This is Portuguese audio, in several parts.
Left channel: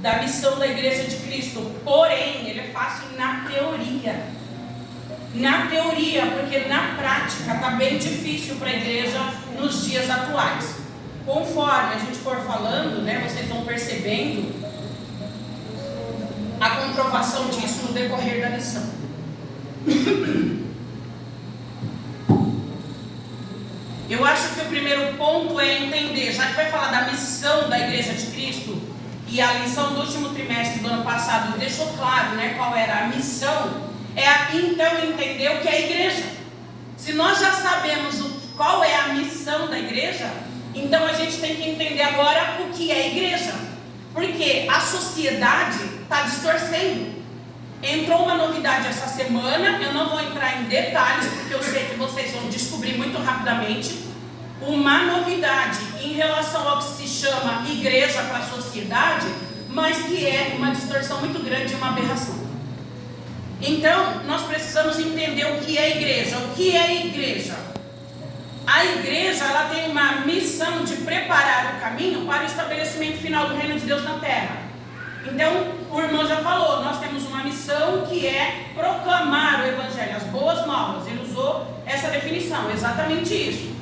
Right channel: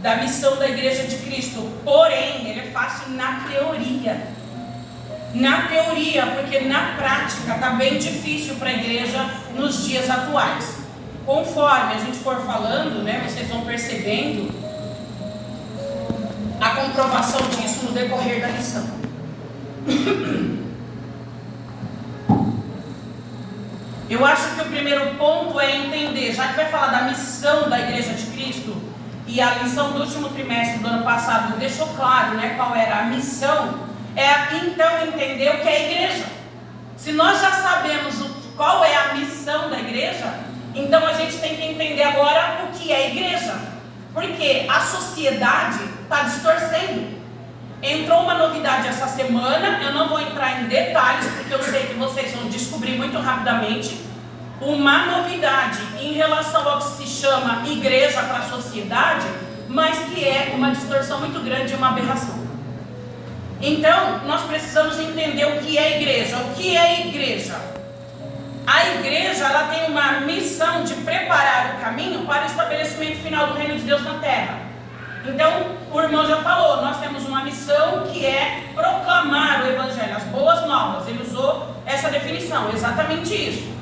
da missão da Igreja de Cristo, porém, ele é fácil na teoria. Na teoria, porque na prática está bem difícil para a igreja nos dias atuais. Conforme a gente for falando, né, vocês vão percebendo a comprovação disso no decorrer da lição. Eu acho que o primeiro ponto é entender, já que vai falar da missão da Igreja de Cristo, e a lição do último trimestre do ano passado deixou claro, né, qual era a missão, então entender o que é a igreja. Se nós já sabemos qual é a missão da igreja, então a gente tem que entender agora o que é a igreja, porque a sociedade está distorcendo. Entrou uma novidade essa semana, eu não vou entrar em detalhes, porque eu sei que vocês vão descobrir muito rapidamente, uma novidade em relação ao que se chama igreja para a sociedade, mas que é uma distorção muito grande e uma aberração. Então, nós precisamos entender o que é a igreja. O que é a igreja? A igreja, ela tem uma missão de preparar o caminho para o estabelecimento final do reino de Deus na terra. Então, o irmão já falou, nós temos uma missão que é proclamar o evangelho, as boas novas. Ele usou essa definição, exatamente isso.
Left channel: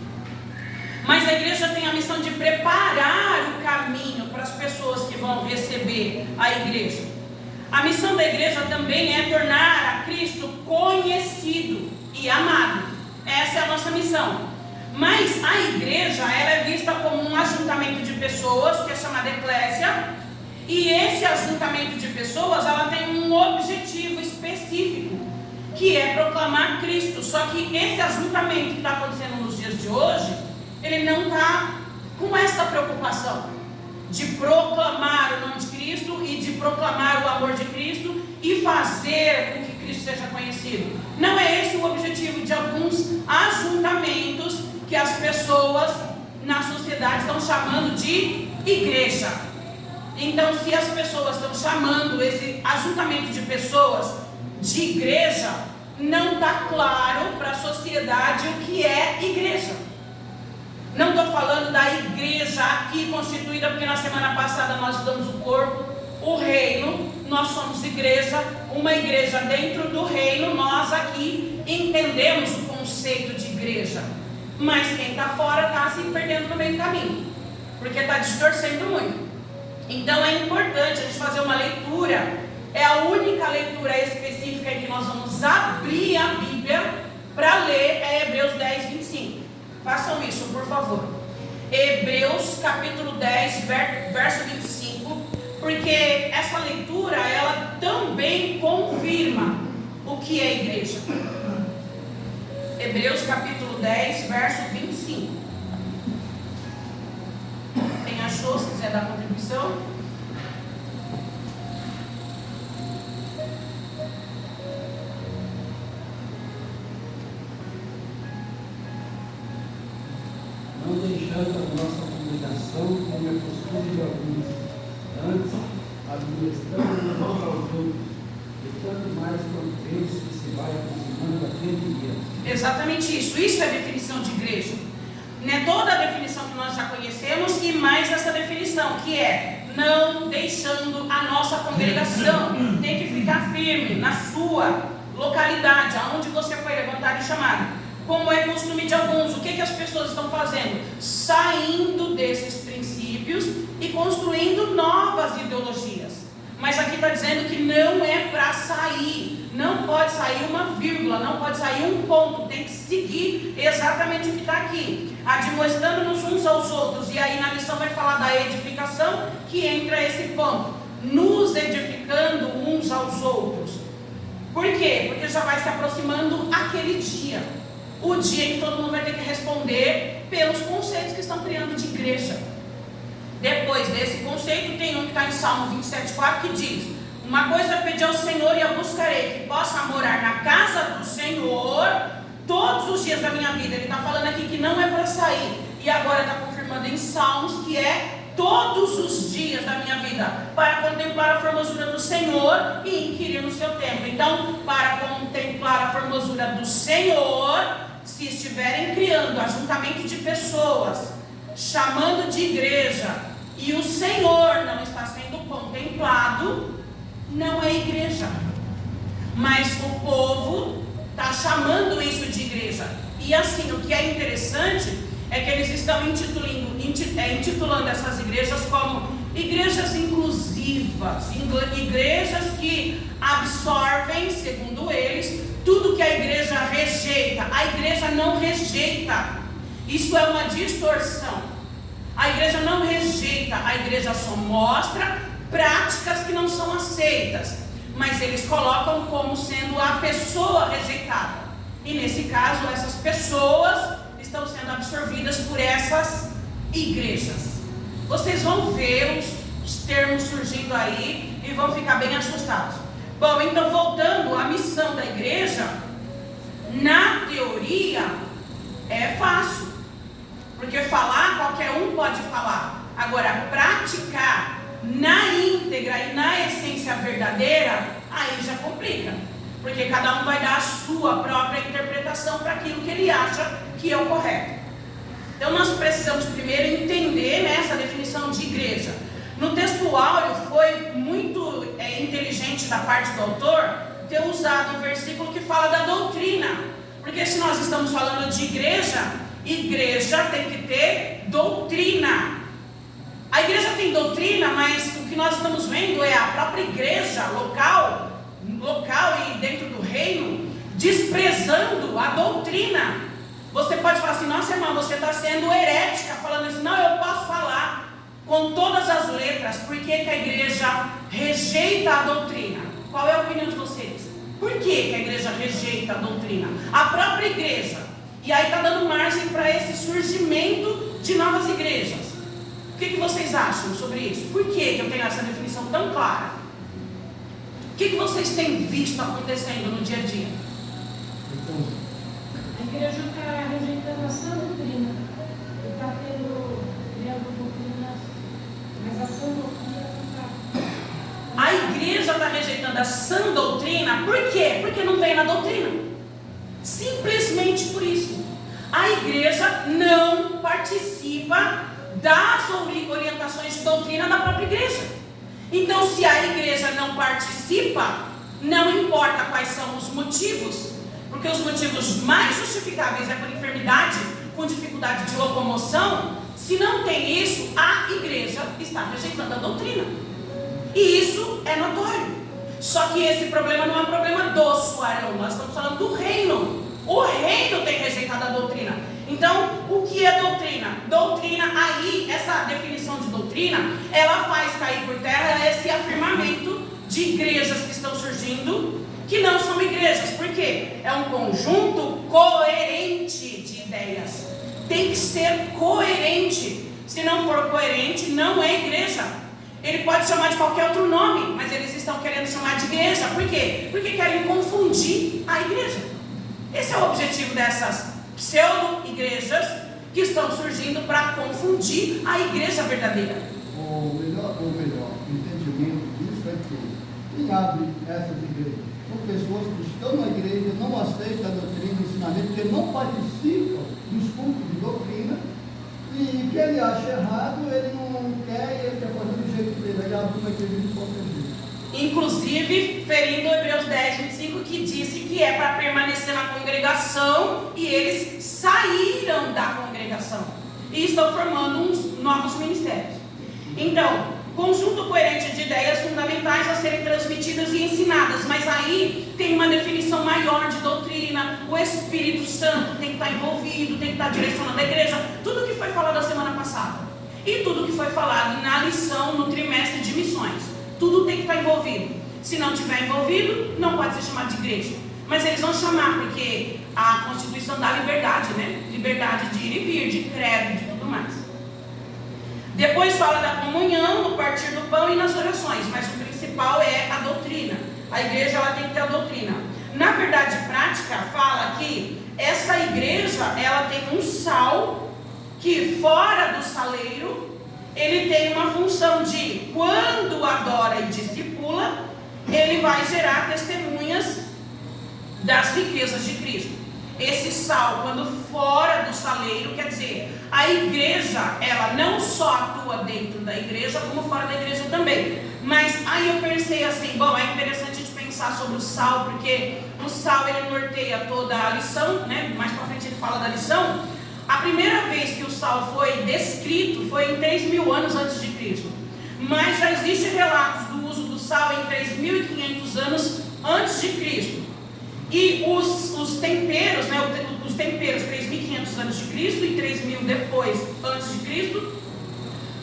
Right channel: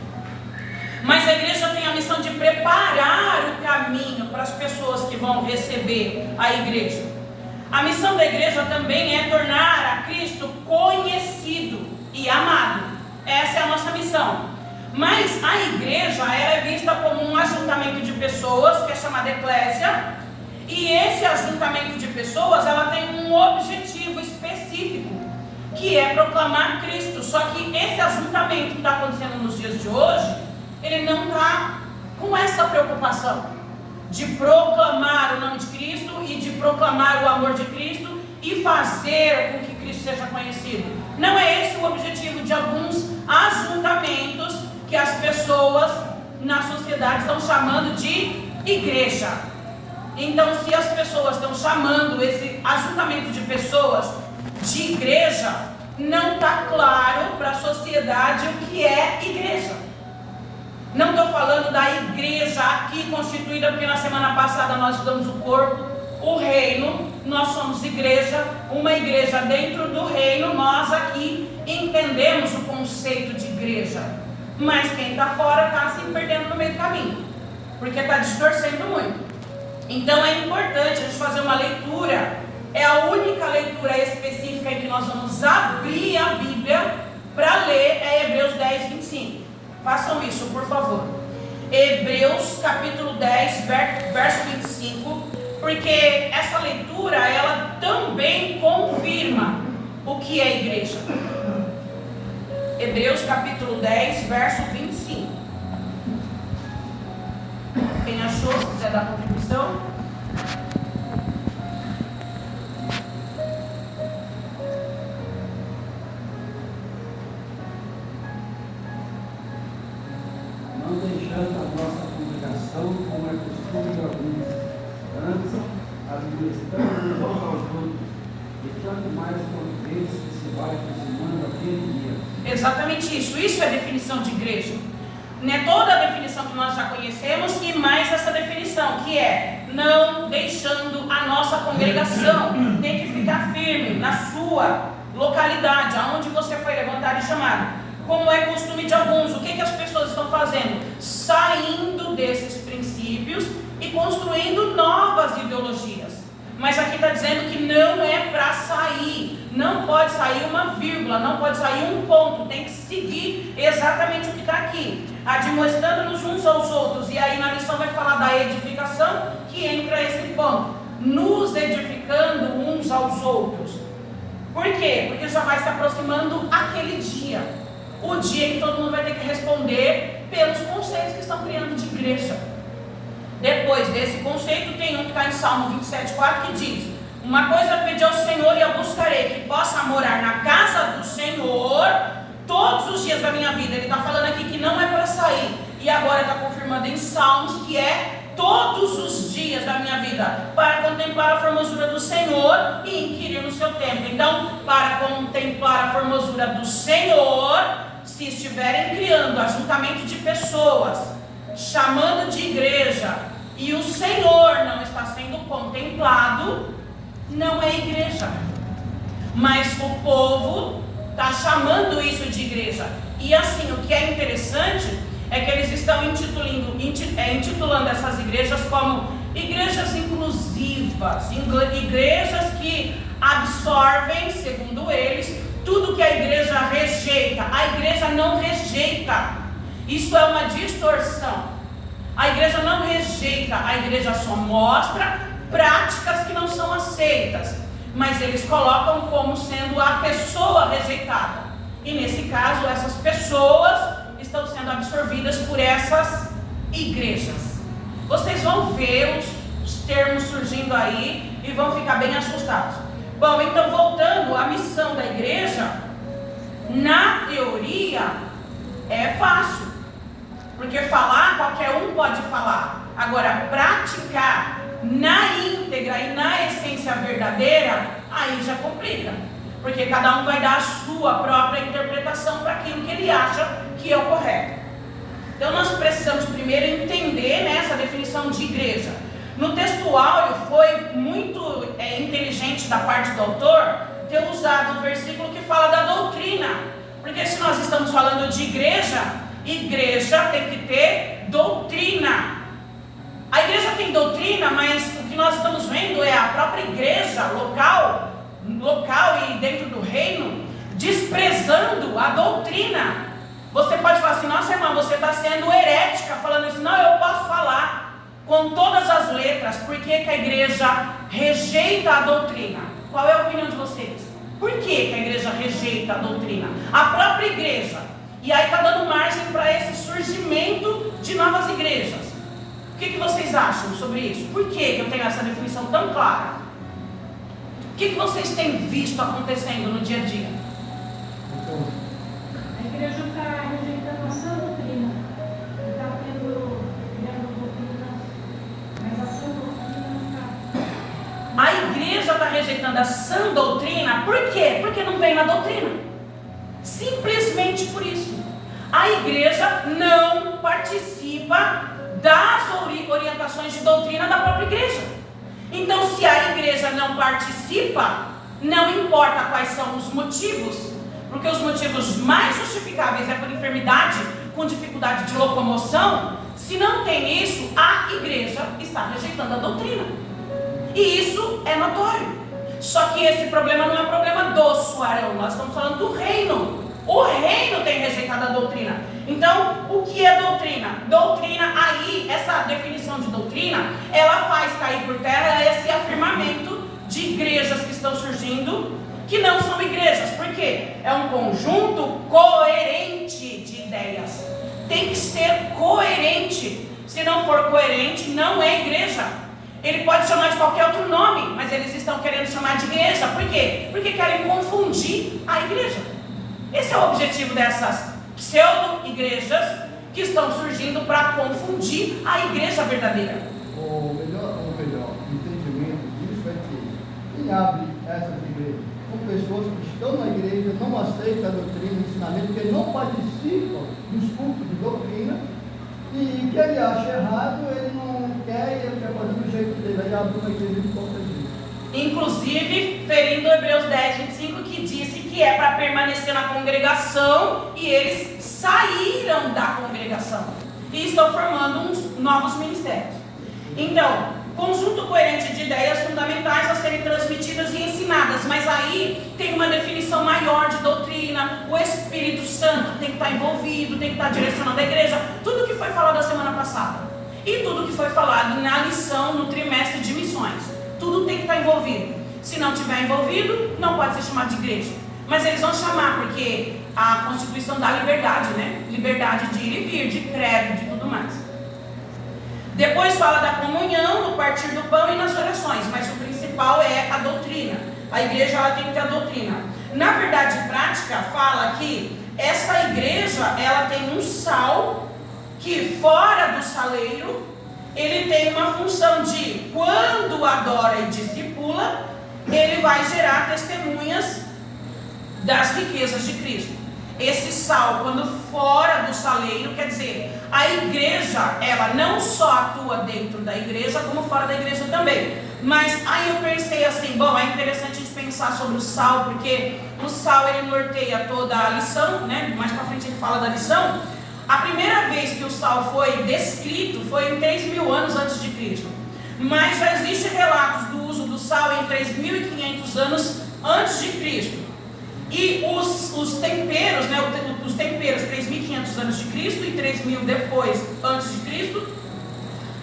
Mas a igreja tem a missão de preparar o caminho para as pessoas que vão receber a igreja. A missão da igreja também é tornar a Cristo conhecido e amado. Essa é a nossa missão. Mas a igreja, ela é vista como um ajuntamento de pessoas, que é chamada eclésia. E esse ajuntamento de pessoas, ela tem um objetivo específico, que é proclamar Cristo. Só que esse ajuntamento que está acontecendo nos dias de hoje, ele não está com essa preocupação de proclamar o nome de Cristo e de proclamar o amor de Cristo e fazer com que Cristo seja conhecido. Não é esse o objetivo de alguns ajuntamentos que as pessoas na sociedade estão chamando de igreja. Então, se as pessoas estão chamando esse ajuntamento de pessoas de igreja, não está claro para a sociedade o que é igreja. Não estou falando da igreja aqui constituída, porque na semana passada nós estudamos o corpo, o reino, nós somos igreja, uma igreja dentro do reino. Nós aqui entendemos o conceito de igreja, mas quem está fora está se perdendo no meio do caminho, porque está distorcendo muito. Então é importante a gente fazer uma leitura, é a única leitura específica em que nós vamos abrir a Bíblia para ler, é Hebreus 10, 25. Façam isso, por favor. Hebreus capítulo 10, verso 25, porque essa leitura, ela também confirma o que é igreja. Hebreus capítulo 10, verso 25. Quem achou, se quiser dar contribuição. Não deixando a nossa comunicação como é costume de alguns, antes administrando uns aos outros, e tanto mais quanto vês que se vai aproximando daquele dia. Exatamente isso. Isso é a definição de igreja. Não é toda a definição que nós já conhecemos, e mais essa definição, que é não deixando a nossa congregação. Tem que ficar firme na sua localidade, aonde você foi levantado e chamado. Como é costume de alguns, o que as pessoas estão fazendo? Saindo desses princípios e construindo novas ideologias. Mas aqui está dizendo que não é para sair, não pode sair uma vírgula, não pode sair um ponto, tem que seguir exatamente o que está aqui, admoestando-nos uns aos outros. E aí na lição vai falar da edificação, que entra esse ponto, nos edificando uns aos outros. Por quê? Porque já vai se aproximando aquele dia, o dia em que todo mundo vai ter que responder pelos conceitos que estão criando de igreja. Depois desse conceito tem um que está em Salmo 27,4, que diz: uma coisa eu pedi ao Senhor e eu buscarei, que possa morar na casa do Senhor todos os dias da minha vida. Ele está falando aqui que não é para sair, e agora está confirmando em Salmos que é todos os dias da minha vida, para contemplar a formosura do Senhor e inquirir no seu templo. Então, para contemplar a formosura do Senhor, se estiverem criando ajuntamento de pessoas, chamando de igreja, e o Senhor não está sendo contemplado, não é igreja. Mas o povo está chamando isso de igreja. E assim, o que é interessante é que eles estão intitulando essas igrejas como igrejas inclusivas, igrejas que absorvem, segundo eles, tudo que a igreja rejeita. A igreja não rejeita. Isso é uma distorção. A igreja não rejeita, a igreja só mostra práticas que não são aceitas, mas eles colocam como sendo a pessoa rejeitada. E nesse caso, essas pessoas estão sendo absorvidas por essas igrejas. Vocês vão ver os termos surgindo aí e vão ficar bem assustados. Bom, então voltando à missão da igreja, na teoria é fácil, porque falar qualquer um pode falar. Agora, praticar na íntegra e na essência verdadeira, aí já complica, porque cada um vai dar a sua própria interpretação para aquilo que ele acha que é o correto. Então nós precisamos primeiro entender essa definição de igreja. No texto áureo foi muito inteligente da parte do autor ter usado um versículo que fala da doutrina, porque se nós estamos falando de igreja, igreja tem que ter doutrina. A igreja tem doutrina, mas o que nós estamos vendo é a própria igreja local e dentro do reino desprezando a doutrina. Você pode falar assim: nossa irmã, você está sendo herética falando isso. Não, eu posso falar com todas as letras. Por que a igreja rejeita a doutrina? Qual é a opinião de vocês? Por que a igreja rejeita a doutrina? A própria igreja. E aí está dando margem para esse surgimento de novas igrejas. O que vocês acham sobre isso? Por que eu tenho essa definição tão clara? O que vocês têm visto acontecendo no dia a dia? Então, a igreja está rejeitando a sã doutrina. Está criando doutrinas, mas a sã doutrina não está. A igreja está rejeitando a sã doutrina. Por quê? Porque não vem na doutrina. Simplesmente por isso. A igreja não participa das orientações de doutrina da própria igreja. Então, se a igreja não participa, não importa quais são os motivos, porque os motivos mais justificáveis é por enfermidade, com dificuldade de locomoção. Se não tem isso, a igreja está rejeitando a doutrina. E isso é notório. Só que esse problema não é um problema do Suarão, nós estamos falando do reino. O reino tem rejeitado a doutrina. Então, o que é doutrina? Doutrina, aí, essa definição de doutrina, ela faz cair por terra esse afirmamento de igrejas que estão surgindo, que não são igrejas. Por quê? É um conjunto coerente de ideias. Tem que ser coerente. Se não for coerente, não é igreja. Ele pode chamar de qualquer outro nome, mas eles estão querendo chamar de igreja. Por quê? Porque querem confundir a igreja. Esse é o objetivo dessas pseudo-igrejas que estão surgindo para confundir a igreja verdadeira. O melhor entendimento disso é que quem abre essas igrejas são pessoas que estão na igreja, não aceitam a doutrina e o ensinamento, porque não participam dos cultos de doutrina, e que ele acha errado, ele não quer, ele quer fazer do jeito dele, aí abre uma igreja de qualquer jeito. Inclusive, ferindo Hebreus 10, 25, que disse que é para permanecer na congregação, e eles saíram da congregação e estão formando uns novos ministérios. Então, conjunto coerente de ideias fundamentais a serem transmitidas e ensinadas, mas aí tem uma definição maior de doutrina. O Espírito Santo tem que estar envolvido, tem que estar direcionando a igreja. Tudo que foi falado a semana passada e tudo que foi falado na lição no trimestre de missões, tudo tem que estar envolvido. Se não estiver envolvido, não pode ser chamado de igreja. Mas eles vão chamar, porque a Constituição dá liberdade, né? Liberdade de ir e vir, de credo, de tudo mais. Depois fala da comunhão, no partir do pão e nas orações, mas o principal é a doutrina. A igreja, ela tem que ter a doutrina. Na verdade prática, fala que essa igreja, ela tem um sal que fora do saleiro, ele tem uma função de, quando adora e discipula, ele vai gerar testemunhas das riquezas de Cristo. esse sal, quando fora do saleiro, quer dizer, a igreja, ela não só atua dentro da igreja, como fora da igreja também. Mas aí eu pensei assim, bom, é interessante a gente pensar sobre o sal, porque o sal ele norteia toda a lição, né? Mais pra frente ele fala da lição. A primeira vez que o sal foi descrito foi em 3.000 anos antes de Cristo. Mas já existem relatos do uso do sal em 3.500 anos antes de Cristo. E os temperos, né, os temperos 3.500 antes de Cristo e 3.000 depois antes de Cristo,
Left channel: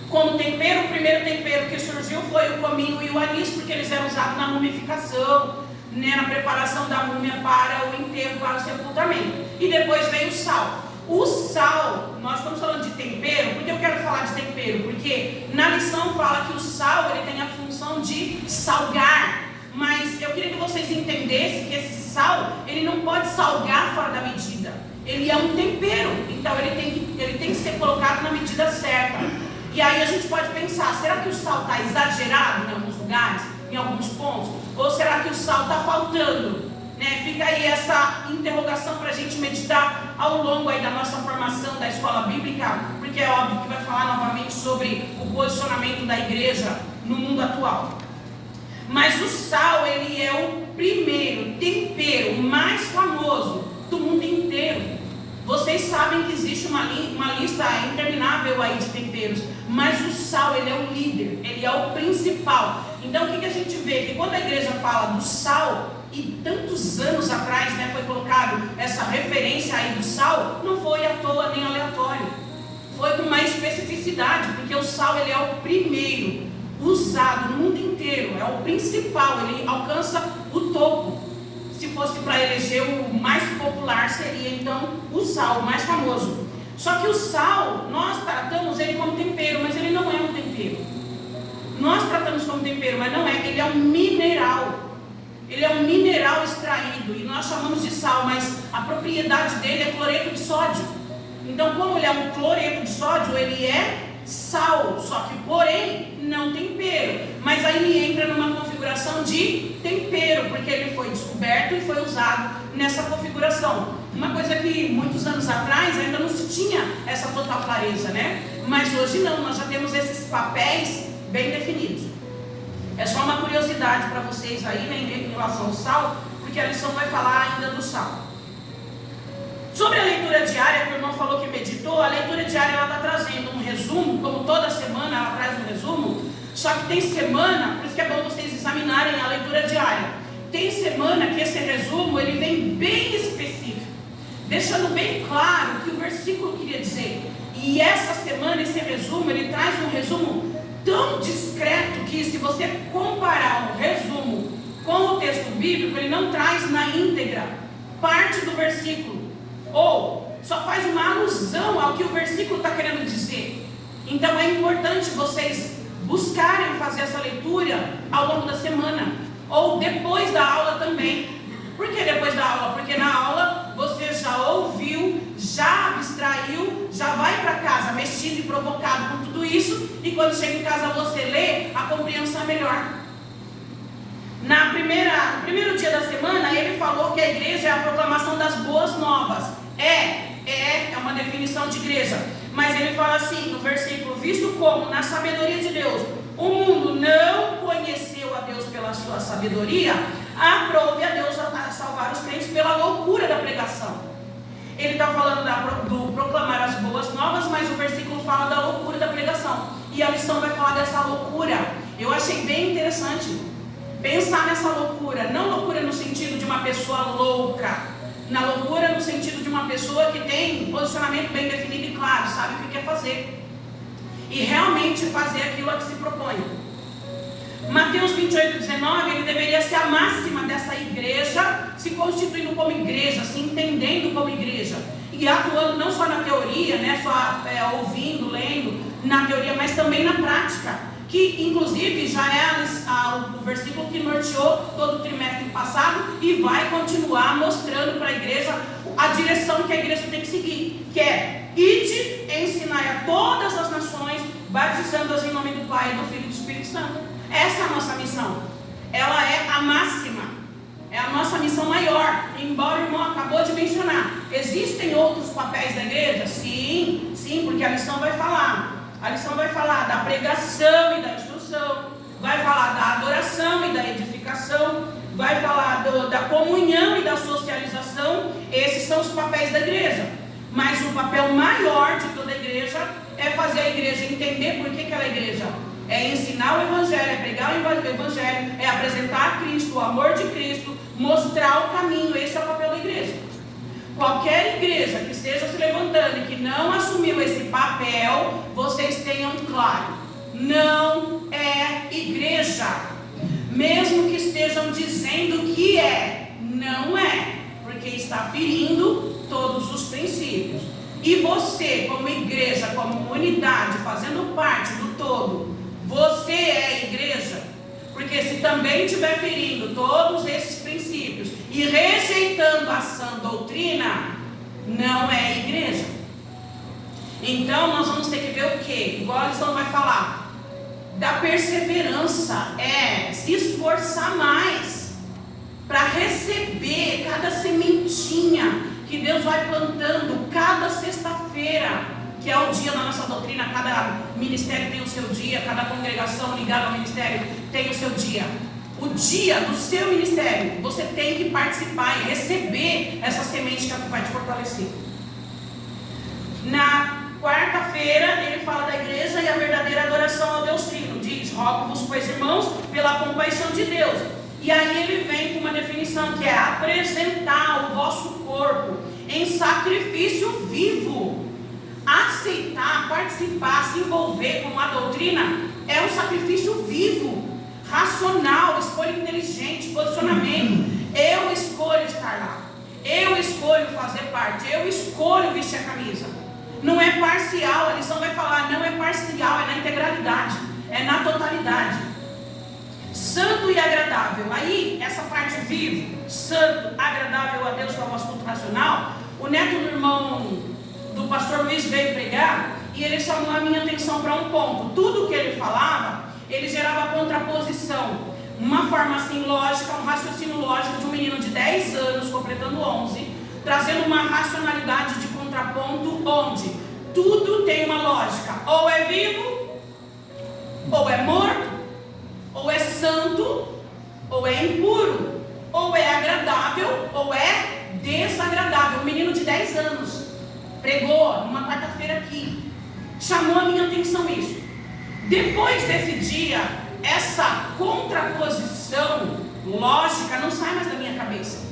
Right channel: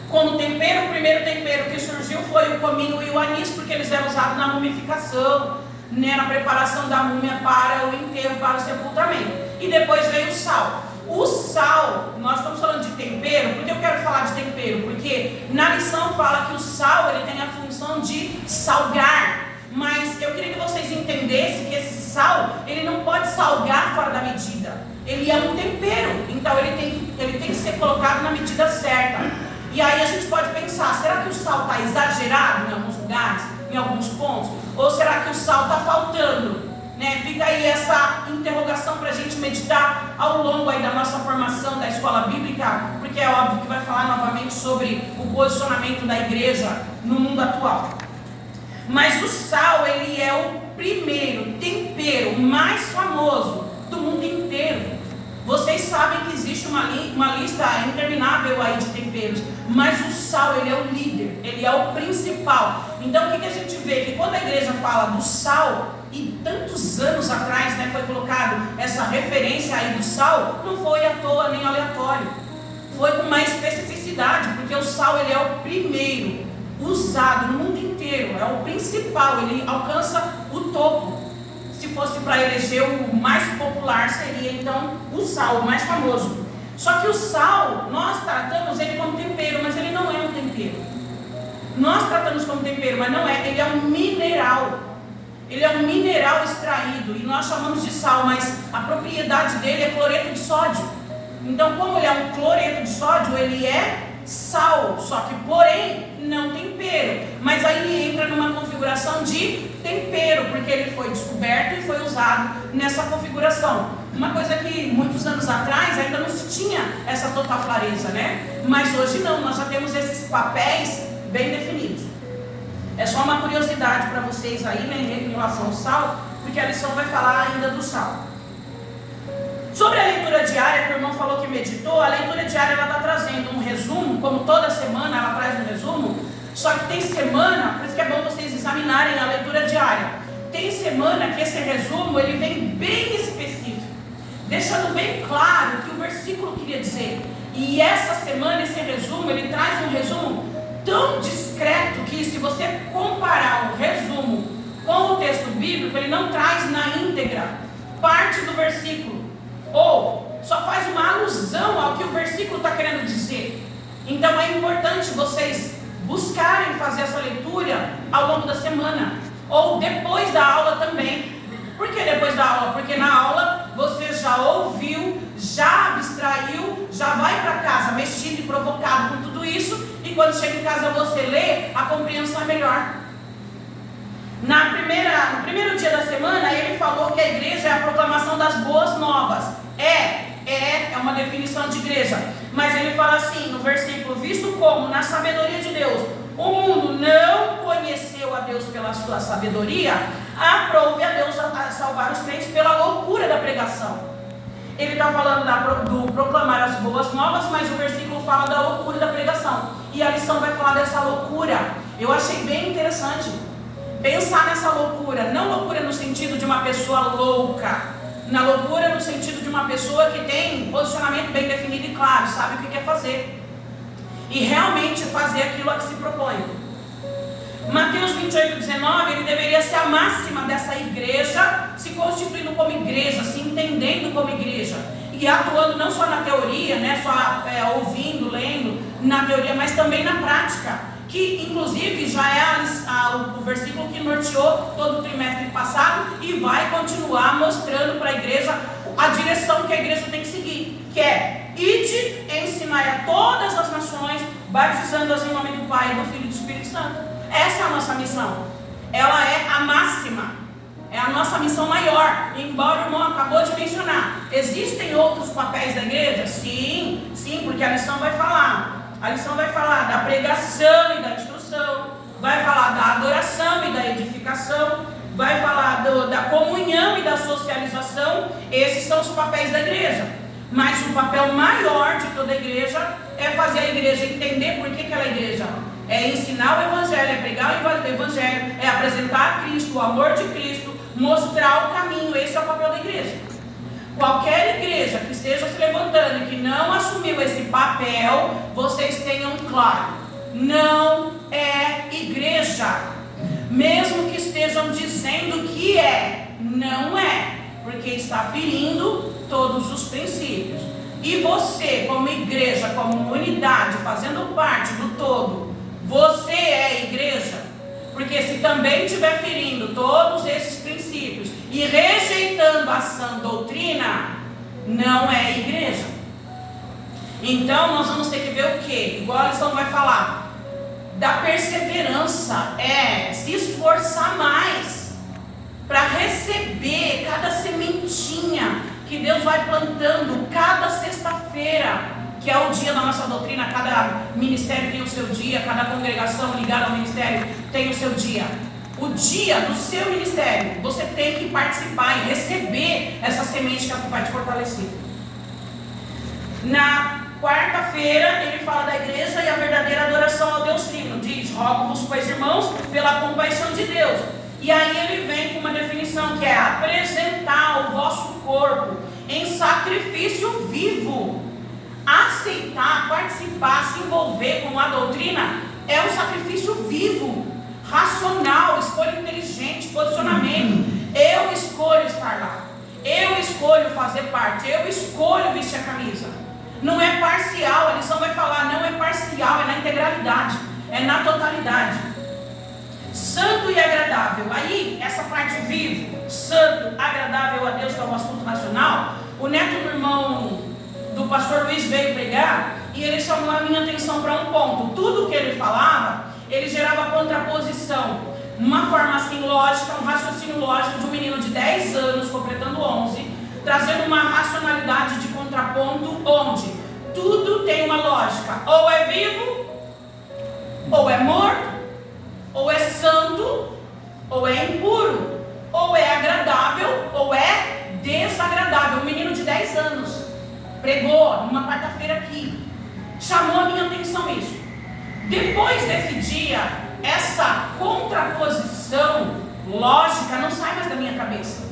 como tempero, o primeiro tempero que surgiu foi o cominho e o anis, porque eles eram usados na mumificação, né, na preparação da múmia para o enterro, para o sepultamento. E depois veio o sal. O sal, nós estamos falando de tempero, porque eu quero falar de tempero, porque na lição fala que o sal ele tem a função de salgar. Mas eu queria que vocês entendessem que esse sal, ele não pode salgar fora da medida. Ele é um tempero, então ele tem que ser colocado na medida certa. E aí a gente pode pensar, será que o sal está exagerado em alguns lugares, em alguns pontos? Ou será que o sal está faltando? Né? Fica aí essa interrogação para a gente meditar ao longo aí da nossa formação da escola bíblica, porque é óbvio que vai falar novamente sobre o posicionamento da igreja no mundo atual. Mas o sal, ele é o primeiro tempero mais famoso do mundo inteiro. Vocês sabem que existe uma lista interminável aí de temperos, mas o sal, ele é o líder, ele é o principal. Então o que a gente vê? Que quando a igreja fala do sal, e tantos anos atrás, né, foi colocado essa referência aí do sal, não foi à toa nem aleatório. Foi com uma especificidade, porque o sal, ele é o primeiro usado no mundo inteiro, é o principal, ele alcança o topo. Se fosse para eleger o mais popular, seria então o sal, o mais famoso. Só que o sal, nós tratamos ele como tempero, mas ele não é um tempero. Nós tratamos como tempero, mas não é, ele é um mineral. Ele é um mineral extraído, e nós chamamos de sal, mas a propriedade dele é cloreto de sódio. Então, como ele é um cloreto de sódio, ele é sal, só que porém não tempero, mas aí ele entra numa configuração de tempero, porque ele foi descoberto e foi usado nessa configuração. Uma coisa que muitos anos atrás ainda não se tinha essa total clareza, né? Mas hoje não, nós já temos esses papéis bem definidos. É só uma curiosidade para vocês aí, né, em relação ao sal, porque a lição vai falar ainda do sal. Sobre a leitura diária, que o irmão falou que meditou, a leitura diária ela está trazendo um resumo, como toda semana ela traz um resumo, só que tem semana, por isso que é bom vocês examinarem a leitura diária, tem semana que esse resumo ele vem bem específico, deixando bem claro o que o versículo queria dizer. E essa semana esse resumo, ele traz um resumo tão discreto que se você comparar o resumo com o texto bíblico, ele não traz na íntegra parte do versículo, ou só faz uma alusão ao que o versículo está querendo dizer. Então é importante vocês buscarem fazer essa leitura ao longo da semana, ou depois da aula também. Por que depois da aula? Porque na aula você já ouviu, já abstraiu, já vai para casa mexido e provocado com tudo isso, e quando chega em casa você lê, a compreensão é melhor. No primeiro dia da semana, ele falou que a igreja é a proclamação das boas novas. É uma definição de igreja. Mas ele fala assim, no versículo, visto como na sabedoria de Deus, o mundo não conheceu a Deus pela sua sabedoria, aprove a Deus a salvar os crentes pela loucura da pregação. Ele está falando do proclamar as boas novas, mas o versículo fala da loucura da pregação. E a lição vai falar dessa loucura. Eu achei bem interessante pensar nessa loucura, não loucura no sentido de uma pessoa louca, na loucura no sentido de uma pessoa que tem posicionamento bem definido e claro, sabe o que quer fazer, e realmente fazer aquilo a que se propõe. Mateus 28:19, ele deveria ser a máxima dessa igreja, se constituindo como igreja, se entendendo como igreja, e atuando não só na teoria, né, só ouvindo, lendo, na teoria, mas também na prática, que inclusive já é o versículo que norteou todo o trimestre passado e vai continuar mostrando para a igreja a direção que a igreja tem que seguir, que é: ide, ensinai a todas as nações, batizando-as em nome do Pai, do Filho e do Espírito Santo. Essa é a nossa missão. Ela é a máxima. é a nossa missão maior, embora o irmão acabou de mencionar. Existem outros papéis da igreja? Sim, porque a lição vai falar. A lição vai falar da pregação e da instrução, vai falar da adoração e da edificação, vai falar da comunhão e da socialização. Esses são os papéis da igreja. Mas o papel maior de toda a igreja é fazer a igreja entender por que ela é igreja. É ensinar o evangelho, é pregar o evangelho, é apresentar a Cristo, o amor de Cristo, mostrar o caminho. Esse é o papel da igreja. Qualquer igreja que esteja se levantando e que não assumiu esse papel, vocês tenham claro, não é igreja. Mesmo que estejam dizendo que é, não é, porque está ferindo todos os princípios. E você, como igreja, como unidade, fazendo parte do todo, você é igreja. Porque se também estiver ferindo todos esses princípios e rejeitando a sã doutrina, não é igreja. Então nós vamos ter que ver o quê? Igual a lição vai falar, da perseverança, se esforçar mais para receber cada sementinha que Deus vai plantando cada sexta-feira, que é o dia da nossa doutrina. Cada ministério tem o seu dia, cada congregação ligada ao ministério tem o seu dia. O dia do seu ministério, você tem que participar e receber essa semente que vai te fortalecer. Na quarta-feira ele fala da igreja e a verdadeira adoração ao Deus Trino. Diz: rogo-vos, pois, irmãos, pela compaixão de Deus. E aí ele vem com uma definição que é apresentar o vosso corpo em sacrifício vivo. Aceitar, participar, se envolver com a doutrina é um sacrifício vivo, racional, escolha inteligente, posicionamento. Eu escolho estar lá, eu escolho fazer parte, eu escolho vestir a camisa. Não é parcial, a lição vai falar, não é parcial, é na integralidade, é na totalidade. Santo e agradável. Aí, essa parte vivo, santo, agradável a Deus, que é o nosso culto nacional. O neto do irmão do pastor Luiz veio pregar e ele chamou a minha atenção para um ponto. Tudo que ele falava, ele gerava contraposição. Uma forma assim lógica, um raciocínio lógico de um menino de 10 anos, completando 11, trazendo uma racionalidade de contraponto, onde tudo tem uma lógica. Ou é vivo, ou é morto, ou é santo, ou é impuro, ou é agradável, ou é desagradável. Um menino de 10 anos pregou numa quarta-feira aqui, chamou a minha atenção isso. Depois desse dia, essa contraposição lógica não sai mais da minha cabeça,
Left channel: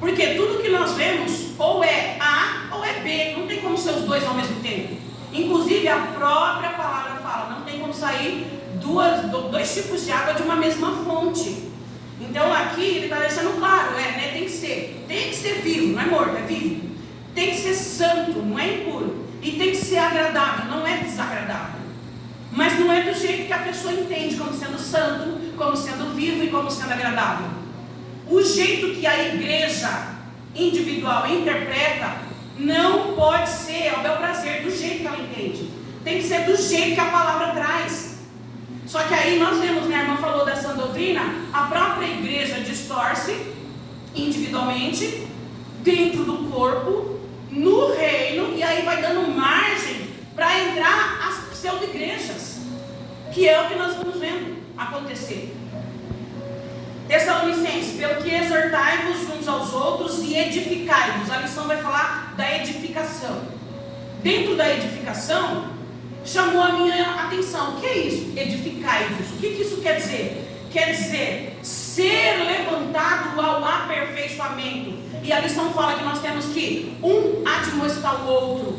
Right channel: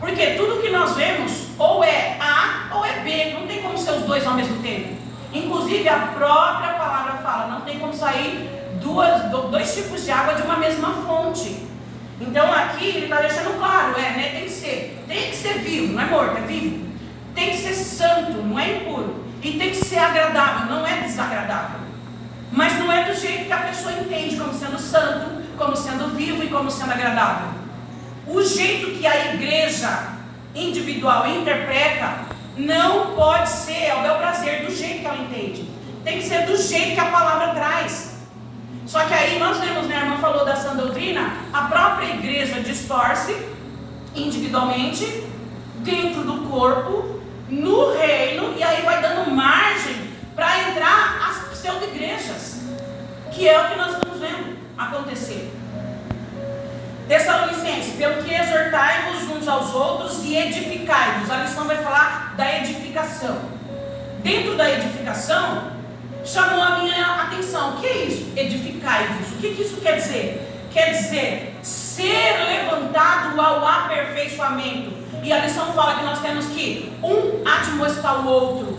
porque tudo que nós vemos ou é A ou é B, não tem como ser os dois ao mesmo tempo. Inclusive a própria palavra fala, não tem como sair dois tipos de água de uma mesma fonte. Então aqui ele está deixando claro, tem que ser vivo, não é morto, é vivo. Tem que ser santo, não é impuro. E tem que ser agradável, não é desagradável. Mas não é do jeito que a pessoa entende, como sendo santo, como sendo vivo e como sendo agradável. O jeito que a igreja individual interpreta não pode ser ao bel prazer, do jeito que ela entende. Tem que ser do jeito que a palavra traz. Só que aí nós vemos, né, a irmã falou da sã doutrina, a própria igreja distorce individualmente, dentro do corpo, no reino, e aí vai dando margem para entrar as pseudo-igrejas, que é o que nós estamos vendo acontecer. Tessalonicenses, pelo que exortai-vos uns aos outros e edificai-vos. A lição vai falar da edificação. Dentro da edificação, chamou a minha atenção. O que é isso? Edificai-vos. O que isso quer dizer? Quer dizer, ser levantado ao aperfeiçoamento. E a lição fala que nós temos que admoestar o outro.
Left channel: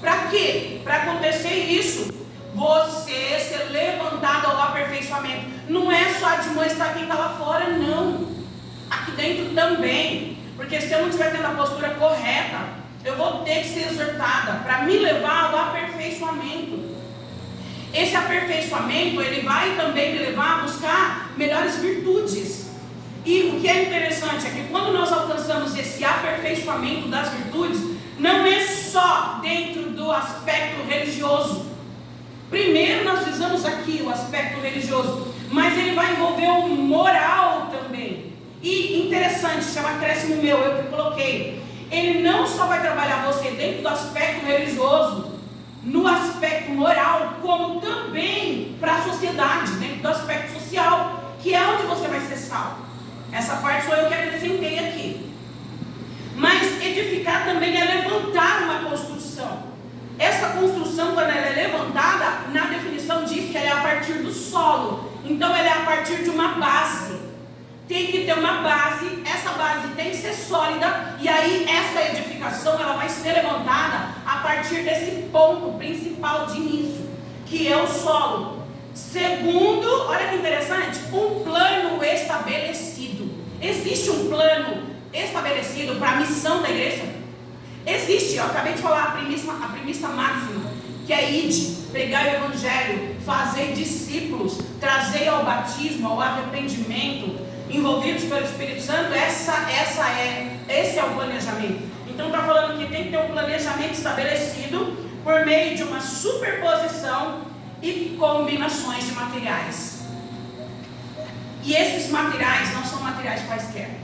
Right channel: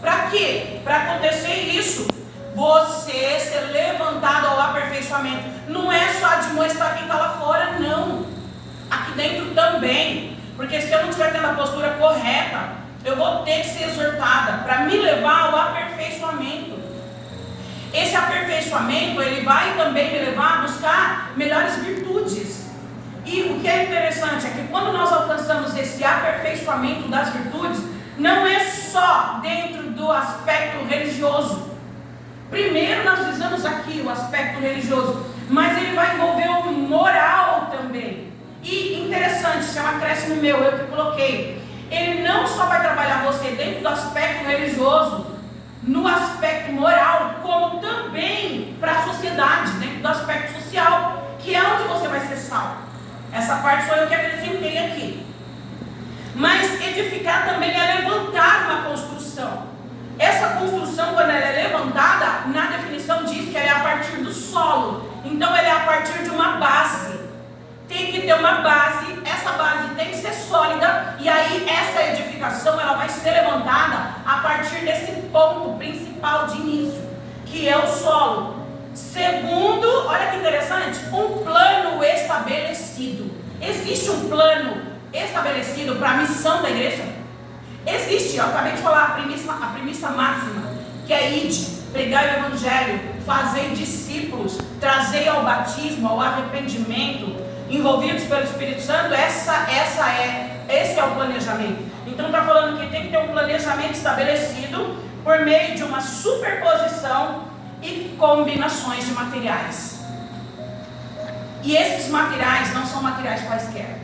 Para quê? Para acontecer isso, você ser levantado ao aperfeiçoamento. Não é só admoestar quem está lá fora, não. Aqui dentro também. Porque se eu não estiver tendo a postura correta, eu vou ter que ser exortada para me levar ao aperfeiçoamento. Esse aperfeiçoamento, ele vai também me levar a buscar melhores virtudes. E o que é interessante é que quando nós alcançamos esse aperfeiçoamento das virtudes, não é só dentro do aspecto religioso. Primeiro nós visamos aqui o aspecto religioso, mas ele vai envolver o moral também. E interessante interessante, isso é um acréscimo meu, eu que coloquei. Ele não só vai trabalhar você dentro do aspecto religioso, no aspecto moral, como também para a sociedade, dentro do aspecto social, que é onde você vai ser salvo. Essa parte sou eu que acrescentei aqui. Mas edificar também é levantar uma construção. Essa construção, quando ela é levantada, na definição diz que ela é a partir do solo. Então ela é a partir de uma base. Tem que ter uma base, essa base tem que ser sólida, e aí essa edificação ela vai ser levantada a partir desse ponto principal de início, que é o solo. Segundo, olha que interessante, um plano estabelecido. Existe um plano estabelecido para a missão da igreja? Existe, eu acabei de falar a premissa máxima, que é ide, pregar o evangelho, fazer discípulos, trazer ao batismo, ao arrependimento, envolvidos pelo Espírito Santo. Esse é o planejamento. Então está falando que tem que ter um planejamento estabelecido por meio de uma superposição e combinações de materiais. E esses materiais não são materiais quaisquer,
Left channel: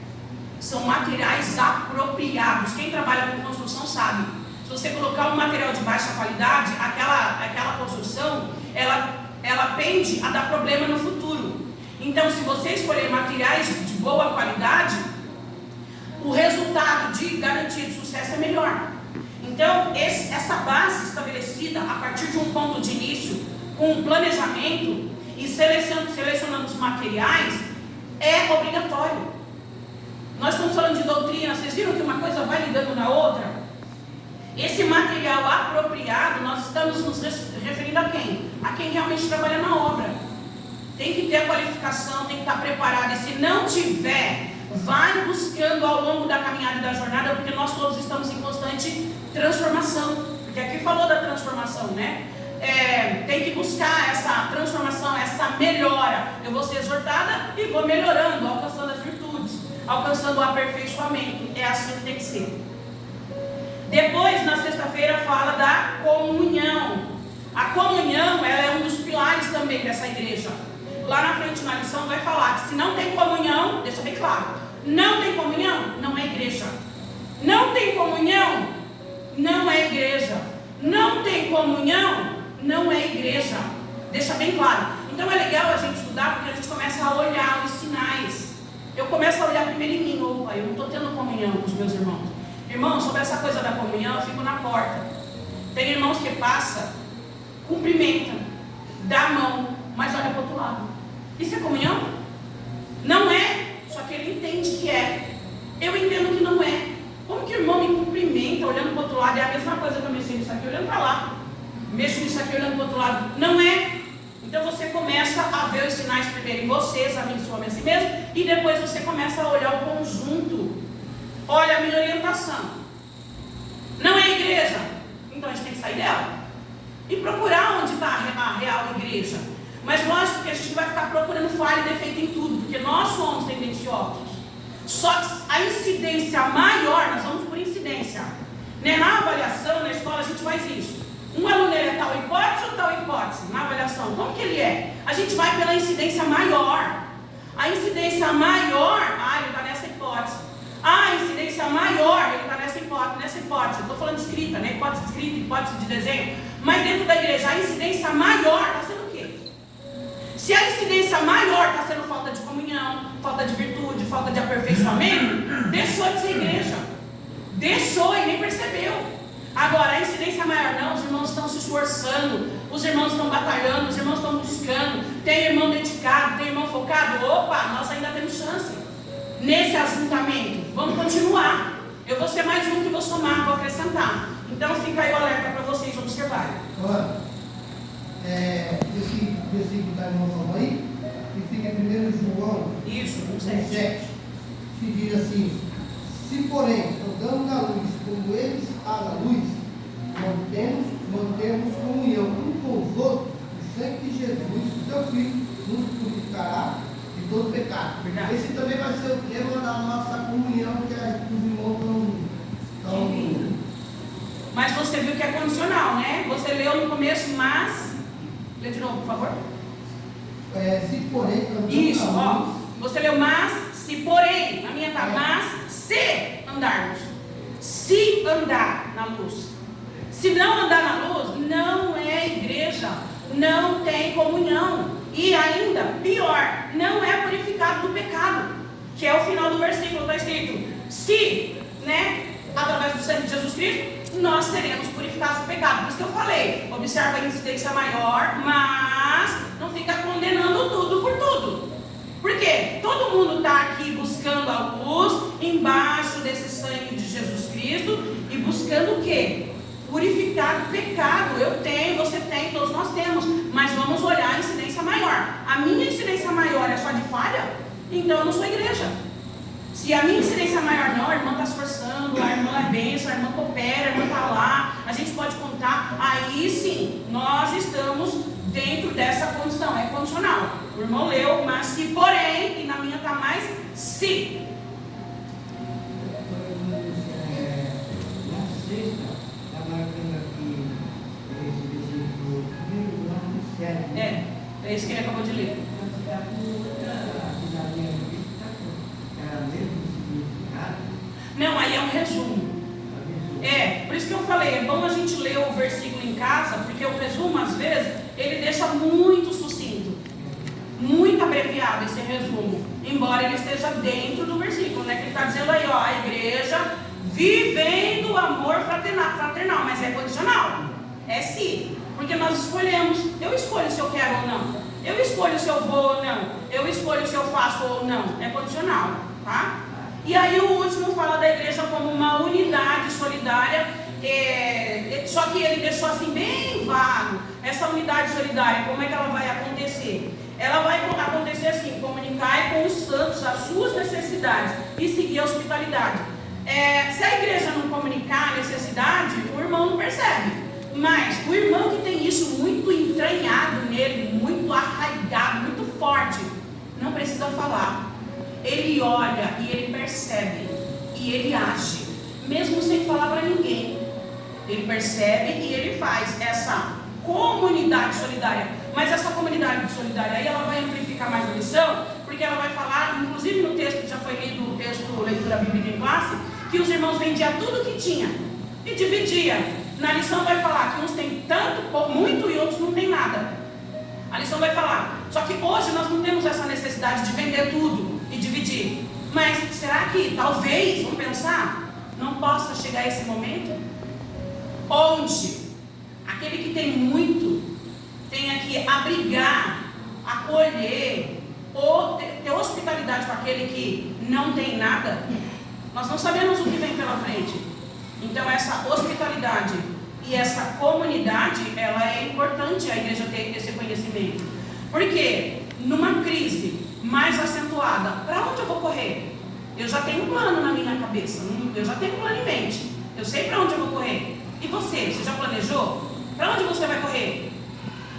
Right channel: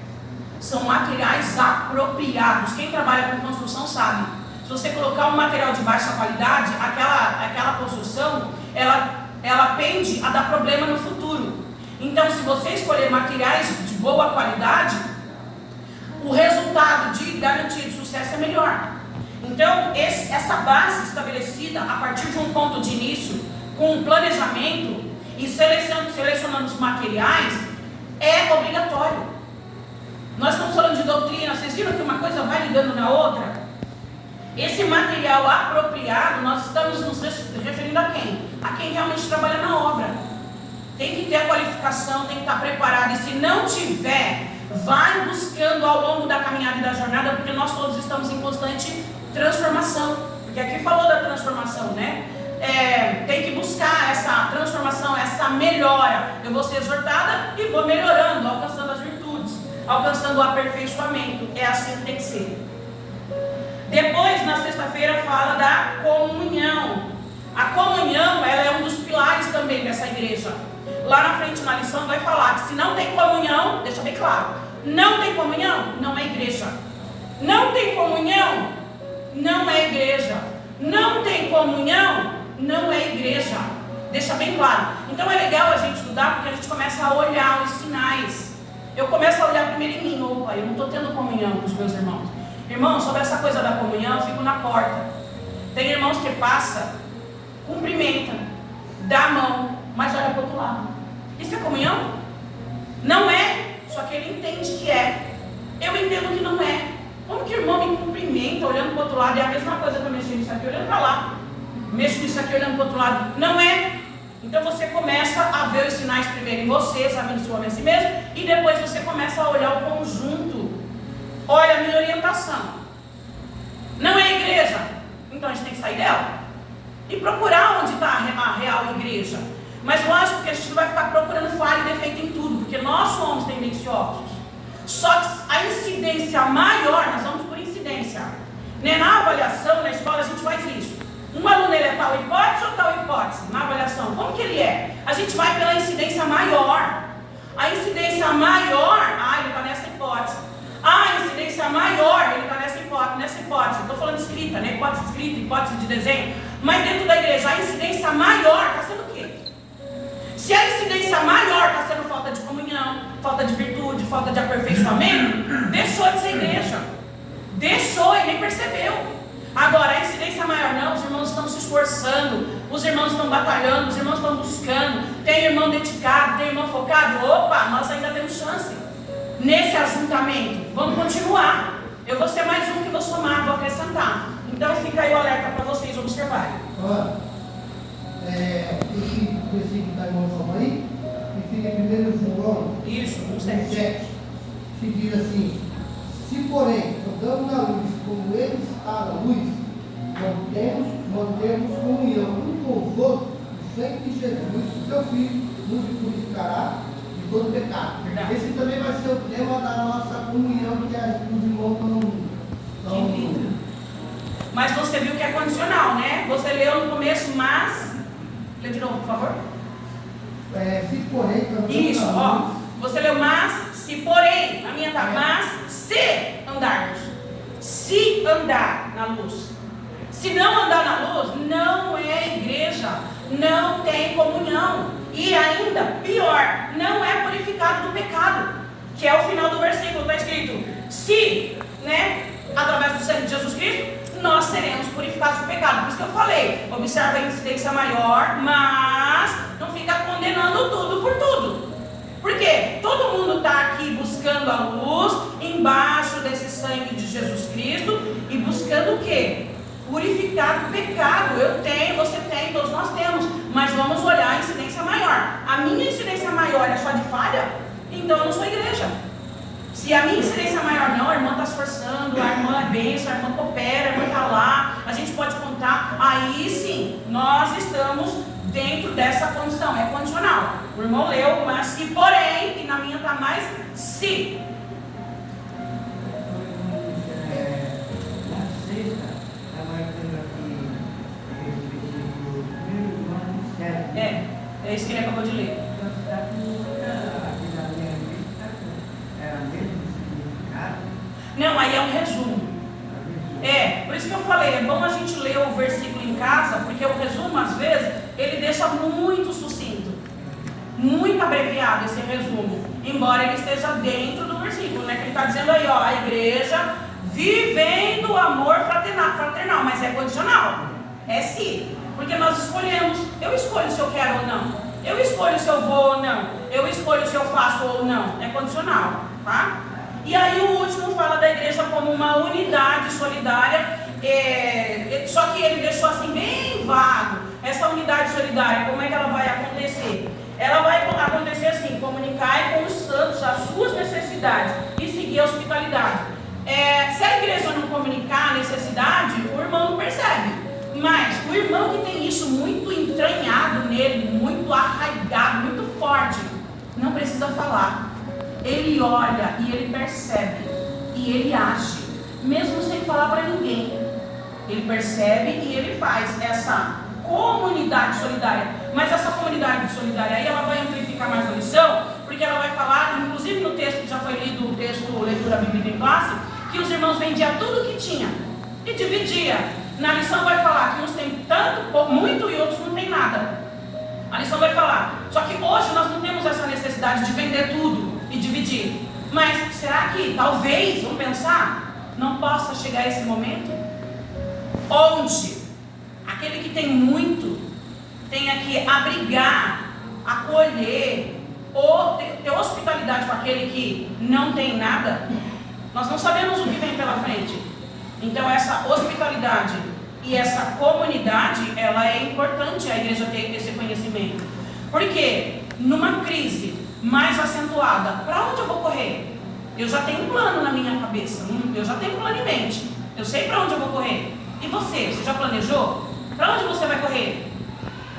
são materiais apropriados. Quem trabalha com construção sabe. Se você colocar um material de baixa qualidade, aquela construção, ela pende a dar problema no futuro. Então, se você escolher materiais de boa qualidade, o resultado de garantia de sucesso é melhor. Então, essa base estabelecida a partir de um ponto de início, com um planejamento e selecionando os materiais, é obrigatório. Nós estamos falando de doutrina, vocês viram que uma coisa vai ligando na outra? Esse material apropriado, nós estamos nos referindo a quem? A quem realmente trabalha na obra. Tem que ter a qualificação, tem que estar preparado. E se não tiver, vai buscando ao longo da caminhada e da jornada, porque nós todos estamos em constante transformação. Porque aqui falou da transformação, né? Tem que buscar essa transformação, essa melhora. Eu vou ser exortada e vou melhorando, alcançando as virtudes, alcançando o aperfeiçoamento. É assim que tem que ser. Depois, na sexta-feira, fala da comunhão. A comunhão, ela é um dos pilares também dessa igreja. Lá na frente na lição vai falar que se não tem comunhão, deixa bem claro, não tem comunhão, não é igreja. Não tem comunhão, não é igreja. Não tem comunhão, não é igreja. Deixa bem claro. Então é legal a gente estudar, porque a gente começa a olhar os sinais. Eu começo a olhar primeiro em mim. Opa, eu não estou tendo comunhão com os meus irmãos. Irmãos, sobre essa coisa da comunhão, eu fico na porta. Tem irmãos que passa, cumprimenta, dá a mão, mas olha para o outro lado. Isso é comunhão? Não é, só que ele entende que é. Eu entendo que não é. Como que o irmão me cumprimenta olhando para o outro lado? É a mesma coisa que eu mexo nisso aqui olhando para lá. Mexo nisso aqui olhando para o outro lado. Não é. Então você começa a ver os sinais primeiro em você, examine sua mente a si mesmo, e depois você começa a olhar o conjunto. Olha a minha orientação. Não é a igreja? Então a gente tem que sair dela e procurar onde está a real igreja. Mas lógico que a gente não vai ficar procurando falha e defeito em tudo, porque nós somos tendenciosos. Só que a incidência maior, nós vamos por incidência, né? Na avaliação, na escola, a gente faz isso. Um aluno, ele é tal hipótese ou tal hipótese? Na avaliação, como que ele é? A gente vai pela incidência maior. A incidência maior, ele está nessa hipótese. A incidência maior, ele está nessa hipótese. Estou falando escrita, né? Hipótese de escrita, hipótese de desenho. Mas dentro da igreja, a incidência maior está sendo o quê? Se a incidência maior está sendo falta de comunhão, falta de virtude, falta de aperfeiçoamento, deixou de ser igreja. Deixou e nem percebeu. Agora, a incidência maior não, os irmãos estão se esforçando, os irmãos estão batalhando, os irmãos estão buscando, tem irmão dedicado, tem irmão focado. Opa, nós ainda temos chance nesse ajuntamento. Vamos continuar. Eu vou ser mais um que vou somar, vou acrescentar. Então fica aí o alerta para vocês observarem. Olha, esse versículo que está irmão aí, que fica em 1 João, isso, 7, que diz assim: se porém andamos na luz, como ele está na luz, mantemos comunhão um com os outros, o sangue de Jesus, o seu Filho, nos purificará de todo pecado. Verdade. Esse também vai ser o tema da nossa comunhão, que os irmãos estão. Mas você viu que é condicional, né? Você leu no começo, mas. Lê de novo, por favor. Se porém andamos isso, na luz, Você leu, mas se porém, na minha tá, mas se andarmos, se andar na luz. Se não andar na luz, não é igreja, não tem comunhão. E ainda pior, não é purificado do pecado, que é o final do versículo, está escrito: se, através do sangue de Jesus Cristo, nós seremos purificados do pecado. Por isso que eu falei, observa a incidência maior, mas não fica condenando tudo por tudo. Porque todo mundo está aqui buscando a luz, embaixo desse sangue de Jesus Cristo, e buscando o quê? Purificar do pecado. Eu tenho, você tem, todos nós temos, mas vamos olhar a incidência maior. A minha incidência maior é só de falha? Então eu não sou igreja. Se a minha incidência maior não, a irmã está se esforçando, a irmã é bênção, a irmã coopera, a irmã está lá, a gente pode contar, aí sim, nós estamos dentro dessa condição, é condicional. O irmão leu, mas se porém, e na minha está mais se. Na sexta, está marcando aqui esse versículo 1:7. É isso que ele acabou de ler. Não, aí é um resumo. Por isso que eu falei, é bom a gente ler o versículo em casa, porque o resumo, às vezes, ele deixa muito sucinto, muito abreviado esse resumo, embora ele esteja dentro do versículo, que ele está dizendo aí, a igreja vivendo o amor fraternal, mas é condicional, é se, porque nós escolhemos, eu escolho se eu quero ou não, eu escolho se eu vou ou não, eu escolho se eu faço ou não, é condicional, tá? E aí o último fala da igreja como uma unidade solidária, só que ele deixou assim bem vago. Essa unidade solidária, como é que ela vai acontecer? Ela vai acontecer assim: comunicar com os santos as suas necessidades e seguir a hospitalidade. Se a igreja não comunicar a necessidade, o irmão não percebe. Mas o irmão que tem isso muito entranhado nele, muito arraigado, muito forte, não precisa falar. Ele olha e ele percebe e ele age, mesmo sem falar para ninguém. Ele percebe e ele faz essa comunidade solidária. Mas essa comunidade solidária aí, ela vai amplificar mais a lição, porque ela vai falar, inclusive no texto que já foi lido, o texto Leitura Bíblica em Classe, que os irmãos vendiam tudo que tinha e dividia. Na lição vai falar que uns têm tanto, muito, e outros não têm nada. A lição vai falar, só que hoje nós não temos essa necessidade de vender tudo e dividir. Mas será que talvez, vamos pensar, não possa chegar esse momento onde aquele que tem muito tenha que abrigar, acolher ou ter hospitalidade com aquele que não tem nada? Nós não sabemos o que vem pela frente. Então essa hospitalidade e essa comunidade, ela é importante a igreja ter esse conhecimento. Porque numa crise mais acentuada, para onde eu vou correr? Eu já tenho um plano na minha cabeça, eu já tenho um plano em mente, eu sei para onde eu vou correr. E você já planejou? Para onde você vai correr?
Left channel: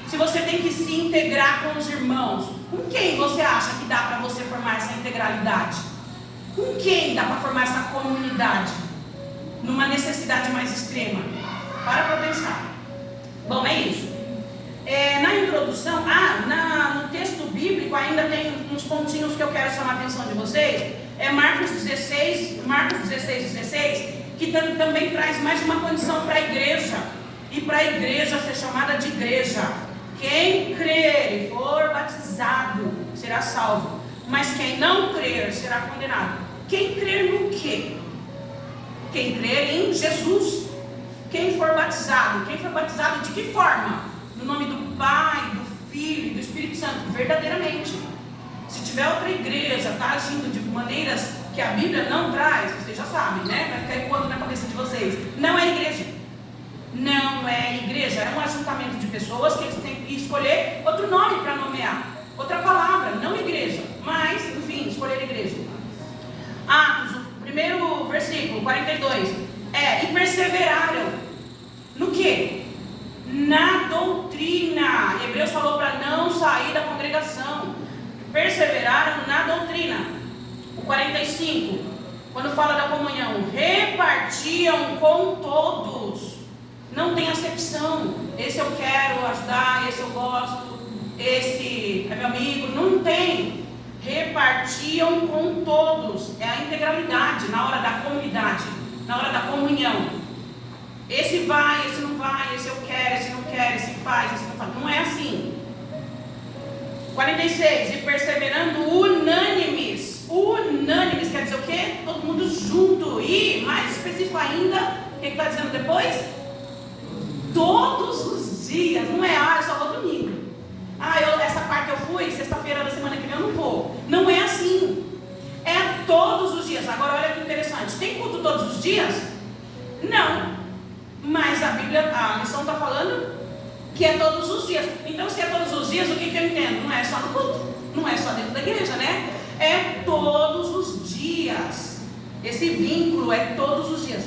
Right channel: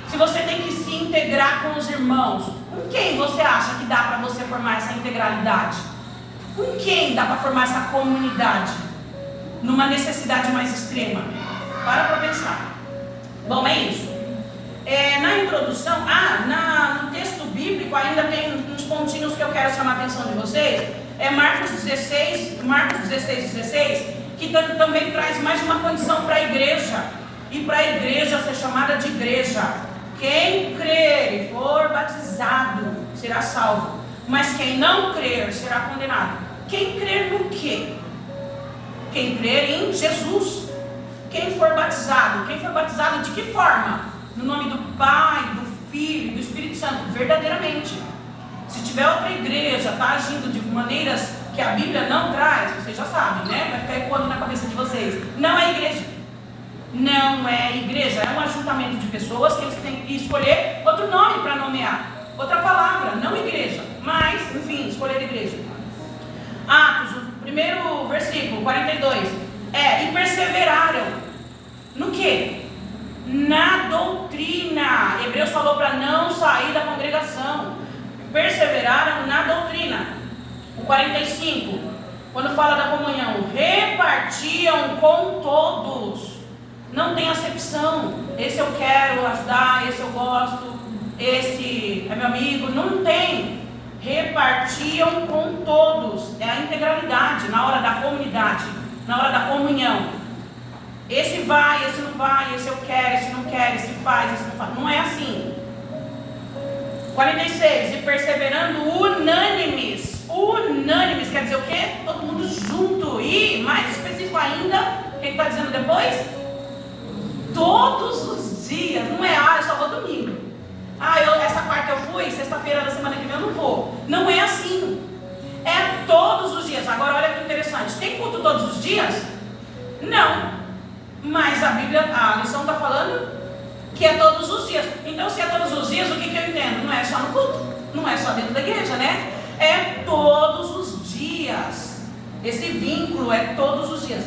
Se você tem que se integrar com os irmãos, com quem você acha que dá para você formar essa integralidade? Com quem dá para formar essa comunidade? Numa necessidade mais extrema? Para pensar. Bom, é isso. Na introdução, no texto bíblico ainda tem uns pontinhos que eu quero chamar a atenção de vocês. Marcos 16, que também traz mais uma condição para a igreja. E para a igreja ser chamada de igreja. Quem crer e for batizado será salvo. Mas quem não crer será condenado. Quem crer no quê? Quem crer em Jesus. Quem for batizado de que forma? No nome do Pai, do Filho e do Espírito Santo, verdadeiramente. Se tiver outra igreja, está agindo de maneiras que a Bíblia não traz, vocês já sabem, Vai ficar ecoando na cabeça de vocês. Não é igreja. Não é igreja, é um ajuntamento de pessoas que eles têm que escolher outro nome para nomear. Outra palavra, não igreja, mas, enfim, escolher igreja. Atos, o primeiro versículo, 42. E perseveraram no quê? Na doutrina. Hebreus falou para não sair da congregação. Perseveraram na doutrina. O 45, quando fala da comunhão, repartiam com todos. Não tem acepção. Esse eu quero ajudar, esse eu gosto, esse é meu amigo. Não tem. repartiam com todos. É a integralidade na hora da comunidade, na hora da comunhão. Esse vai, esse não vai, esse eu quero, esse não quer, esse faz, esse não faz. Não é assim. 46, e perseverando unânimes. Unânimes quer dizer o quê? Todo mundo junto. E, mais específico ainda, o que está dizendo depois? Todos os dias. Não é, eu só vou domingo. Essa quarta eu fui, sexta-feira da semana que vem eu não vou. Não é assim. É todos os dias. Agora olha que interessante. Tem culto todos os dias? Não. Mas a Bíblia, a lição está falando que é todos os dias. Então, se é todos os dias, o que eu entendo? Não é só no culto, não é só dentro da igreja, né? É todos os dias. Esse vínculo é todos os dias.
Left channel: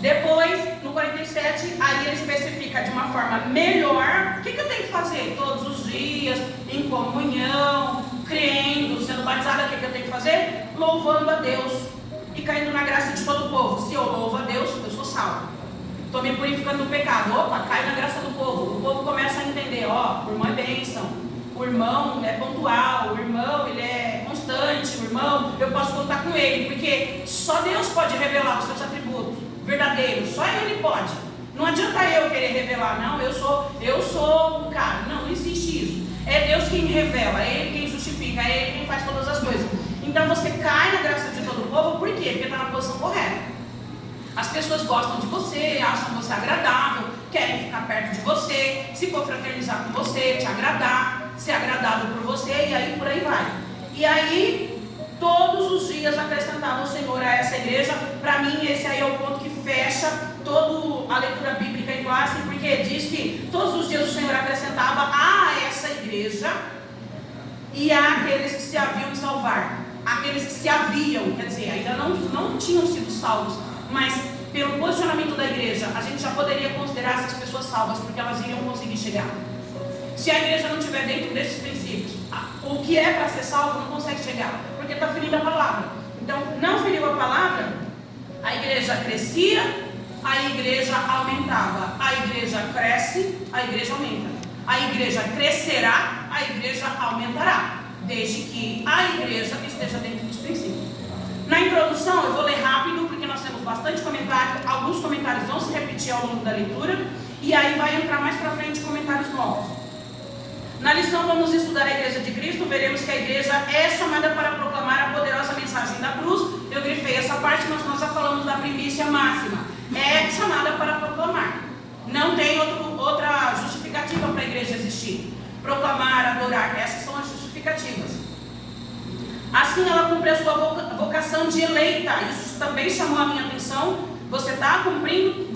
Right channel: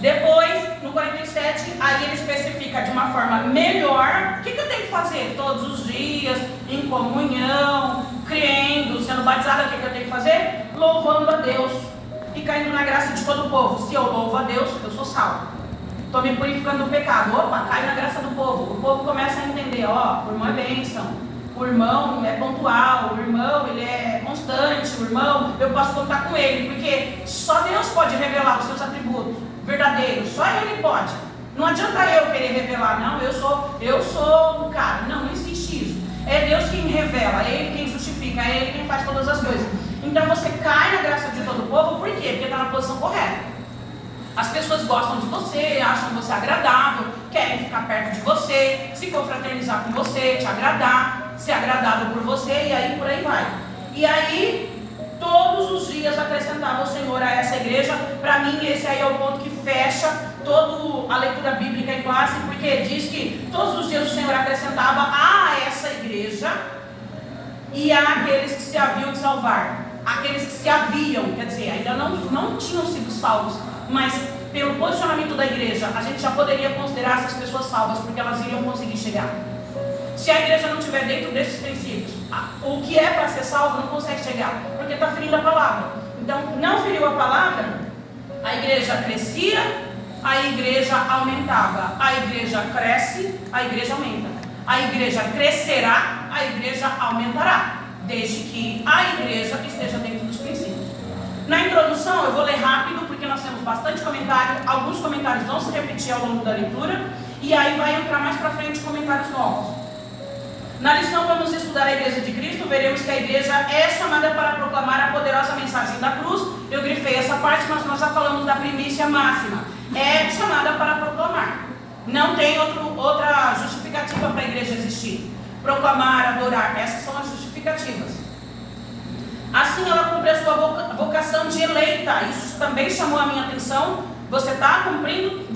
Depois, no 47, aí ele especifica de uma forma melhor. O que eu tenho que fazer? Todos os dias, em comunhão, crendo, sendo batizado. O que eu tenho que fazer? Louvando a Deus e caindo na graça de todo o povo. Se eu louvo a Deus, eu sou salvo. Estou me purificando do pecado. Opa, cai na graça do povo. O povo começa a entender, o irmão é bênção, o irmão é pontual, o irmão ele é constante, o irmão eu posso contar com ele, porque só Deus pode revelar os seus atributos verdadeiros, só Ele pode. Não adianta eu querer revelar, não, eu sou um cara. Não existe isso. É Deus quem revela, é Ele quem justifica, é Ele quem faz todas as coisas. Então você cai na graça de todo o povo, por quê? Porque está na posição correta. As pessoas gostam de você, acham você agradável, querem ficar perto de você, se confraternizar com você, te agradar, ser agradado por você, e aí por aí vai. E aí, todos os dias acrescentava o Senhor a essa igreja. Para mim, esse aí é o ponto que fecha toda a leitura bíblica em classe, porque diz que todos os dias o Senhor acrescentava a essa igreja e àqueles que se haviam de salvar. Aqueles que se haviam, quer dizer, ainda não tinham sido salvos, mas pelo posicionamento da igreja, a gente já poderia considerar essas pessoas salvas, porque elas iriam conseguir chegar. Se a igreja não estiver dentro desses princípios, o que é para ser salvo não consegue chegar, porque está ferindo a palavra. Então, não feriu a palavra, a igreja crescia, a igreja aumentava. A igreja cresce, a igreja aumenta. A igreja crescerá, a igreja aumentará, desde que a igreja esteja dentro dos princípios. Na introdução, eu vou ler rápido, porque nós temos bastante comentário. Alguns comentários vão se repetir ao longo da leitura, e aí vai entrar mais para frente comentários novos. Na lição vamos estudar a Igreja de Cristo. Veremos que a igreja é chamada para proclamar a poderosa mensagem da cruz. Eu grifei essa parte, mas nós já falamos da primícia máxima. É chamada para proclamar. Não tem outra justificativa para a igreja existir. Proclamar, adorar, essas são as justificativas. Assim ela cumpre a sua vocação de eleita. Isso também chamou a minha atenção. Você está cumprindo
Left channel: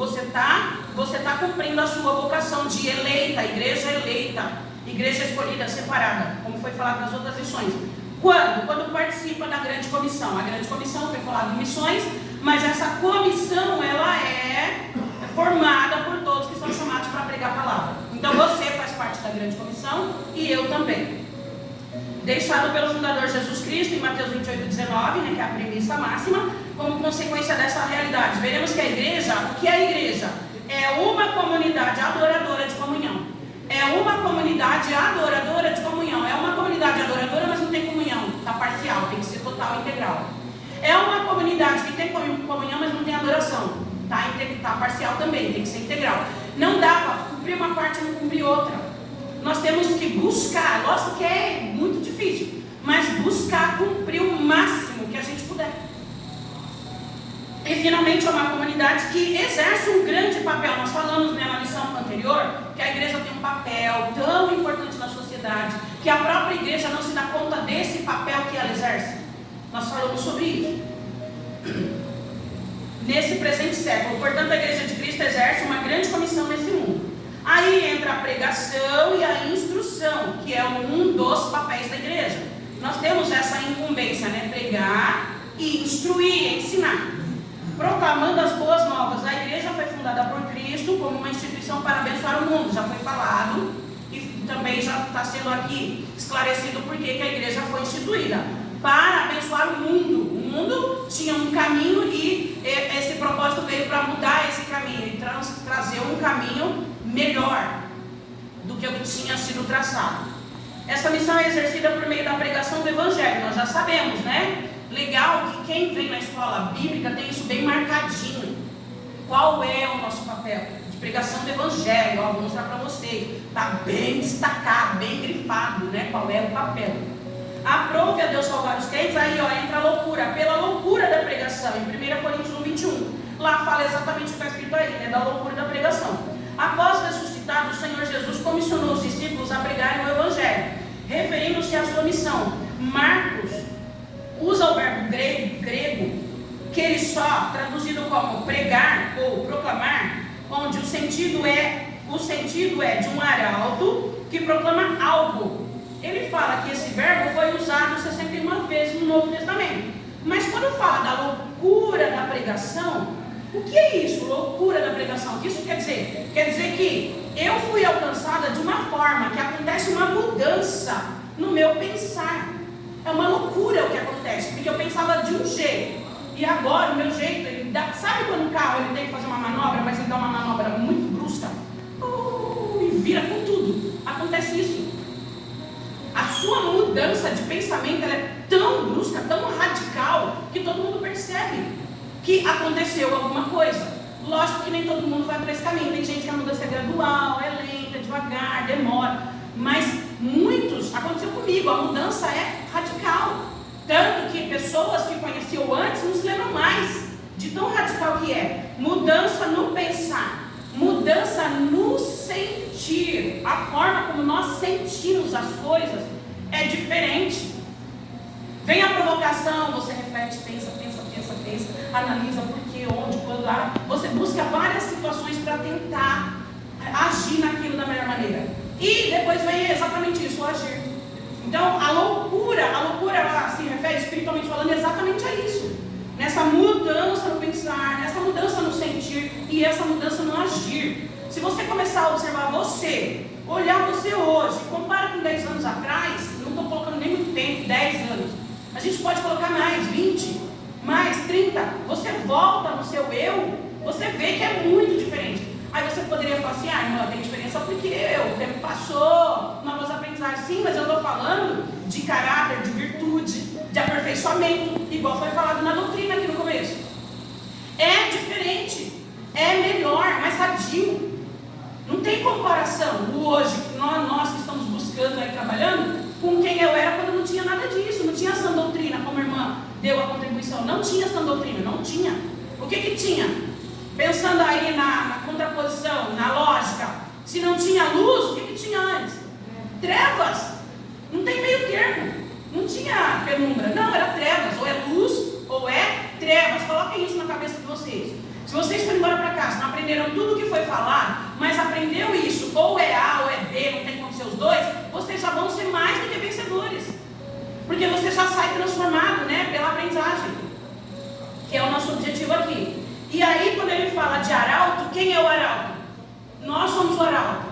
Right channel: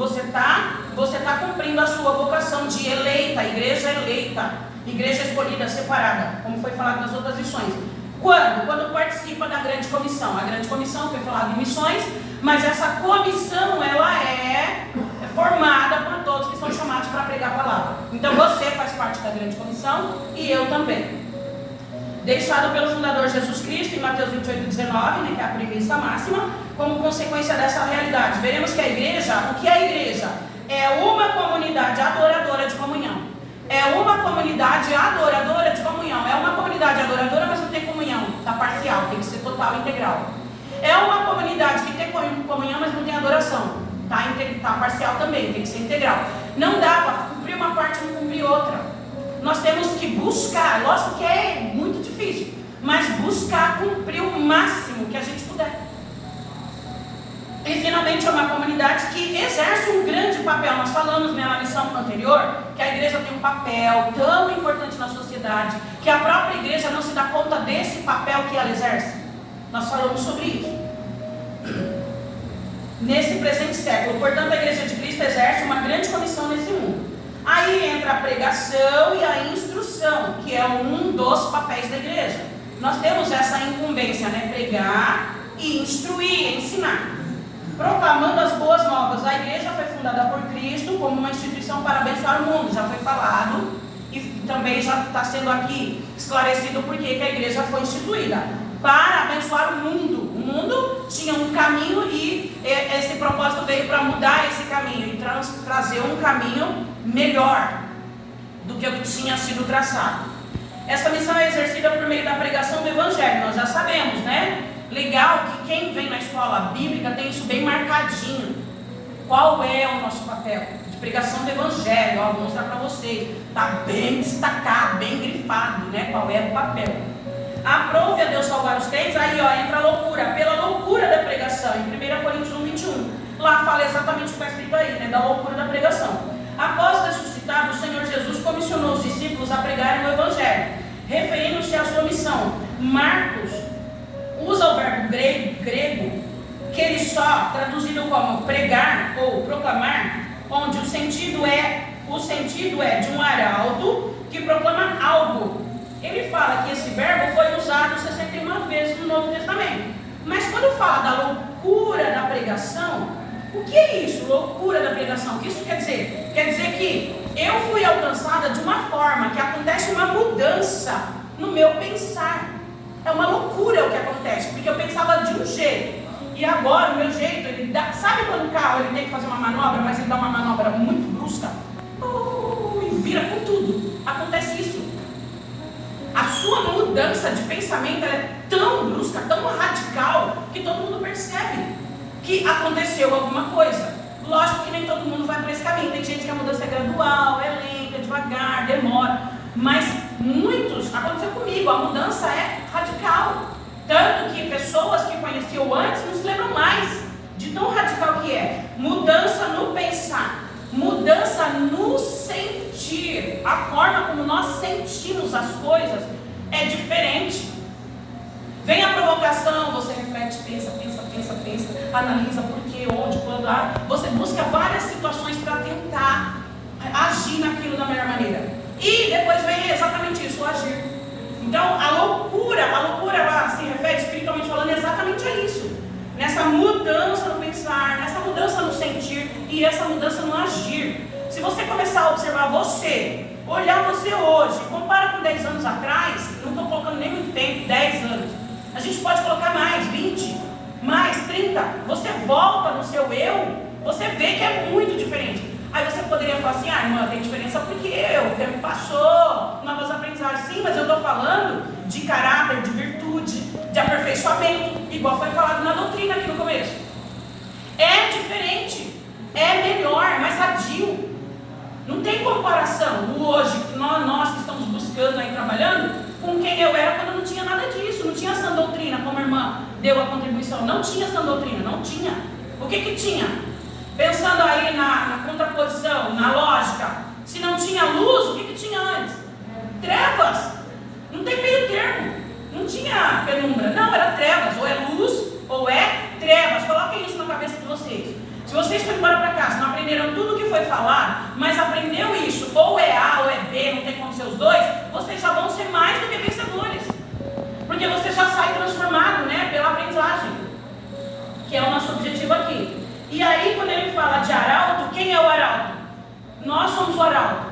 a sua vocação de eleita, igreja eleita, igreja escolhida, separada, como foi falado nas outras lições. Quando participa da grande comissão. A grande comissão foi falado em missões, mas essa comissão ela é formada por todos que são chamados para pregar a palavra. Então você faz parte da grande comissão e eu também. Deixado pelo fundador Jesus Cristo em Mateus 28:19, que é a premissa máxima, como consequência dessa realidade. Veremos que a igreja, o que é a igreja? É uma comunidade adoradora de comunhão. É uma comunidade adoradora de comunhão. É uma comunidade adoradora, mas não tem comunhão. Está parcial, tem que ser total e integral. É uma comunidade que tem comunhão, mas não tem adoração. Está parcial também, tem que ser integral. Não dá para cumprir uma parte e não cumprir outra. Nós temos que buscar, lógico que é muito difícil, mas buscar cumprir o máximo que a gente puder. E finalmente é uma comunidade que exerce um grande papel. Nós falamos na lição anterior que a igreja tem um papel tão importante na sociedade, que a própria igreja não se dá conta desse papel que ela exerce. Nós falamos sobre isso nesse presente século. Portanto, a Igreja de Cristo exerce uma grande comissão nesse mundo. Aí entra a pregação e a instrução, que é um dos papéis da igreja. Nós temos essa incumbência, pregar e instruir, ensinar. Proclamando as boas novas. A igreja foi fundada por Cristo como uma instituição para abençoar o mundo. Já foi falado e também já está sendo aqui esclarecido por que a igreja foi instituída. Para abençoar o mundo. O mundo tinha um caminho e esse propósito veio para mudar esse caminho e trazer um caminho melhor do que o que tinha sido traçado. Essa missão é exercida por meio da pregação do Evangelho, nós já sabemos, né? Legal que quem vem na escola bíblica tem isso bem marcadinho. Qual é o nosso papel? De pregação do Evangelho, ó, vou mostrar para vocês. Está bem destacado, bem grifado, né? Qual é o papel? Aprove a Deus salvar os crentes, aí ó, entra a loucura, pela loucura da pregação, em 1 Coríntios 1:21. Lá fala exatamente o que está escrito aí, né? Da loucura da pregação. Após ressuscitado, o Senhor Jesus comissionou os discípulos a pregarem o Evangelho, referindo-se à sua missão. Marcos usa o verbo grego, que ele só, traduzido como pregar ou proclamar, onde o sentido é de um arauto que proclama algo. Ele fala que esse verbo foi usado 61 vezes no Novo Testamento. Mas quando fala da loucura da pregação, o que é isso, loucura da pregação? O que isso quer dizer? Quer dizer que eu fui alcançada de uma forma que acontece uma mudança no meu pensar. É uma loucura o que acontece, porque eu pensava de um jeito, e agora o meu jeito, ele dá, sabe quando o carro ele tem que fazer uma manobra, mas ele dá uma manobra muito brusca, e vira com tudo. Acontece isso. A sua mudança de pensamento ela é tão brusca, tão radical, que todo mundo percebe que aconteceu alguma coisa. Lógico que nem todo mundo vai para esse caminho. Tem gente que a mudança é gradual, é lenta, devagar, demora. Mas muitos, aconteceu comigo, a mudança é radical. Tanto que pessoas que conheciam antes não se lembram mais de tão radical que é. Mudança no pensar, mudança no sentir. A forma como nós sentimos as coisas é diferente. Vem a provocação, você reflete, pensa, analisa por quê, onde, quando, você busca várias situações para tentar agir naquilo da melhor maneira. E depois vem exatamente isso, o agir. Então a loucura ela se refere espiritualmente falando exatamente a isso. Nessa mudança no pensar, nessa mudança no sentir e essa mudança no agir. Se você começar a observar você, olhar você hoje, compara com 10 anos atrás, não estou colocando nem muito tempo, 10 anos. A gente pode colocar mais, 20, mais 30. Você volta no seu eu, você vê que é muito diferente. Aí você poderia falar assim, irmã, tem diferença porque o tempo passou, novas aprendizagens. Sim, mas eu estou falando de caráter, de virtude, de aperfeiçoamento, igual foi falado na doutrina aqui no começo. É diferente, é melhor, é mais sadio. Não tem comparação, o hoje, nós que estamos buscando aí, trabalhando, com quem eu era quando não tinha nada disso, não tinha essa doutrina, como a irmã deu a contribuição, não tinha essa doutrina, não tinha. O que tinha? Pensando aí na contraposição, na lógica, se não tinha luz, o que tinha antes? Trevas, não tem meio termo, não tinha penumbra, não, era trevas, ou é luz ou é trevas. Coloquem isso na cabeça de vocês. Se vocês forem embora para casa, não aprenderam tudo o que foi falado, mas aprendeu isso, ou é A ou é B, não tem como ser os dois, vocês já vão ser mais do que vencedores, porque você já sai transformado, né, pela aprendizagem, que é o nosso objetivo aqui. E aí quando ele fala de arauto, quem é o arauto? Nós somos o arauto.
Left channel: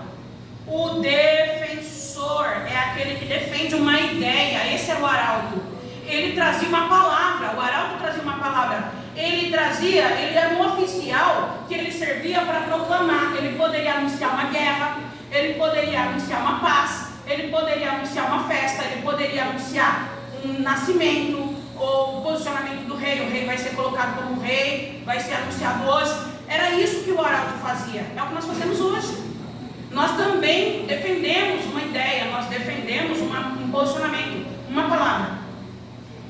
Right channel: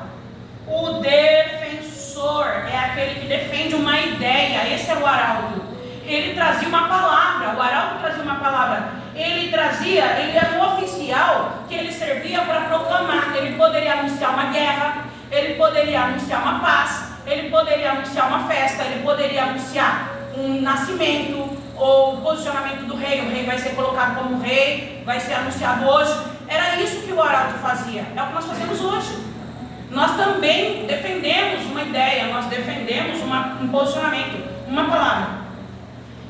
O defensor é aquele que defende uma ideia, esse é o arauto. Ele trazia uma palavra, o arauto trazia uma palavra. Ele era um oficial que ele servia para proclamar. Ele poderia anunciar uma guerra, ele poderia anunciar uma paz, ele poderia anunciar uma festa, ele poderia anunciar um nascimento, ou o posicionamento do rei. O rei vai ser colocado como rei, vai ser anunciado hoje. Era isso que o arauto fazia, é o que nós fazemos hoje. Nós também defendemos uma ideia, nós defendemos um posicionamento, uma palavra.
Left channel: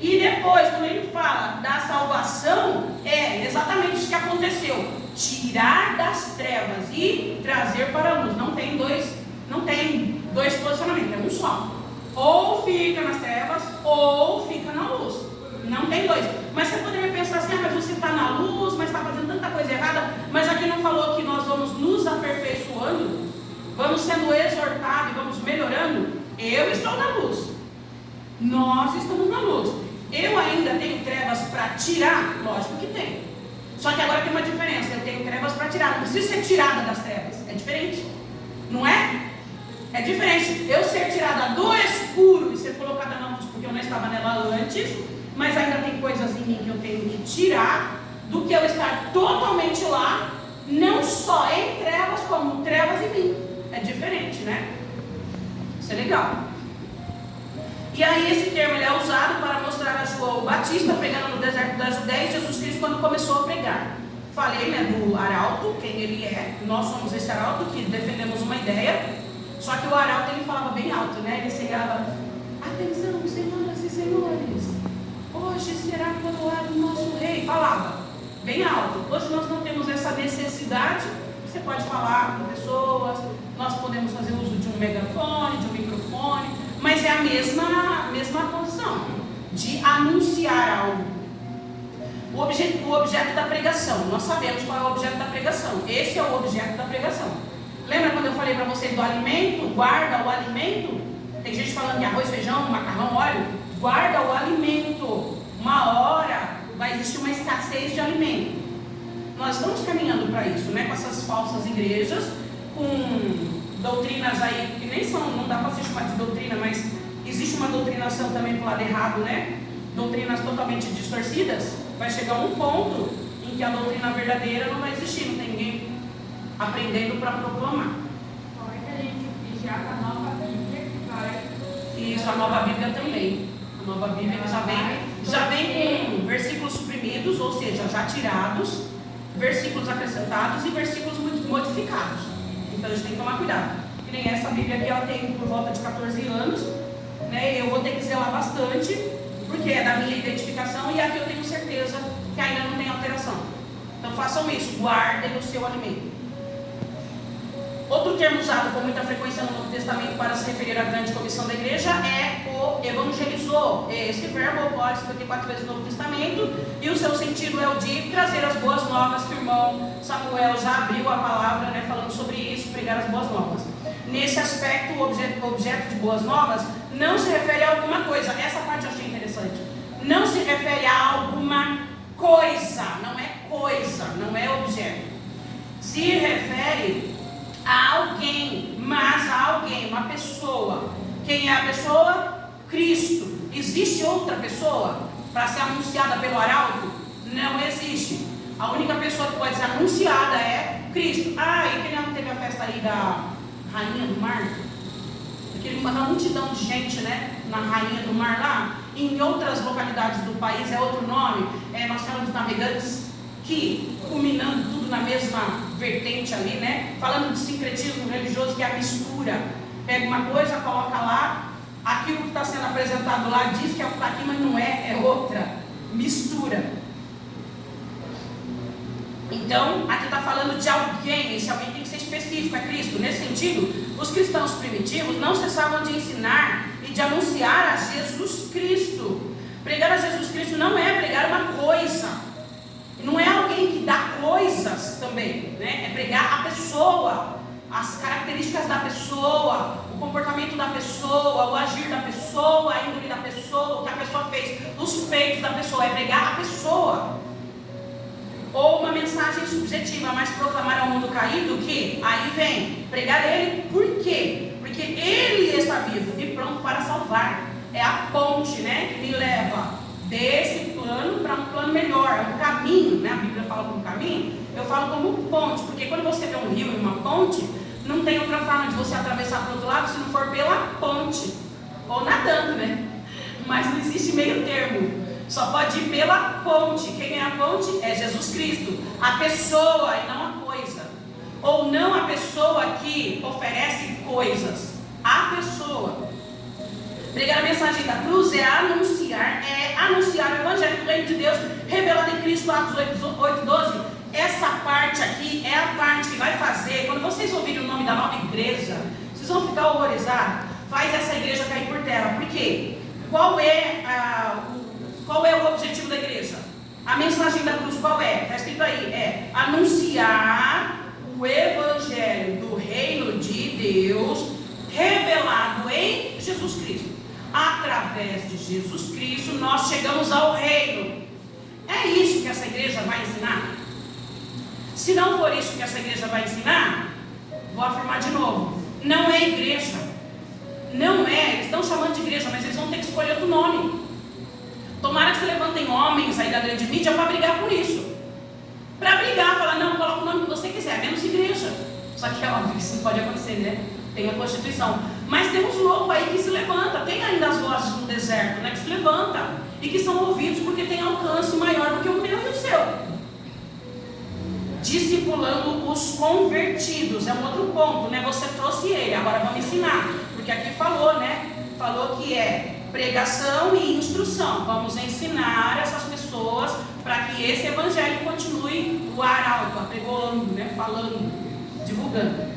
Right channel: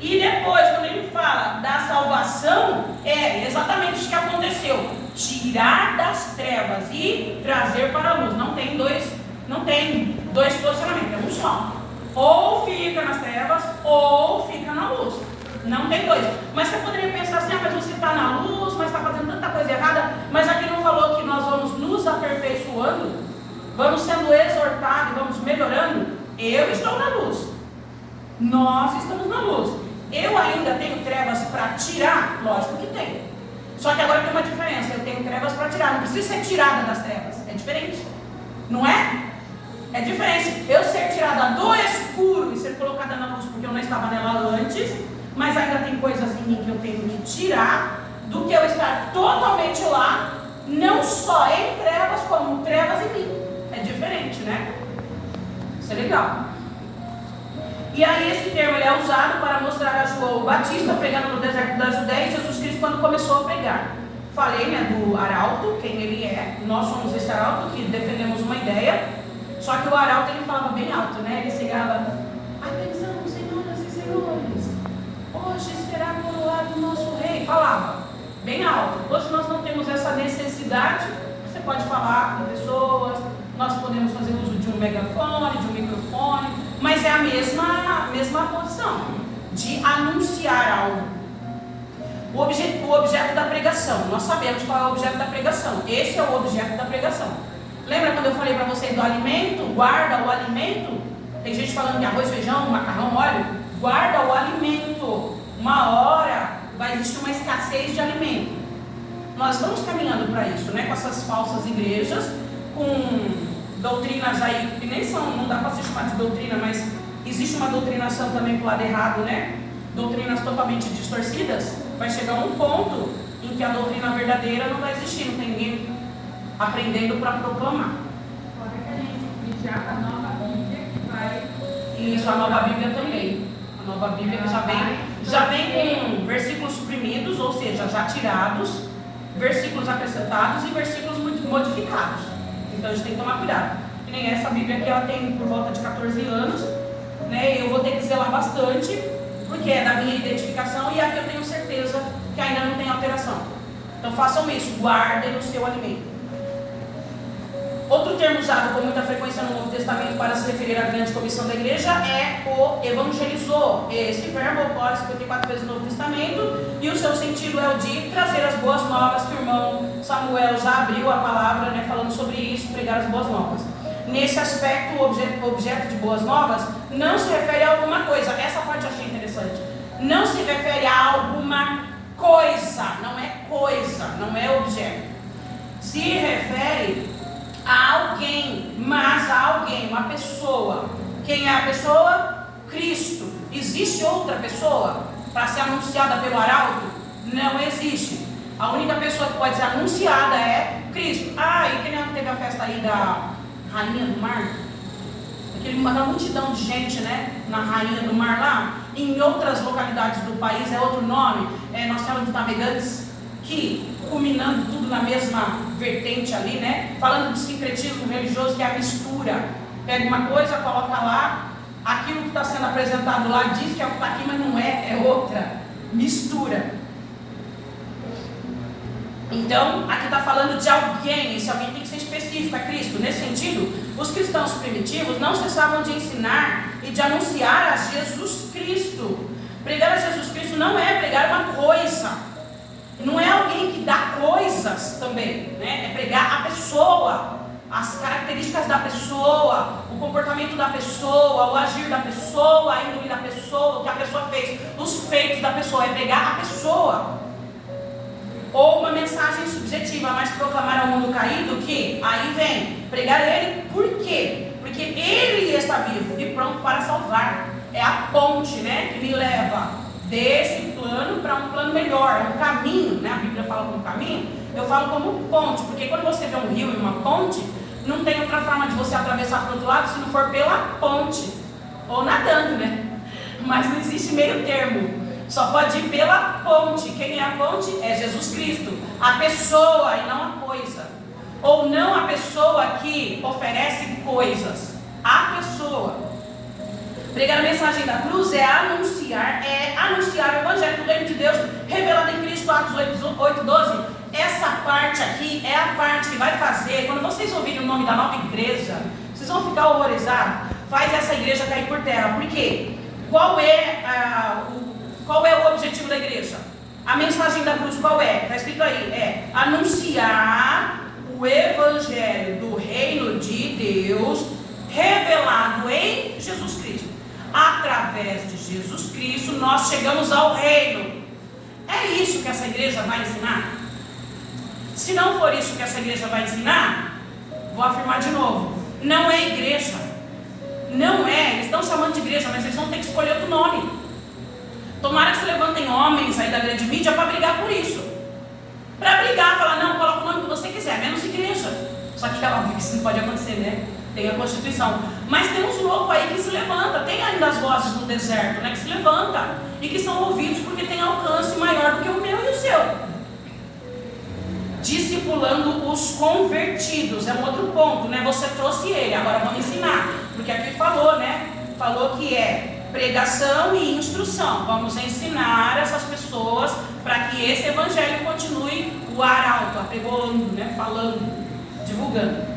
E depois, quando ele fala da salvação, é exatamente isso que aconteceu: tirar das trevas e trazer para a luz. Não tem dois posicionamentos, é um só. Ou fica nas trevas, ou fica na luz. Não tem dois. Mas você poderia pensar assim, mas você está na luz, mas está fazendo tanta coisa errada. Mas aqui não falou que nós vamos nos aperfeiçoando, vamos sendo exortados, vamos melhorando. Eu estou na luz, nós estamos na luz. Eu ainda tenho trevas para tirar? Lógico que tem. Só que agora tem uma diferença, eu tenho trevas para tirar, não preciso ser tirada das trevas, é diferente, não é? É diferente eu ser tirada do escuro e ser colocada na luz porque eu não estava nela antes, mas ainda tem coisas em mim que eu tenho que tirar, do que eu estar totalmente lá, não só em trevas, como trevas em mim. É diferente, né? Isso é legal. E aí esse termo ele é usado para mostrar a João Batista pregando no deserto da Judéia e Jesus Cristo quando começou a pregar. Falei, né, do arauto, quem ele é. Nós somos esse arauto que defendemos uma ideia. Só que o arauto ele falava bem alto, né? Ele chegava: atenção, senhoras e senhores, hoje será coroado o nosso rei. Falava bem alto. Hoje nós não temos essa necessidade. Você pode falar com pessoas, nós podemos fazer uso de um megafone, de um microfone, mas é a mesma posição de anunciar algo. O objeto da pregação, nós sabemos qual é o objeto da pregação. Esse é o objeto da pregação. Lembra quando eu falei para vocês do alimento? Guarda o alimento. Tem gente falando que arroz, feijão, macarrão, óleo. Guarda o alimento. Uma hora vai existir uma escassez de alimento. Nós estamos caminhando para isso, né? Com essas falsas igrejas, com doutrinas aí que nem são, não dá para se chamar de doutrina, mas existe uma doutrinação também para o lado errado, né? Doutrinas totalmente distorcidas. Vai chegar um ponto em que a doutrina verdadeira não vai existir, não tem ninguém aprendendo para proclamar. Fora que a gente vigiar a nova Bíblia que vai. Isso, a nova Bíblia também. A nova Bíblia já vem com versículos suprimidos, ou seja, já tirados, versículos acrescentados e versículos modificados. Então a gente tem que tomar cuidado. Que nem essa Bíblia aqui, ela tem por volta de 14 anos, né? Eu vou ter que zelar bastante, porque é da minha identificação e aqui eu tenho certeza que ainda não tem alteração. Então façam isso, guardem o seu alimento. Outro termo usado com muita frequência no Novo Testamento para se referir à grande comissão da igreja é o evangelizou. Esse verbo ocorre 54 vezes no Novo Testamento e o seu sentido é o de trazer as boas novas, que o irmão Samuel já abriu a palavra, né, falando sobre isso, pregar as boas novas. Nesse aspecto, o objeto de boas novas não se refere a alguma coisa. Essa parte eu achei interessante. Não se refere a alguma coisa, não é coisa, não é objeto. Se refere a alguém, mas a alguém, uma pessoa. Quem é a pessoa? Cristo. Existe outra pessoa para ser anunciada pelo arauto? Não existe. A única pessoa que pode ser anunciada é Cristo. E quem não teve a festa aí da Rainha do Mar? Aquela multidão de gente, né? Na Rainha do Mar lá. Em outras localidades do país é outro nome. Nossa Senhora dos Navegantes, que culminando tudo na mesma vertente ali, né? Falando de sincretismo religioso, que é a mistura. Pega uma coisa, coloca lá, aquilo que está sendo apresentado lá diz que é o que está aqui, mas não é, é outra. Mistura. Então, aqui está falando de alguém, esse alguém tem que ser específico, é Cristo. Nesse sentido, os cristãos primitivos não cessavam de ensinar e de anunciar a Jesus Cristo. Pregar a Jesus Cristo não é pregar uma coisa. Não é alguém que dá coisas também, né? É pregar a pessoa, as características da pessoa, o comportamento da pessoa, o agir da pessoa, a índole da pessoa, o que a pessoa fez, os feitos da pessoa. É pregar a pessoa. Ou uma mensagem subjetiva, mas proclamar ao mundo caído que, aí vem, pregar ele, por quê? Porque ele está vivo e pronto para salvar. É a ponte, né, que me leva desse plano para um plano melhor, um caminho, né? A Bíblia fala como caminho, eu falo como ponte, porque quando você vê um rio e uma ponte, não tem outra forma de você atravessar para o outro lado se não for pela ponte, ou nadando, né? Mas não existe meio termo, só pode ir pela ponte. Quem é a ponte? É Jesus Cristo, a pessoa e não a coisa, ou não a pessoa que oferece coisas, a pessoa. Pregar a mensagem da cruz é anunciar o Evangelho do Reino de Deus, revelado em Cristo, Atos 8:12. Essa parte aqui é a parte que vai fazer, quando vocês ouvirem o nome da nova igreja, vocês vão ficar horrorizados, faz essa igreja cair por terra. Por quê? Qual é o objetivo da igreja? A mensagem da cruz qual é? Está escrito aí, é anunciar o Evangelho do Reino de Deus, revelado em Jesus Cristo. Através de Jesus Cristo nós chegamos ao reino. É isso que essa igreja vai ensinar? Se não for isso que essa igreja vai ensinar, vou afirmar de novo, não é igreja. Não é, eles estão chamando de igreja, mas eles vão ter que escolher outro nome. Tomara que se levantem homens aí da grande mídia para brigar por isso. Para brigar, falar, não, coloca o nome que você quiser, menos igreja. Só que é óbvio que isso não pode acontecer, né? Tem a Constituição. Mas tem uns loucos aí que se levantam, tem ainda as vozes no deserto, né, que se levantam e que são ouvidos porque tem alcance maior do que o meu e o seu. Discipulando os convertidos, é um outro ponto, né? Você trouxe ele, agora vamos ensinar, porque aqui falou, né? Falou que é pregação e instrução. Vamos ensinar essas pessoas para que esse evangelho continue o arauto, apregando, né? Falando, divulgando.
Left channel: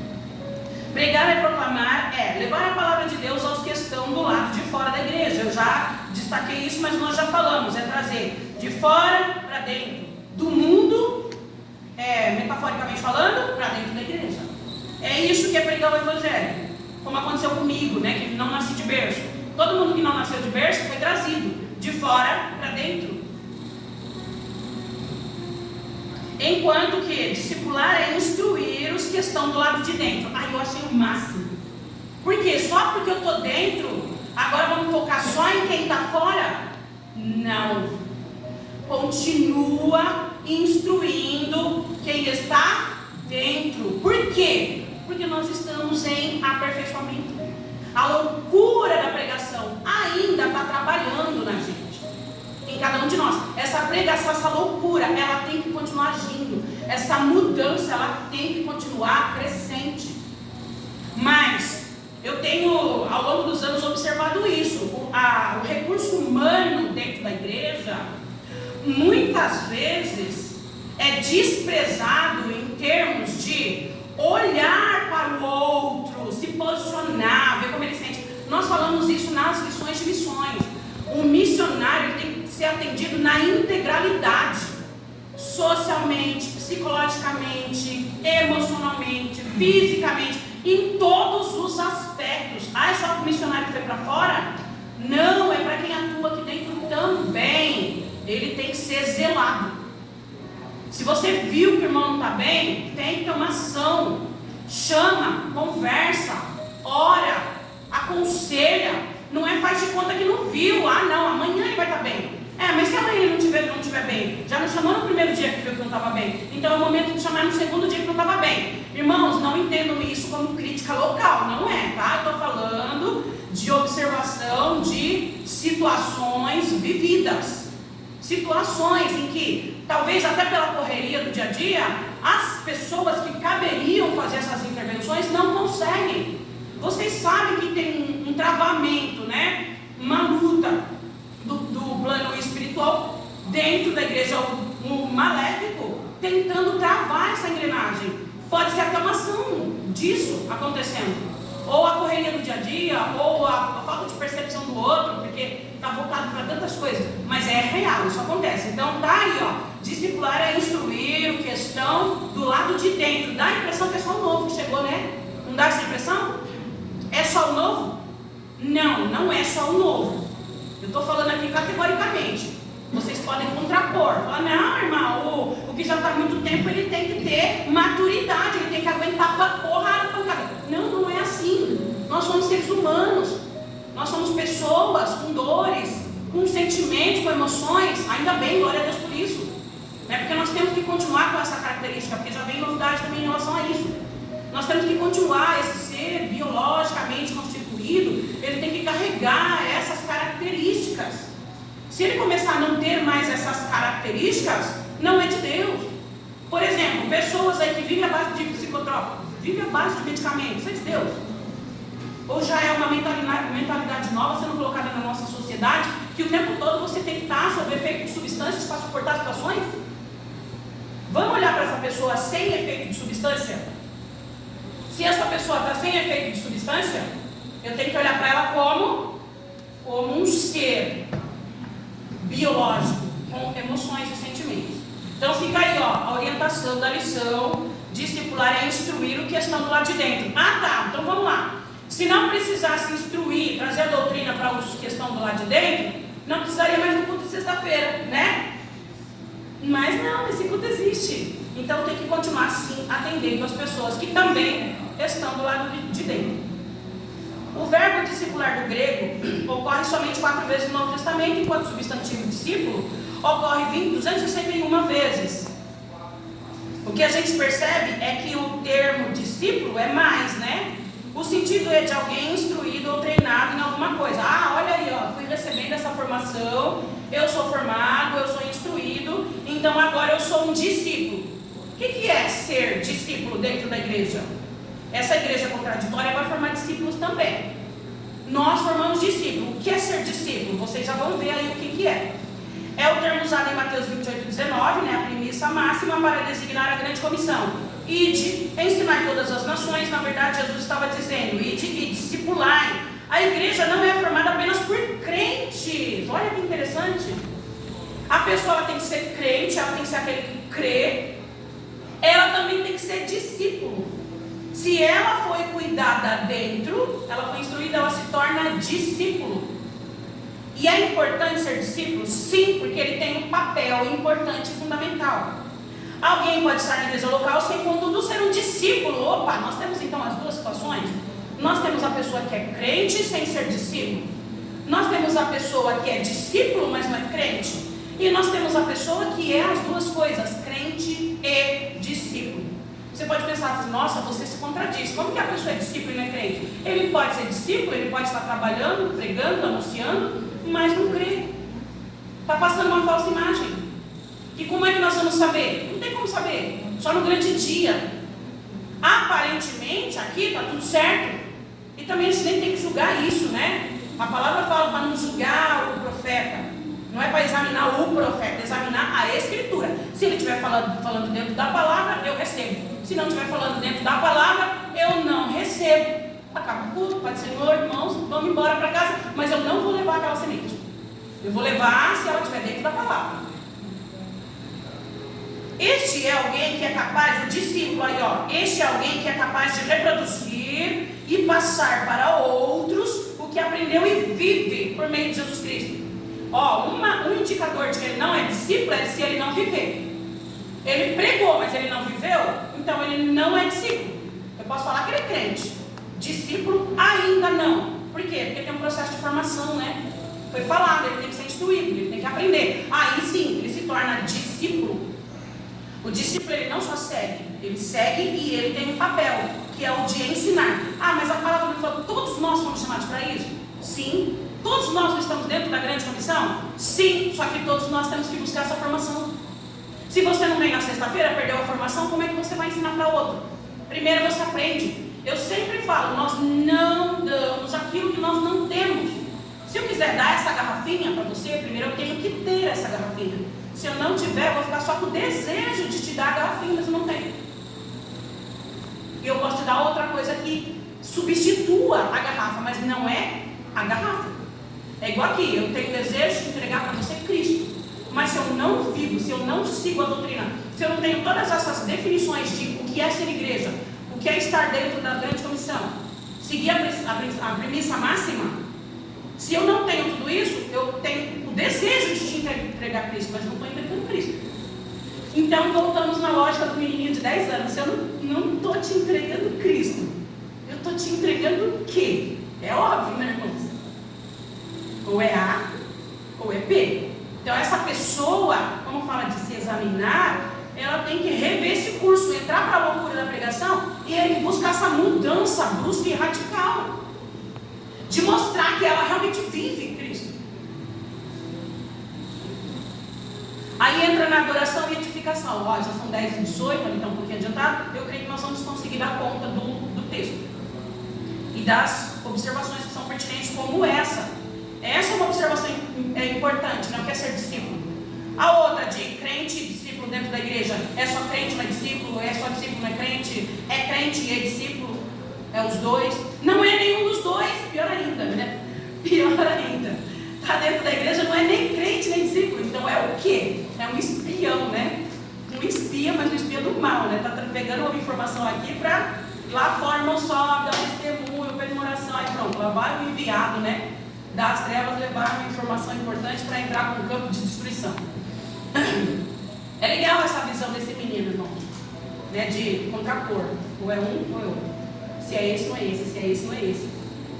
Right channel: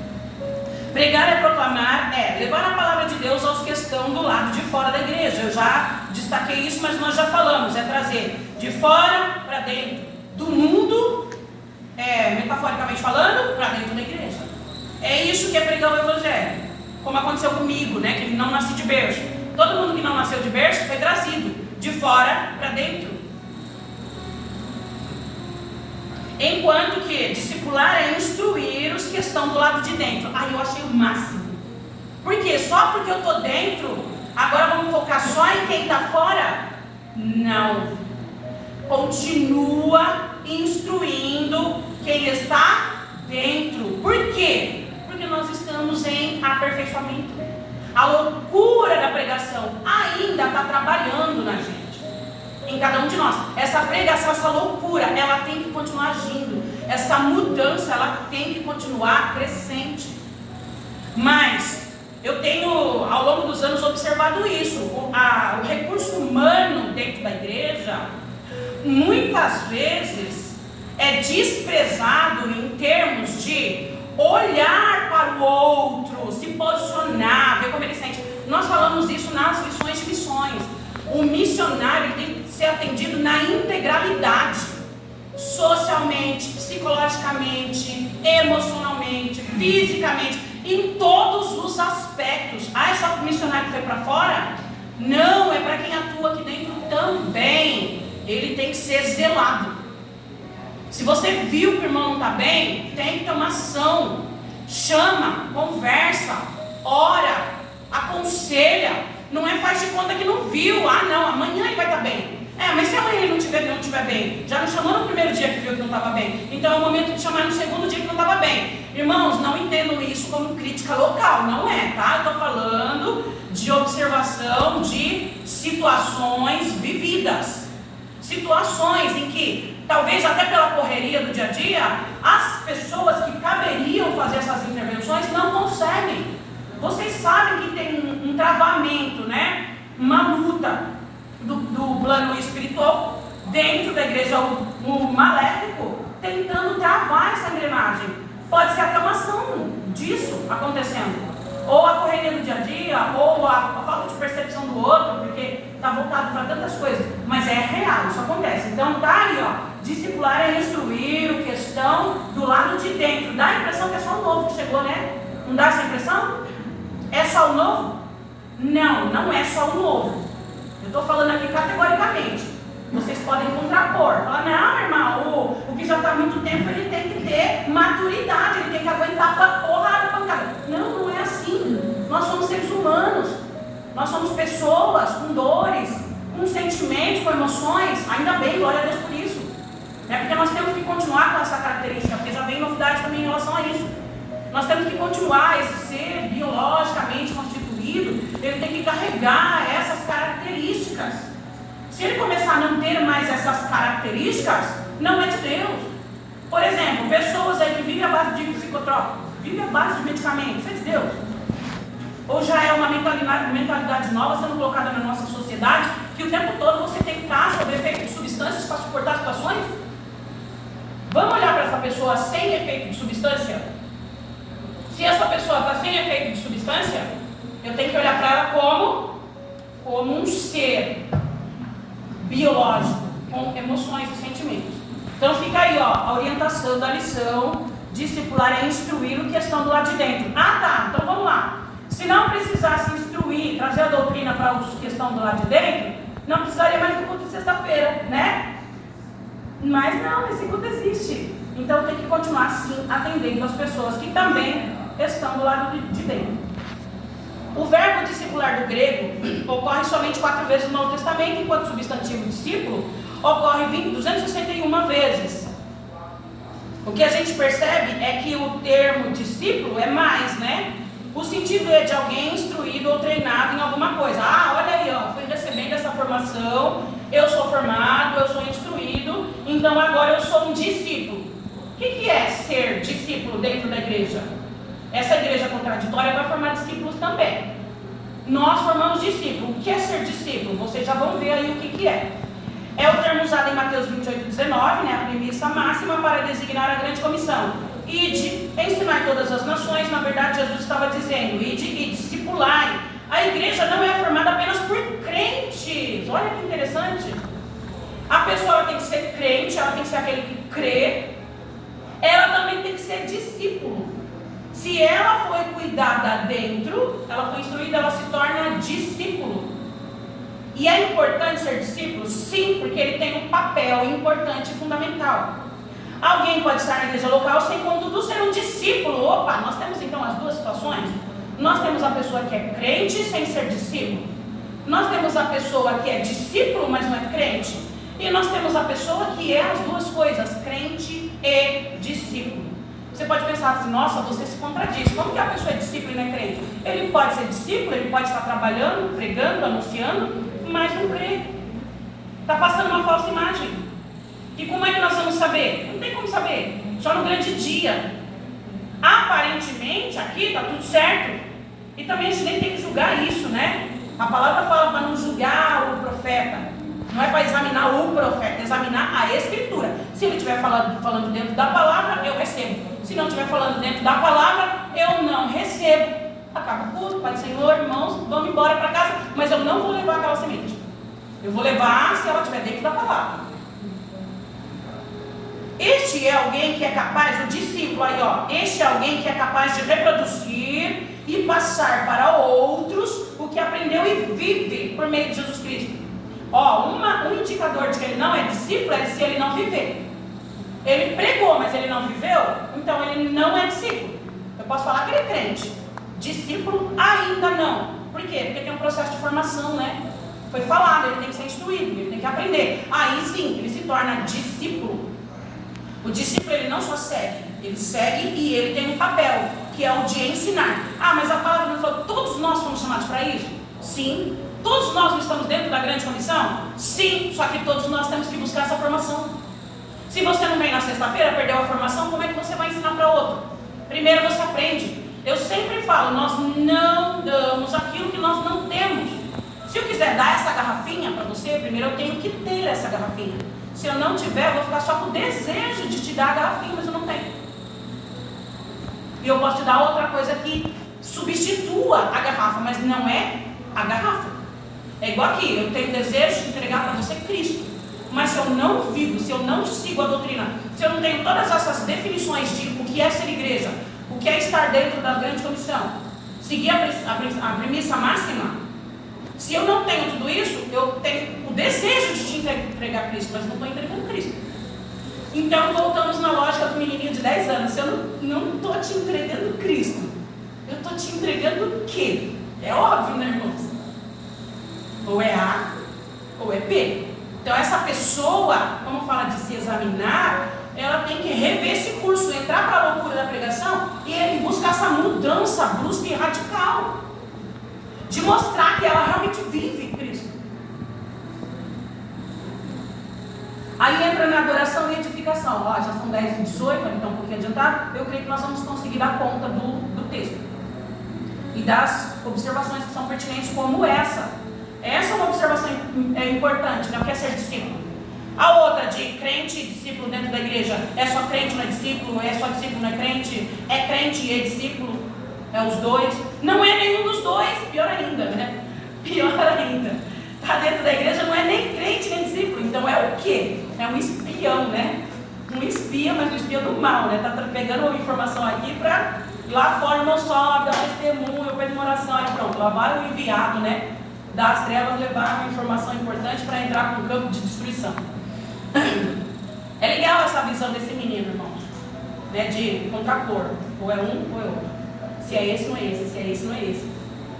Pregar é proclamar, é levar a palavra de Deus aos que estão do lado de fora da igreja. Eu já destaquei isso, mas nós já falamos, é trazer de fora para dentro do mundo, metaforicamente falando, para dentro da igreja. É isso que é pregar o evangelho, como aconteceu comigo, né, que não nasci de berço. Todo mundo que não nasceu de berço foi trazido de fora para dentro. Enquanto que discipular é instruir os que estão do lado de dentro. Aí eu achei o máximo. Por quê? Só porque eu estou dentro, agora vamos focar só em quem está fora? Não. Continua instruindo quem está dentro. Por quê? Porque nós estamos em aperfeiçoamento. A loucura da pregação ainda está trabalhando na gente, em cada um de nós. Essa pregação, essa loucura, ela tem que continuar agindo. Essa mudança, ela tem que continuar crescente. Mas eu tenho, ao longo dos anos, observado isso. O recurso humano dentro da igreja, muitas vezes, é desprezado em termos de olhar para o outro, se posicionar, ver como ele sente. Nós falamos isso nas lições de missões. O missionário tem que ser atendido na integralidade, socialmente, psicologicamente, emocionalmente, fisicamente, em todos os aspectos. Ah, é só para o missionário que foi para fora? Não, é para quem atua aqui dentro também. Ele tem que ser zelado. Se você viu que o irmão não está bem, tem que ter uma ação. Chama, conversa, ora, aconselha. Não é faz de conta que não viu. Ah não, amanhã ele vai estar bem. Mas se amanhã ele não estiver bem, já não chamou no primeiro dia que viu que não estava bem, então é o momento de chamar no segundo dia que não estava bem. Irmãos, não entendam isso como crítica local, não é, tá? Eu estou falando de observação de situações vividas. Situações em que, talvez até pela correria do dia a dia, as pessoas que caberiam fazer essas intervenções não conseguem. Vocês sabem que tem um travamento, né? Uma luta do plano espiritual dentro da igreja, o maléfico tentando travar essa engrenagem. Pode ser até uma ação disso acontecendo, ou a correria do dia a dia, ou a falta de percepção do outro, porque está voltado para tantas coisas, mas é real, isso acontece. Então tá aí, ó, discipular é instruir o que estão do lado de dentro. Dá a impressão que é só o novo que chegou, né? Não dá essa impressão? É só o novo? Não, não é só o novo. Eu estou falando aqui categoricamente. Vocês podem contrapor, falar, não, irmão, o que já está há muito tempo, ele tem que ter maturidade, ele tem que aguentar a porrada, pancada. Não, não é assim. Nós somos seres humanos, nós somos pessoas com dores, com sentimentos, com emoções. Ainda bem, glória a Deus por isso. Porque nós temos que continuar com essa característica, porque já vem novidade também em relação a isso. Nós temos que continuar, esse ser biologicamente constituído, ele tem que carregar essas características. Se ele começar a não ter mais essas características, não é de Deus. Por exemplo, pessoas aí que vivem à base de psicotrópicos, vivem à base de medicamentos, isso é de Deus? Ou já é uma mentalidade nova sendo colocada na nossa sociedade, que o tempo todo você tem que estar sob efeito de substâncias para suportar situações? Vamos olhar para essa pessoa sem efeito de substância? Se essa pessoa está sem efeito de substância, eu tenho que olhar para ela como um ser biológico, com emoções e sentimentos. Então fica aí, ó, a orientação da lição discipular é instruir o que estão do lado de dentro. Ah, tá, então vamos lá. Se não precisasse instruir, trazer a doutrina para os que estão do lado de dentro, não precisaria mais do culto de sexta-feira, né? Mas não, esse culto existe. Então tem que continuar sim atendendo as pessoas que também estão do lado de dentro. O verbo discipular do grego ocorre somente 4 vezes no Novo Testamento, enquanto o substantivo discípulo ocorre 261 vezes. O que a gente percebe é que o termo discípulo é mais, né? O sentido é de alguém instruído ou treinado em alguma coisa. Ah, olha aí, ó, fui recebendo essa formação, eu sou formado, eu sou instruído, então agora eu sou um discípulo. O que é ser discípulo dentro da igreja? Essa igreja contraditória vai formar discípulos também. Nós formamos discípulo. O que é ser discípulo? Vocês já vão ver aí o que é. É o termo usado em Mateus 28:19, né, a premissa máxima para designar a grande comissão. Ide, ensinai todas as nações. Na verdade, Jesus estava dizendo, ide e discipulai. A igreja não é formada apenas por crentes. Olha que interessante. A pessoa ela tem que ser crente, ela tem que ser aquele que crê. Ela também tem que ser discípulo. Se ela foi cuidada dentro, ela foi instruída, ela se torna discípulo. E é importante ser discípulo? Sim, porque ele tem um papel importante e fundamental. Alguém pode estar na igreja local sem, contudo, ser um discípulo. Opa, nós temos então as duas situações. Nós temos a pessoa que é crente sem ser discípulo. Nós temos a pessoa que é discípulo, mas não é crente. E nós temos a pessoa que é as duas coisas, crente e discípulo. Você pode pensar assim, nossa, você se contradiz. Como que a pessoa é discípulo e não é crente? Ele pode ser discípulo, ele pode estar trabalhando, pregando, anunciando, mas não crê. Está passando uma falsa imagem. E como é que nós vamos saber? Não tem como saber. Só no grande dia. Aparentemente, aqui está tudo certo. E também a gente nem tem que julgar isso, né? A palavra fala para não julgar o profeta. Não é para examinar o profeta, é examinar a escritura. Se ele estiver falando dentro da palavra, eu recebo. Se não estiver falando dentro da palavra, eu não recebo. Acaba o culto, Pai do Senhor, irmãos, vamos embora para casa. Mas eu não vou levar aquela semente. Eu vou levar se ela estiver dentro da palavra. Este é alguém que é capaz, o discípulo aí, ó. Este é alguém que é capaz de reproduzir e passar para outros o que aprendeu e vive por meio de Jesus Cristo. Ó, um indicador de que ele não é discípulo é se ele não viver. Ele pregou, mas ele não viveu, então ele não é discípulo. Eu posso falar que ele é crente. Discípulo ainda não. Por quê? Porque tem um processo de formação, né? Foi falado, ele tem que ser instruído, ele tem que aprender. Aí sim, ele se torna discípulo. O discípulo ele não só segue, ele segue e ele tem um papel, que é o de ensinar. Ah, mas a palavra não falou, todos nós fomos chamados para isso? Sim. Todos nós estamos dentro da grande comissão? Sim, só que todos nós temos que buscar essa formação. Se você não vem na sexta-feira, perdeu a formação, como é que você vai ensinar para outro? Primeiro você aprende. Eu sempre falo, nós não damos aquilo que nós não temos. Se eu quiser dar essa garrafinha para você, primeiro eu tenho que ter essa garrafinha. Se eu não tiver, eu vou ficar só com o desejo de te dar a garrafinha, mas eu não tenho. E eu posso te dar outra coisa que substitua a garrafa, mas não é a garrafa. É igual aqui, eu tenho desejo de entregar para você Cristo. Mas se eu não vivo, se eu não sigo a doutrina, se eu não tenho todas essas definições de o que é ser igreja, o que é estar dentro da grande comissão, seguir a premissa máxima, se eu não tenho tudo isso, eu tenho o desejo de te entregar Cristo, mas não estou entregando Cristo. Então voltamos na lógica do menininho de 10 anos. Se eu não estou te entregando Cristo, eu estou te entregando o quê? É óbvio, né, irmãos? Ou é A, ou é B. Então essa pessoa, como fala de se examinar, ela tem que rever esse curso, entrar para a loucura da pregação e buscar essa mudança brusca e radical. De mostrar que ela realmente vive em Cristo. Aí entra na adoração e edificação. Ó, já são 10h18, ali está um pouquinho adiantado. Eu creio que nós vamos conseguir dar conta do texto. E das observações que são pertinentes como essa. Essa é uma observação importante, não quer ser discípulo. A outra de crente e discípulo dentro da igreja. É só crente, não é discípulo? É só discípulo, não é crente? É crente e é discípulo? É os dois? Não é nenhum dos dois. Pior ainda, né? Pior ainda. Está dentro da igreja, não é nem crente nem discípulo. Então é o quê? É um espião, né? Um espia, mas um espia do mal, né? Está pegando uma informação aqui para lá fora não sobe, dá testemunho, pede uma oração. Aí pronto, lá vai o enviado, né? Das trevas levar uma informação importante para entrar com o campo de destruição. É legal essa visão desse menino, irmão, né? De contrapor. Ou é um ou é outro. Se é esse, não é esse. Se é esse, não é esse.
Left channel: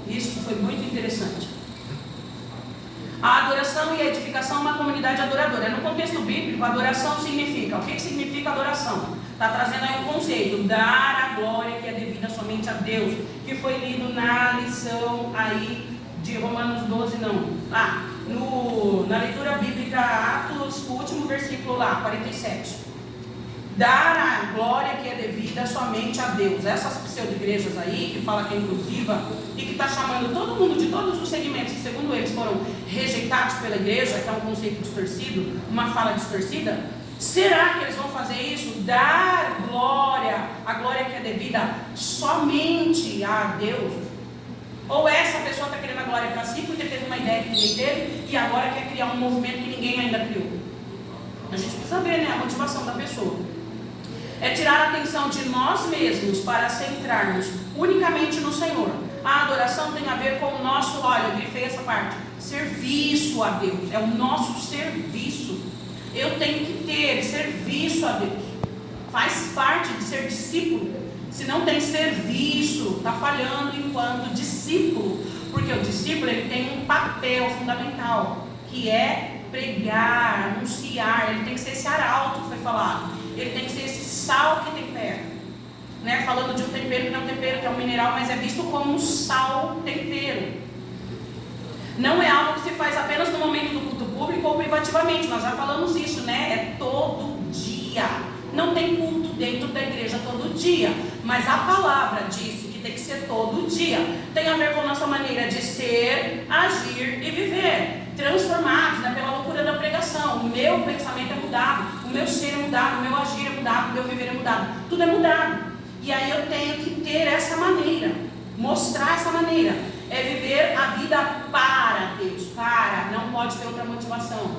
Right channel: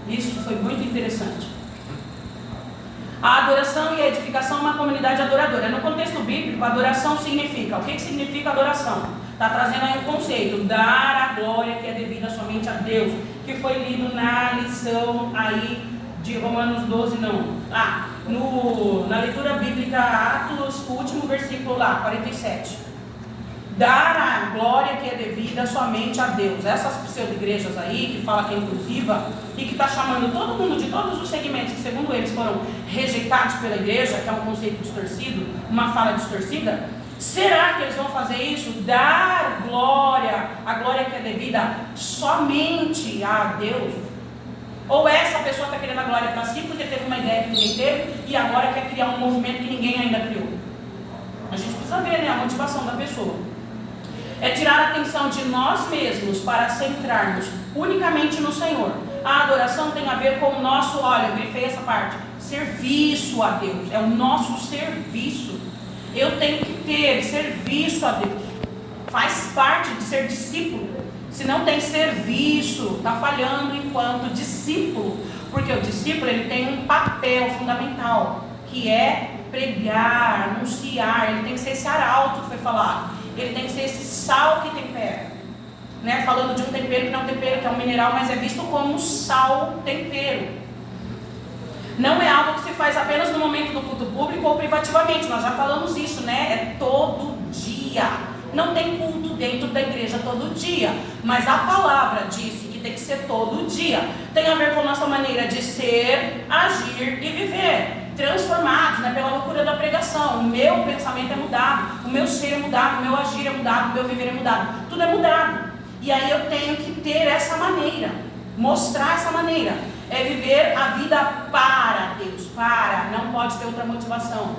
Isso foi muito interessante. A adoração e a edificação é uma comunidade adoradora. No contexto bíblico, adoração significa, o que significa adoração? Está trazendo aí um conceito, dar a glória que é devida somente a Deus, que foi lido na lição aí de Romanos 12, não. Na leitura bíblica, Atos, o último versículo lá, 47. Dar a glória que é devida somente a Deus. Essas pseudo-igrejas aí, que fala que é inclusiva, e que está chamando todo mundo de todos os segmentos que, segundo eles, foram rejeitados pela igreja, que é um conceito distorcido, uma fala distorcida. Será que eles vão fazer isso? Dar glória, a glória que é devida somente a Deus? Ou essa pessoa está querendo a glória para si porque teve uma ideia que ninguém teve e agora quer criar um movimento que ninguém ainda criou? A gente precisa ver, né, a motivação da pessoa. É tirar a atenção de nós mesmos para centrarmos unicamente no Senhor. A adoração tem a ver com o nosso, olha, eu grifei essa parte, serviço a Deus. É o nosso serviço. Eu tenho que ter serviço a Deus. Faz parte de ser discípulo. Se não tem serviço, está falhando enquanto discípulo. Porque o discípulo ele tem um papel fundamental, que é pregar, anunciar. Ele tem que ser esse arauto que foi falado. Ele tem que ser esse sal que tempera. Né? Falando de um tempero que não é um tempero, que é um mineral, mas é visto como um sal tempero. Não é algo que se faz apenas no momento do culto público ou privativamente. Nós já falamos isso, né? É todo dia. Não tem culto dentro da igreja todo dia. Mas a palavra disse que tem que ser todo dia. Tem a ver com a nossa maneira de ser, agir e viver. Transformados, né, pela loucura da pregação. O meu pensamento é mudado. O meu ser é mudado. O meu agir é mudado. O meu viver é mudado. Tudo é mudado. E aí eu tenho que ter essa maneira. Mostrar essa maneira. É viver a vida para Deus. Não pode ter outra motivação.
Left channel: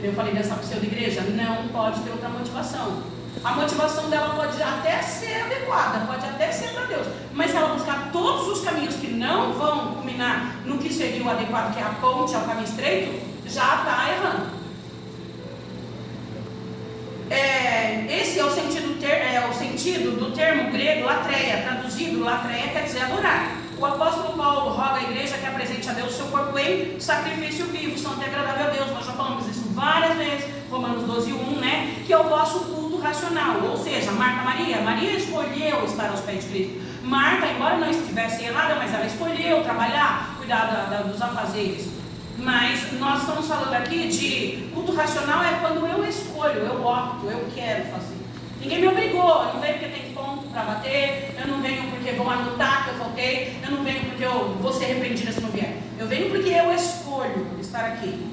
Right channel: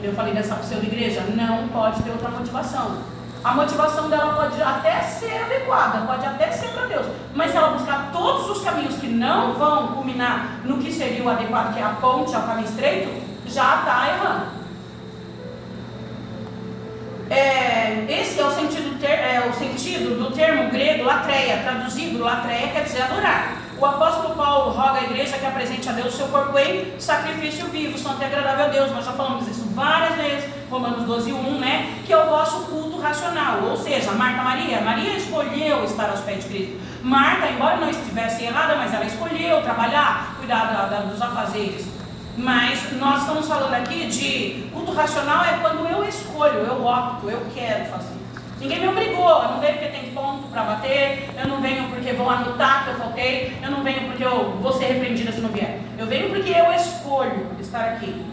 Eu falei dessa pseudo-igreja. Não pode ter outra motivação. A motivação dela pode até ser adequada, pode até ser para Deus. Mas se ela buscar todos os caminhos que não vão culminar no que seria o adequado, que é a ponte, é o caminho estreito, já está errando. Esse é o sentido do termo grego latreia. Traduzido, latreia quer dizer adorar. O apóstolo Paulo roga à igreja que apresente a Deus seu corpo em sacrifício vivo, santo e agradável a Deus. Nós já falamos isso várias vezes, Romanos 12, 1, né? Que é o vosso culto racional. Ou seja, Maria escolheu estar aos pés de Cristo. Marta, embora não estivesse errada, mas ela escolheu trabalhar, cuidar dos afazeres. Mas nós estamos falando aqui de culto racional é quando eu escolho, eu opto, eu quero fazer. Ninguém me obrigou, eu não venho porque tem ponto para bater, eu não venho porque vão anotar que eu faltei, eu não venho porque eu vou ser repreendida se não vier. Eu venho porque eu escolho estar aqui.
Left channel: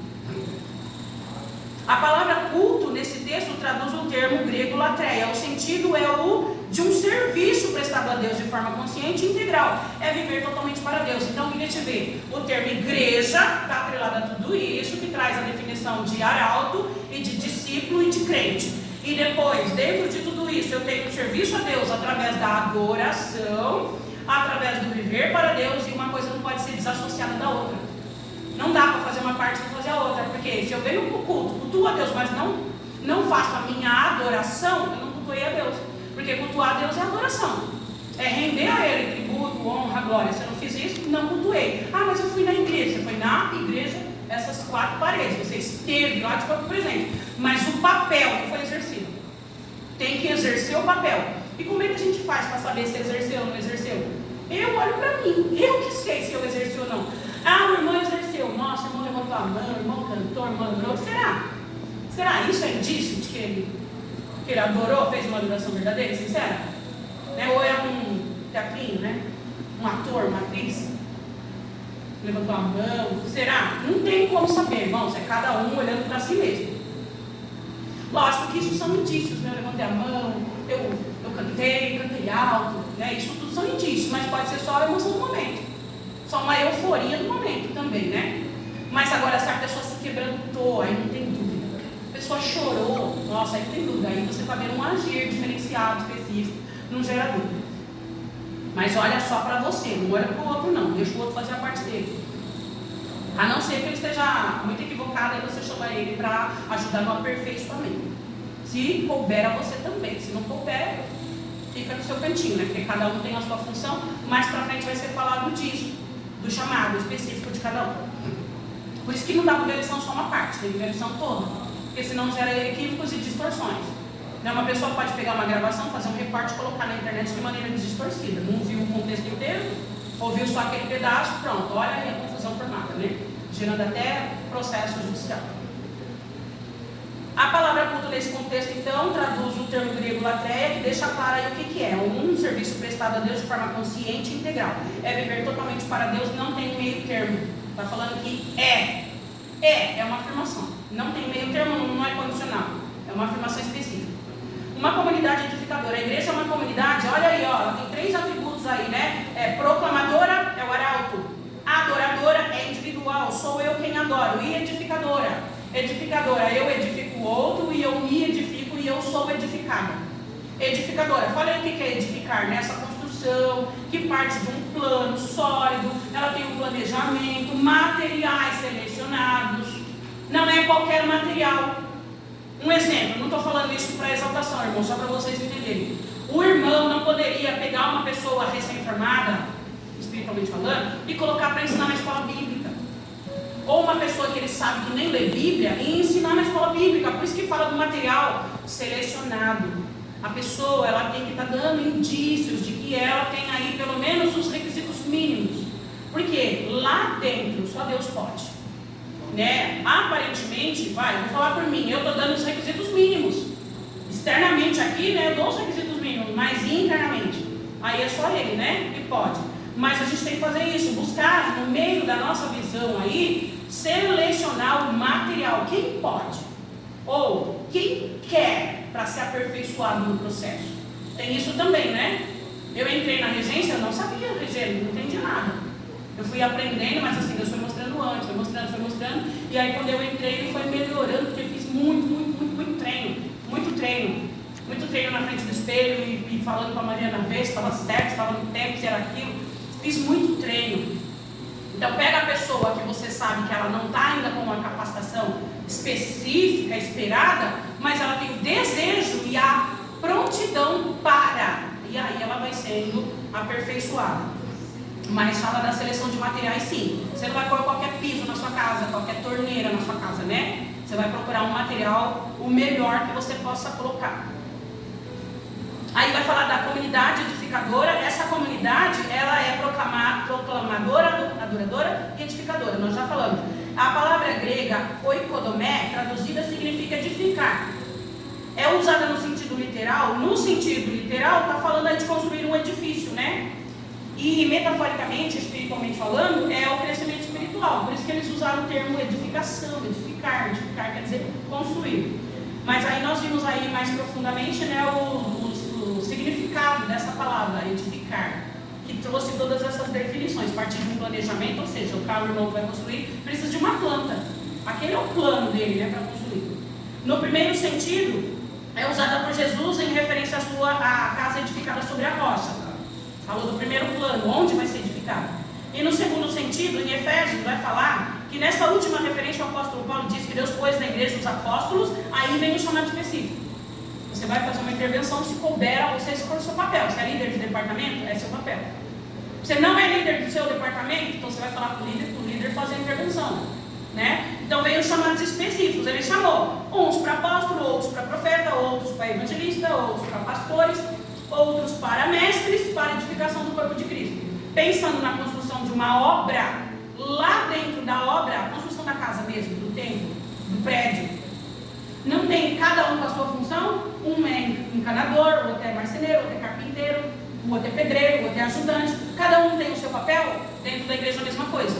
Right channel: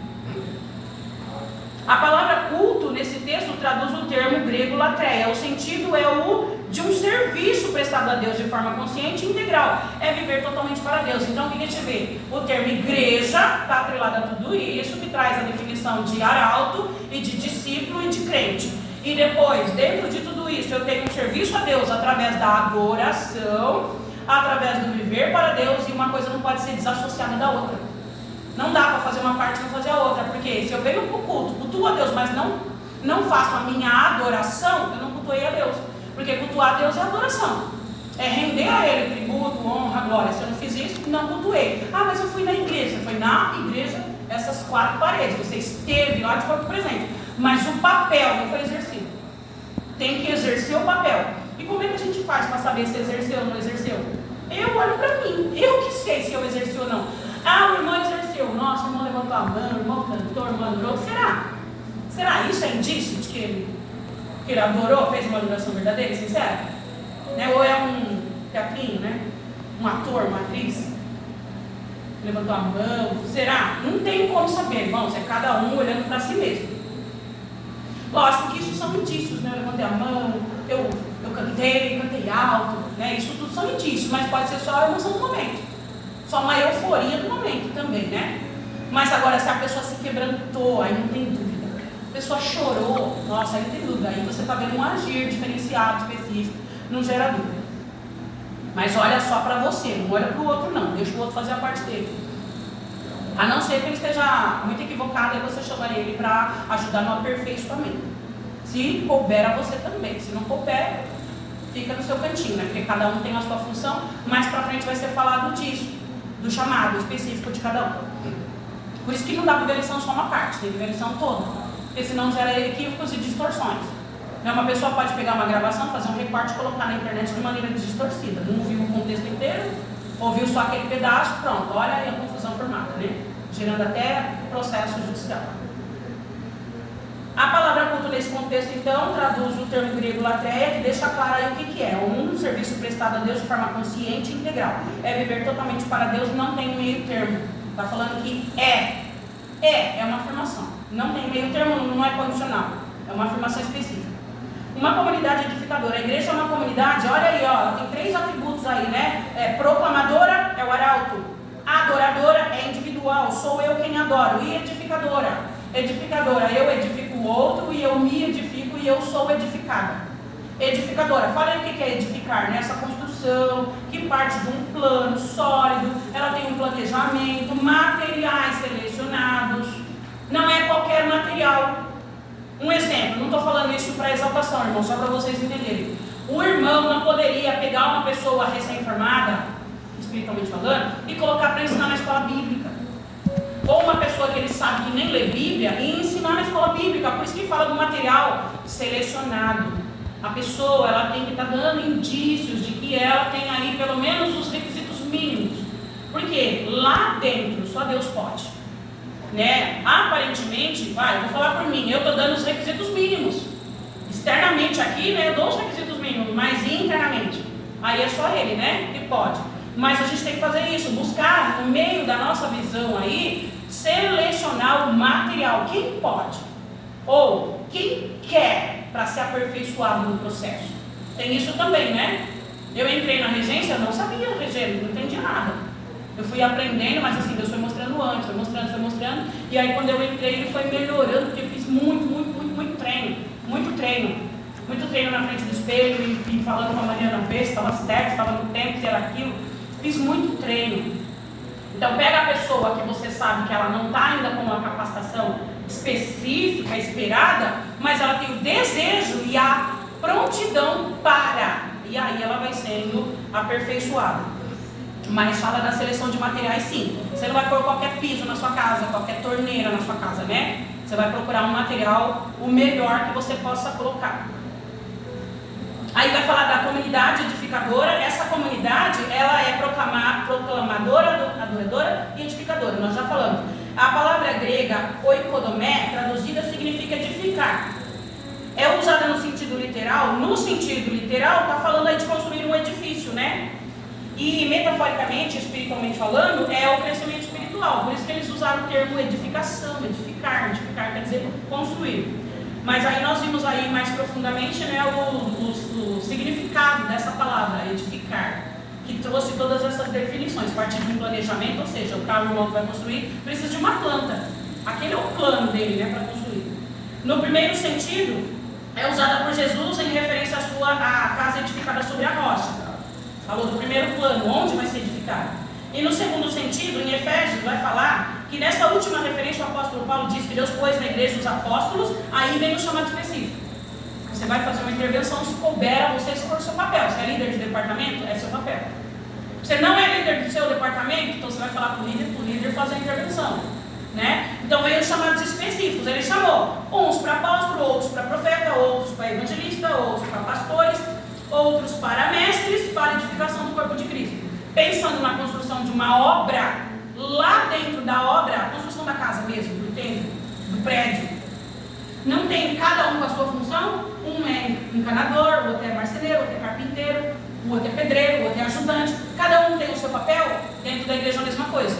A palavra culto nesse texto traduz um termo grego latreia. O sentido é o de um serviço prestado a Deus de forma consciente e integral. É viver totalmente para Deus. Então o que a gente vê? O termo igreja está atrelado a tudo isso, que traz a definição de arauto e de discípulo e de crente. E depois, dentro de tudo isso, eu tenho um serviço a Deus através da adoração, através do viver para Deus, e uma coisa não pode ser desassociada da outra. Não dá para fazer uma parte e não fazer a outra, porque se eu venho para o culto, cultuo a Deus, mas não faço a minha adoração, eu não cultuei a Deus. Porque cultuar a Deus é adoração. É render a Ele tributo, honra, glória. Se eu não fiz isso, não cultuei. Ah, mas eu fui na igreja. Você foi na igreja, essas 4 paredes. Você esteve lá de corpo presente. Mas o papel não foi exercido. Tem que exercer o papel. E como é que a gente faz para saber se exerceu ou não exerceu? Eu olho para mim. Eu que sei se eu exerci ou não. Ah, o irmão exerceu. Nossa, o irmão levantou a mão, o irmão cantou, o irmão adorou. Será? Será isso é indício de que ele adorou, fez uma adoração verdadeira e sincera? Né? Ou é um teatrinho, né? Um ator, uma atriz? Levantou a mão. Será? Não tem como saber, irmãos. É cada um olhando para si mesmo. Lógico que isso são indícios, né? Eu levantei a mão, eu cantei alto, né? Isso tudo são indícios, mas pode ser só a emoção do momento. Só uma euforia do momento também, né? Mas agora, se a pessoa se quebrantou, aí não tem dúvida. A pessoa chorou, nossa, aí não tem dúvida. Aí você está vendo um agir diferenciado, específico, não gera dúvida. Mas olha só para você, não olha para o outro não, deixa o outro fazer a parte dele. A não ser que ele esteja muito equivocado, aí você chama ele para ajudar no aperfeiçoamento. Se couber a você também, se não couber, fica no seu cantinho, né? Porque cada um tem a sua função, mais para frente vai ser falado disso, do chamado específico de cada um. Por isso que não dá para ver a lição só uma parte, tem que ver a lição toda, porque senão gera equívocos e distorções. Uma pessoa pode pegar uma gravação, fazer um recorte e colocar na internet de maneira distorcida. Não viu o contexto inteiro, ouviu só aquele pedaço, pronto, olha aí a confusão formada, né? Gerando até processo judicial. A palavra culto nesse contexto, então, traduz o termo grego latreia, que deixa claro aí o que é. Um serviço prestado a Deus de forma consciente e integral. É viver totalmente para Deus, não tem meio termo. Está falando que é uma afirmação. Não tem meio termo, não é condicional. É uma afirmação específica. Uma comunidade edificadora. A igreja é uma comunidade, olha aí, ó, tem 3 atributos aí, né? Proclamadora é o arauto. Adoradora é individual, sou eu quem adoro. E edificadora. Edificadora, eu edifico o outro e eu me edifico e eu sou edificada. Edificadora, fala aí o que é edificar, né? Essa construção que parte de um plano sólido, ela tem um planejamento, materiais selecionados, não é qualquer material. Um exemplo, não estou falando isso para exaltação, irmão, só para vocês entenderem. O irmão não poderia pegar uma pessoa recém-formada, espiritualmente falando, e colocar para ensinar na escola bíblica. Ou uma pessoa que ele sabe que nem lê Bíblia e ensinar na escola bíblica. Por isso que fala do material selecionado. A pessoa, ela tem que estar dando indícios de que ela tem aí pelo menos os requisitos mínimos. Porque lá dentro só Deus pode, né? Aparentemente, vou falar por mim, eu estou dando os requisitos mínimos. Externamente aqui, né, eu dou os requisitos mínimos, mas internamente, aí é só Ele, né, que pode. Mas a gente tem que fazer isso, buscar no meio da nossa visão aí, selecionar o material, quem pode, ou quem quer para se aperfeiçoar no processo. Tem isso também, né? Eu entrei na regência, eu não sabia regência, não entendia nada. Eu fui aprendendo, mas assim, Deus foi mostrando antes, foi mostrando, e aí quando eu entrei, ele foi melhorando, porque eu fiz muito treino na frente do espelho, e falando com a Mariana ver se estava certo, se estava no tempo, se era aquilo. Fiz muito treino. Então pega a pessoa que você sabe que ela não está ainda com uma capacitação específica, esperada, mas ela tem o desejo e a prontidão para, e aí ela vai sendo aperfeiçoada. Mas fala da seleção de materiais, sim. Você não vai pôr qualquer piso na sua casa, qualquer torneira na sua casa, né? Você vai procurar um material o melhor que você possa colocar. Aí vai falar da comunidade edificadora. Essa comunidade, ela é proclamadora, adoradora e edificadora. Nós já falamos. A palavra grega oikodomé, traduzida, significa edificar. É usada no sentido literal. No sentido literal, está falando aí de construir um edifício, né? E metaforicamente, espiritualmente falando, é o crescimento espiritual. Por isso que eles usaram o termo edificação, edificar quer dizer construir. Mas aí nós vimos aí mais profundamente, né, o significado dessa palavra, edificar, que trouxe todas essas definições, a partir de um planejamento, ou seja, o carro irmão que vai construir precisa de uma planta. Aquele é o plano dele, né, para construir. No primeiro sentido, é usada por Jesus em referência à casa edificada sobre a rocha. Falou do primeiro plano, onde vai ser edificado. E no segundo sentido, em Efésios, vai falar que nessa última referência o apóstolo Paulo diz que Deus pôs na igreja os apóstolos, aí vem o chamado específico. Você vai fazer uma intervenção se couber a você, se for o seu papel. Se é líder de departamento, é seu papel. Você não é líder do seu departamento, então você vai falar para o líder fazer a intervenção, né? Então veio os chamados específicos. Ele chamou uns para apóstolo, outros para profeta, outros para evangelista, outros para pastores, outros para mestres, para edificação do corpo de Cristo. Pensando na construção de uma obra, lá dentro da obra, a construção da casa mesmo, do templo, do prédio, não tem cada um com a sua função. Um é encanador, o outro é marceneiro, o outro é carpinteiro, o outro é pedreiro, o outro é ajudante. Cada um tem o seu papel. Dentro da igreja a mesma coisa,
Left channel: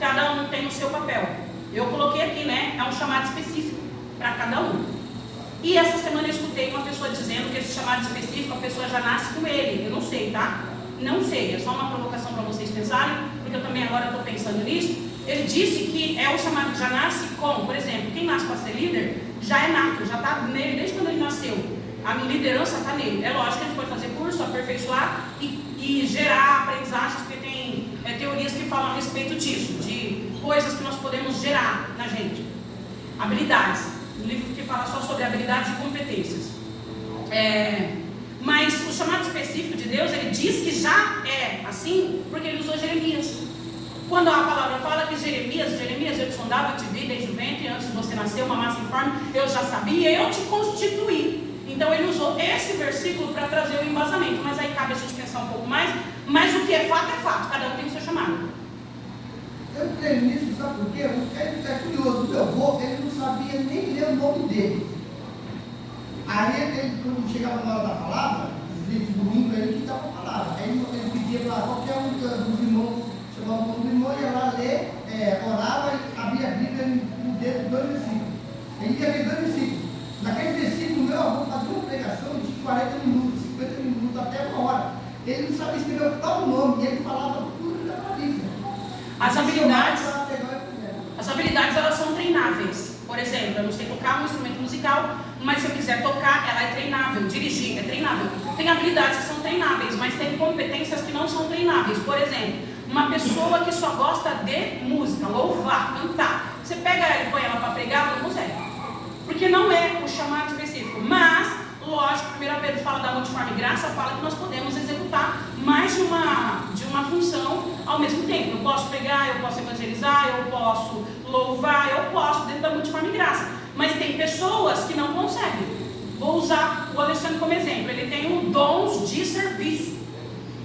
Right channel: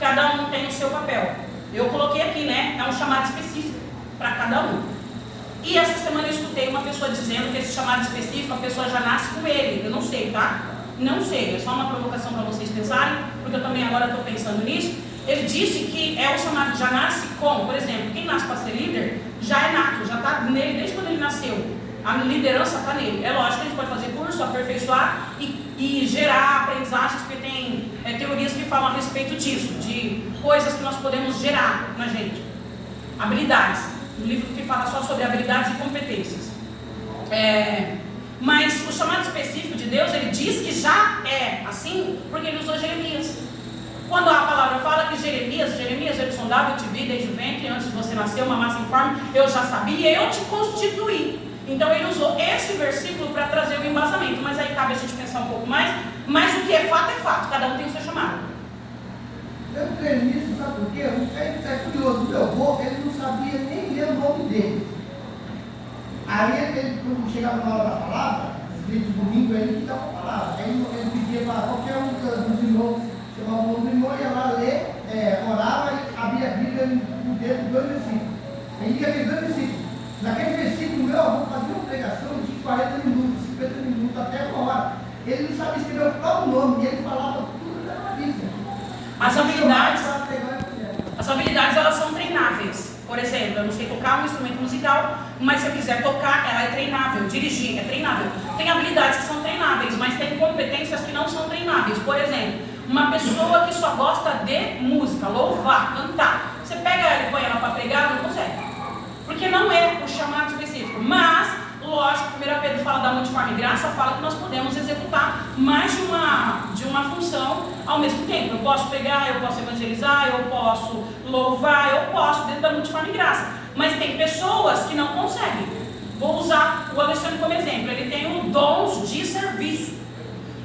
cada um tem o seu papel. Eu coloquei aqui, né, é um chamado específico para cada um. E essa semana eu escutei uma pessoa dizendo que esse chamado específico, a pessoa já nasce com ele. Eu não sei, tá? Não sei, é só uma provocação para vocês pensarem, porque eu também agora estou pensando nisso. Ele disse que é o chamado, já nasce com, por exemplo, quem nasce para ser líder, já é nato, já está nele desde quando ele nasceu. A liderança está nele. É lógico que a gente pode fazer curso, aperfeiçoar e gerar aprendizagens, porque tem teorias que falam a respeito disso, de coisas que nós podemos gerar na gente. Habilidades. Um livro que fala só sobre habilidades e competências. Mas o chamado específico de Deus, ele diz que já é assim, porque ele usou Jeremias. Quando a palavra fala que Jeremias, eu te sondava, eu te vi desde o ventre, antes de você nascer, uma massa informe, eu já sabia, eu te constituí. Então ele usou esse versículo para trazer o embasamento, mas aí cabe a gente pensar um pouco mais, mas o que é fato, cada um tem o seu chamado. Eu creio nisso, sabe por quê? É curioso, o meu avô, ele não sabia nem ler o nome dele. Aí ele quando chegava na hora da palavra, nos dias de domingo, ele que dava a palavra. Aí ele pedia para qualquer um dos irmãos, chamava o nome do irmão, ia lá ler, orava e abria a Bíblia no dedo 2 versículos. Aí ia ler 2 versículos. Naquele versículo, meu avô fazia uma pregação de 40 minutos, 50 minutos, até 1 hora. Ele não sabia escrever o próprio nome, e ele falava tudo da Bíblia. As habilidades elas são treináveis. Por exemplo, eu não sei tocar um instrumento musical, mas se eu quiser tocar, ela é treinável. Dirigir é treinável. Tem habilidades que são treináveis, mas tem competências que não são treináveis. Por exemplo, uma pessoa que só gosta de música, louvar, cantar. Você pega ela e põe ela para pregar, ela não consegue. Porque não é o chamado específico. Mas, lógico, 1 Pedro fala da multiforme graça, fala que nós podemos executar mais de uma função ao mesmo tempo. Eu posso pregar, eu posso evangelizar, eu posso louvar, eu posso dentro da multiforme graça. Mas tem pessoas que não conseguem. Vou usar o Alexandre como exemplo. Ele tem um dons de serviço.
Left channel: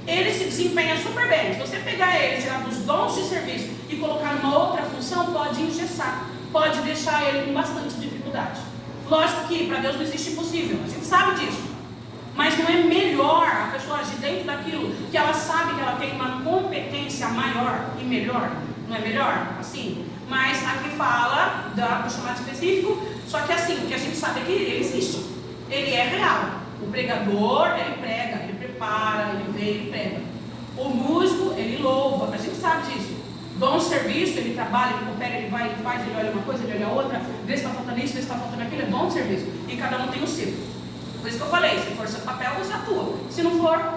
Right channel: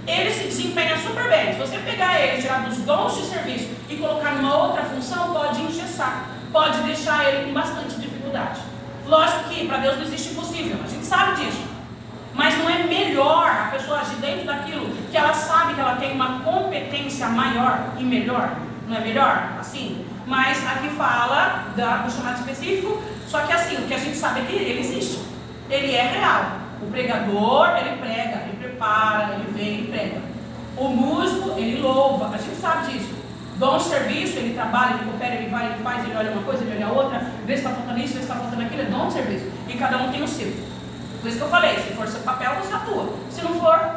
Ele se desempenha super bem. Se você pegar ele, tirar dos dons de serviço e colocar numa outra função, pode engessar. Pode deixar ele com bastante dificuldade. Lógico que para Deus não existe impossível, a gente sabe disso. Mas não é melhor a pessoa agir dentro daquilo que ela sabe que ela tem uma competência maior e melhor? Não é melhor? Assim? Mas aqui fala do chamado específico, só que assim, o que a gente sabe é que ele existe. Ele é real. O pregador, ele prega, ele prepara, ele vem, ele prega. O músico, ele louva, a gente sabe disso. Dom de serviço, ele trabalha, ele coopera, ele vai, ele faz, ele olha uma coisa, ele olha outra, vê se está faltando isso, vê se está faltando aquilo, é dom de serviço. E cada um tem o seu. Por isso que eu falei, se for seu papel, você atua. Se não for,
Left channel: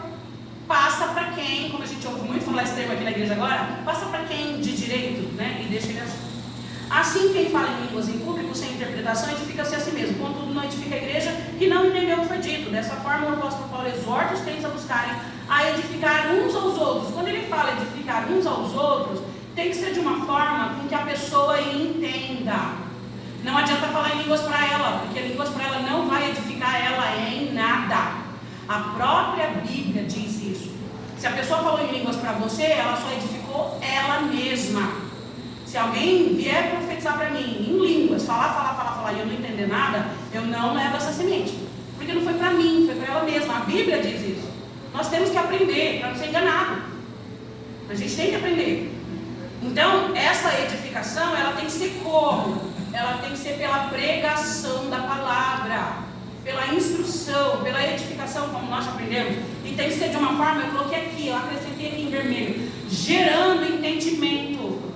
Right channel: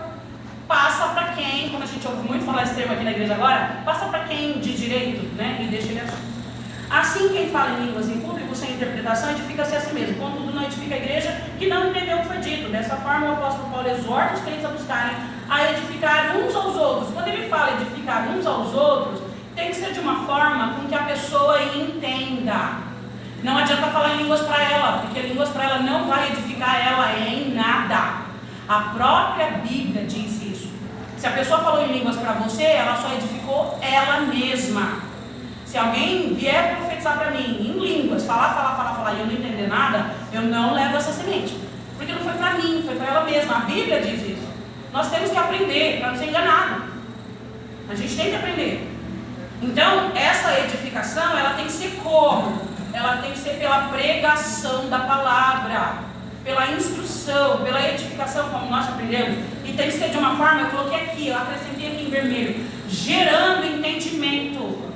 passa para quem, como a gente ouve muito falar esse termo aqui na igreja agora, passa para quem de direito, né? E deixa ele agir. Assim, quem fala em línguas em público, sem interpretação, edifica-se a si mesmo. Contudo, não edifica a igreja que não entendeu o que foi dito. Dessa forma, o apóstolo Paulo exorta os crentes a buscarem a edificar uns aos outros. Quando ele fala edificar uns aos outros, tem que ser de uma forma com que a pessoa entenda. Não adianta falar em línguas para ela, porque línguas para ela não vai edificar ela em nada. A própria Bíblia diz isso. Se a pessoa falou em línguas para você, ela só edificou ela mesma. Se alguém vier profetizar para mim em línguas, falar e eu não entender nada, eu não levo essa semente. Porque não foi para mim, foi para ela mesma. A Bíblia diz isso. Nós temos que aprender para não ser enganado. A gente tem que aprender. Então, essa edificação, ela tem que ser como? Ela tem que ser pela pregação da palavra, pela instrução, pela edificação, como nós aprendemos. E tem que ser de uma forma, eu coloquei aqui, eu acrescentei aqui em vermelho, gerando entendimento.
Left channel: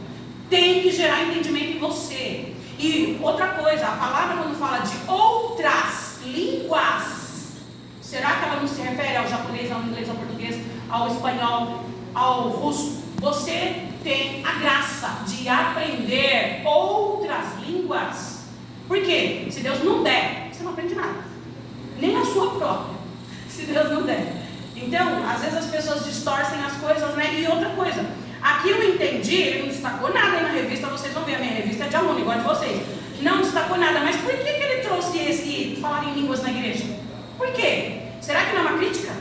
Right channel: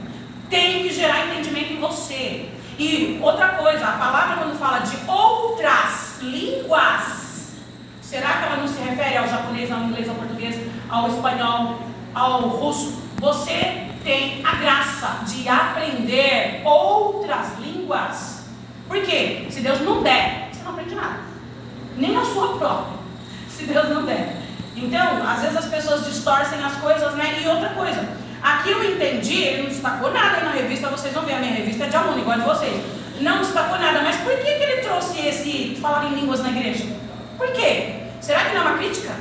Tem que gerar entendimento em você. E outra coisa, a palavra quando fala de outras línguas, será que ela não se refere ao japonês, ao inglês, ao português, ao espanhol, ao russo? Você tem a graça de aprender outras línguas. Por quê? Se Deus não der, você não aprende nada. Nem a sua própria. Se Deus não der. Então, às vezes as pessoas distorcem as coisas, né? E outra coisa, aqui eu entendi, ele não destacou nada aí na revista, vocês vão ver, a minha revista é de aluno, igual de vocês. Não destacou nada, mas por que ele trouxe esse falar em línguas na igreja? Por quê? Será que não é uma crítica?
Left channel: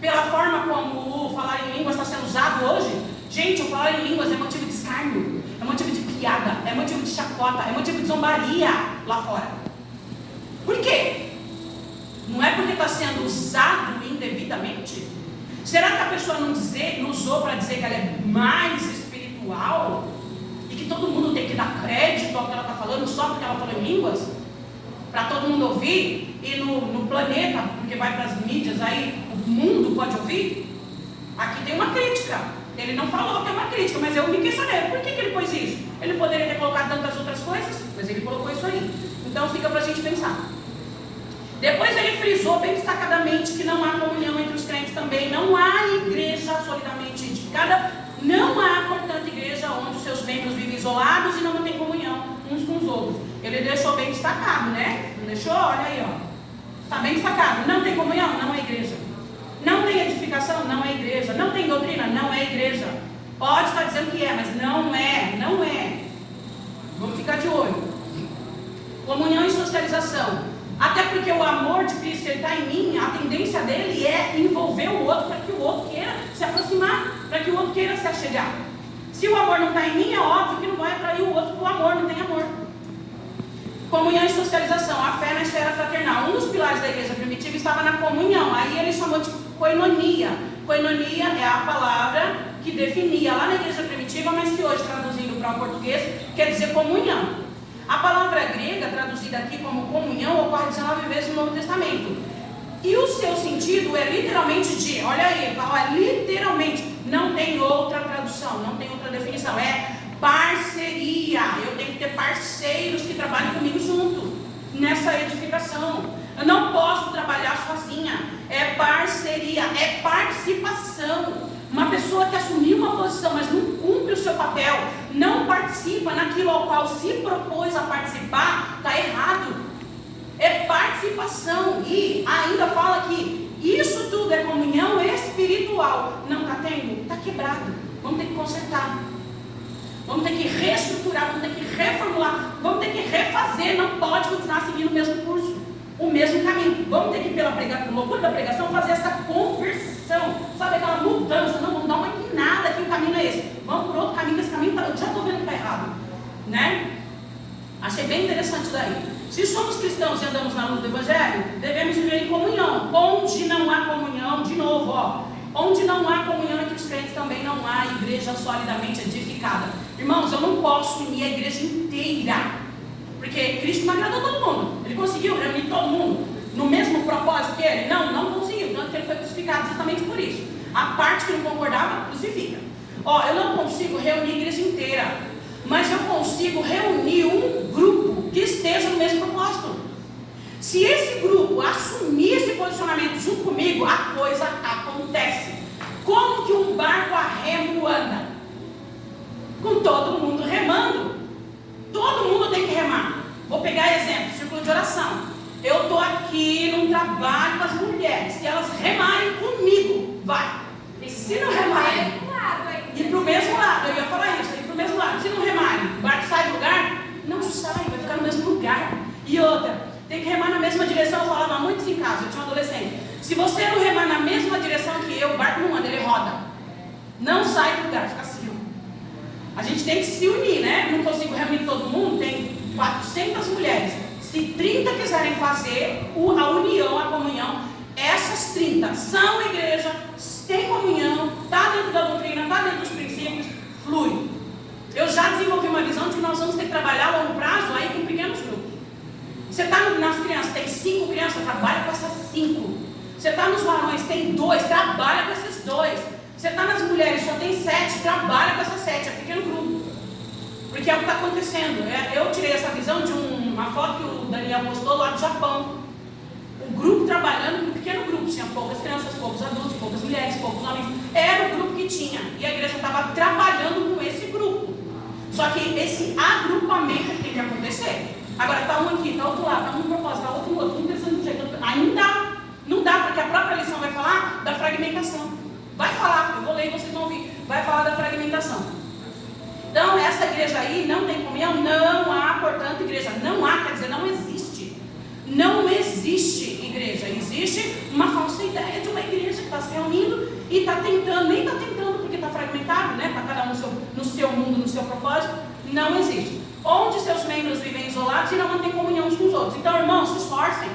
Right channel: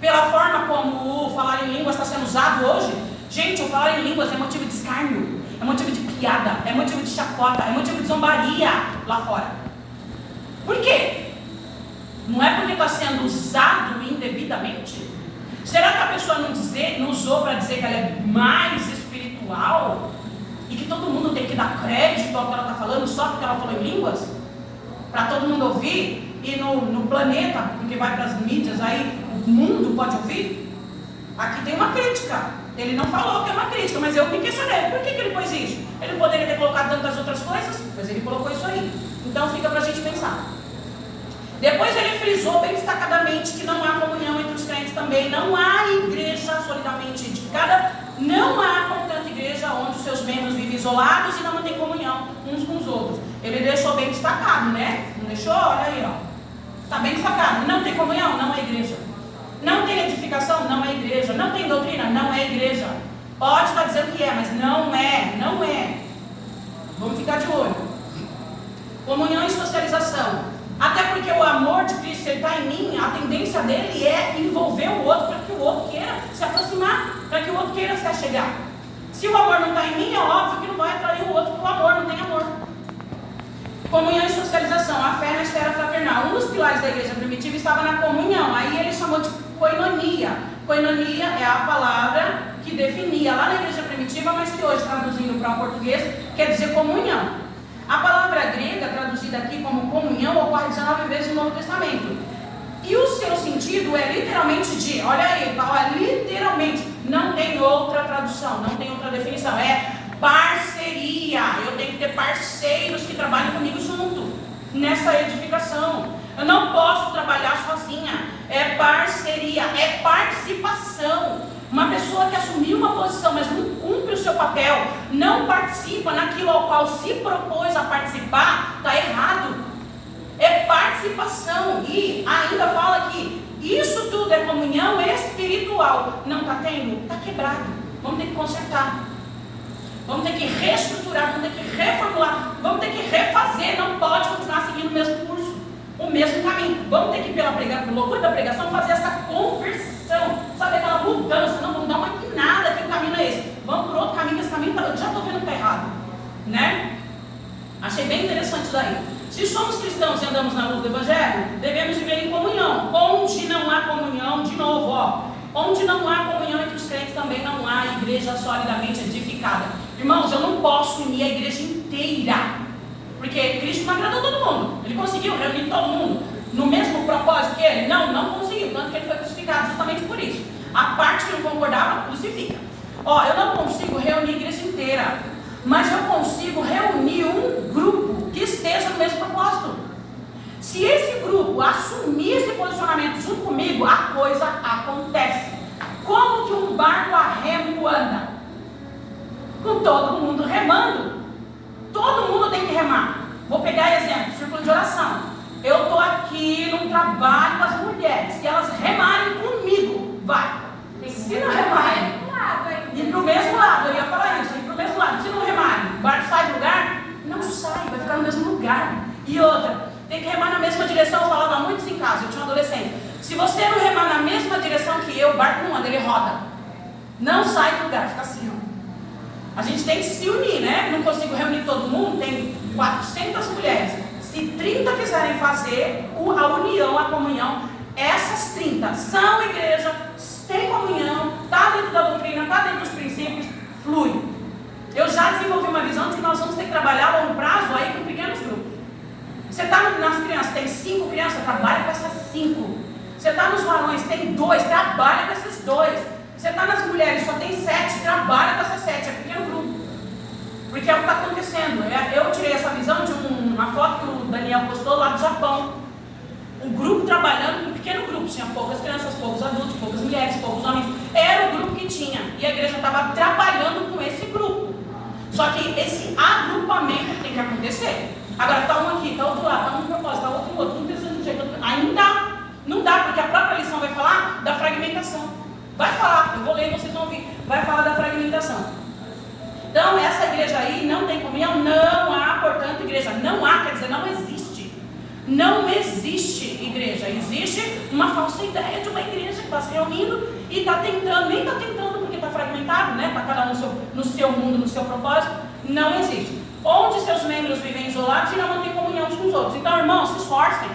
Pela forma como o falar em línguas está sendo usado hoje? Gente, o falar em línguas é motivo de escárnio, é motivo de piada, é motivo de chacota, é motivo de zombaria lá fora. Por quê? Não é porque está sendo usado indevidamente? Será que a pessoa não usou para dizer que ela é mais espiritual? E que todo mundo tem que dar crédito ao que ela está falando só porque ela falou em línguas? Para todo mundo ouvir? E no planeta, porque vai para as mídias aí, o mundo pode ouvir? Aqui tem uma crítica. Ele não falou que é uma crítica, mas eu me questionei. Por que ele pôs isso? Ele poderia ter colocado tantas outras coisas, mas ele colocou isso aí. Então fica para a gente pensar. Depois ele frisou bem destacadamente que não há comunhão entre os crentes também. Não há igreja solidamente edificada. Não há, portanto, igreja onde os seus membros vivem isolados e não mantêm comunhão uns com os outros. Ele deixou bem destacado, né? Não deixou? Olha aí, ó. Está bem destacado. Não tem comunhão? Não é igreja. Não tem edificação? Não é igreja. Não tem doutrina? Não é igreja. Pode estar dizendo que é, mas não é. Vamos ficar de olho. Comunhão e socialização. Até porque o amor de Cristo está em mim, a tendência dele é envolver o outro para que o outro queira se aproximar, para que o outro queira se achegar. Se o amor não está em mim, é óbvio que não vai atrair o outro para o amor, não tem amor. Comunhão e socialização, a fé na esfera fraternal. Um dos pilares da igreja primitiva estava na comunhão, aí ele chamou de koinonia. Koinonia é a palavra que definia lá na igreja primitiva, mas que hoje, traduzindo para o português, quer dizer comunhão. A palavra grega, traduzida aqui como comunhão, ocorre 19 vezes no Novo Testamento. E o seu sentido é literalmente de, olha aí, literalmente, não tem outra tradução, não tem outra definição, é parceria. Eu tenho que ter parceiros que trabalhem comigo junto nessa edificação. Eu não posso trabalhar sozinha. É parceria, é participação. Uma pessoa que assumiu uma posição, mas não cumpre o seu papel, não participa naquilo ao qual se propôs a participar, está errado. É participação. E ainda fala que isso tudo é comunhão espiritual. Não está tendo? Está quebrado. Vamos ter que consertar. Vamos ter que reestruturar, vamos ter que reformular, vamos ter que refazer. Não pode continuar seguindo o mesmo curso, o mesmo caminho. Vamos ter que, pela loucura da pregação, fazer essa conversão, sabe, aquela mudança. Não, vamos dar uma guinada aqui, o caminho é esse. Vamos para outro caminho, esse caminho eu já estou vendo que está errado, né? Achei bem interessante isso daí. Se somos cristãos e andamos na luz do Evangelho, devemos viver em comunhão. Onde não há comunhão, de novo, onde não há comunhão entre os crentes, também não há igreja solidamente edificada. Irmãos, eu não posso unir a igreja inteira, porque Cristo não agradou todo mundo. Ele conseguiu reunir todo mundo no mesmo propósito que ele? Não conseguiu, tanto que ele foi crucificado justamente por isso. A parte que não concordava, crucifica. Eu não consigo reunir a igreja inteira, mas eu consigo reunir um grupo que esteja no mesmo propósito. Se esse grupo assumir esse posicionamento junto comigo, a coisa acontece. Como que um barco a remo anda? Com todo mundo remando. Todo mundo tem que remar. Vou pegar exemplo, círculo de oração. Eu estou aqui num trabalho com as mulheres. Se elas remarem comigo, vai. Se não remarem, ir para o mesmo lado. Eu ia falar isso, ir para o mesmo lado. Se não remarem, o barco sai do lugar? Não sai, vai ficar no mesmo lugar. E outra, tem que remar na mesma direção. Eu falava muito isso em casa, eu tinha um adolescente. Se você não remar na mesma direção que eu, o barco não anda, ele roda. Não sai do lugar, fica assim. A gente tem que se unir, né? Não consigo reunir todo mundo, tem 400 mulheres. Se 30 quiserem fazer a união, a comunhão, essas 30 são igreja, tem comunhão, está dentro da doutrina, está dentro dos princípios, flui. Eu já desenvolvi uma visão de que nós vamos ter que trabalhar a longo prazo aí com pequenos grupos. Você está nas crianças, tem 5 crianças, trabalha com essas 5. Você está nos varões, tem 2, trabalha com esses 2. Você está nas mulheres, só tem 7, trabalha com essas 7, é pequeno grupo. Porque é o que está acontecendo. Eu tirei essa visão de uma foto que o Daniel postou lá do Japão. Um grupo trabalhando com um pequeno grupo. Tinha poucas crianças, poucos adultos, poucas mulheres, poucos homens. Era o grupo que tinha. E a igreja estava trabalhando com esse grupo. Só que esse agrupamento tem que acontecer. Agora está um aqui, está outro lá, está um propósito, está outro no outro, um pensando de um jeito. Ainda não dá, porque a própria lição vai falar da fragmentação. Vai falar, eu vou ler e vocês vão ouvir. Vai falar da fragmentação. Então, essa igreja aí não tem comunhão, não há, portanto, igreja. Não há, quer dizer, não existe. Não existe igreja. Existe uma falsa ideia de uma igreja que está se reunindo e está tentando, nem está tentando porque está fragmentado, né? Está cada um no seu mundo, no seu propósito. Não existe. Onde seus membros vivem isolados e não mantêm comunhão uns com os outros. Então, irmãos, se esforcem.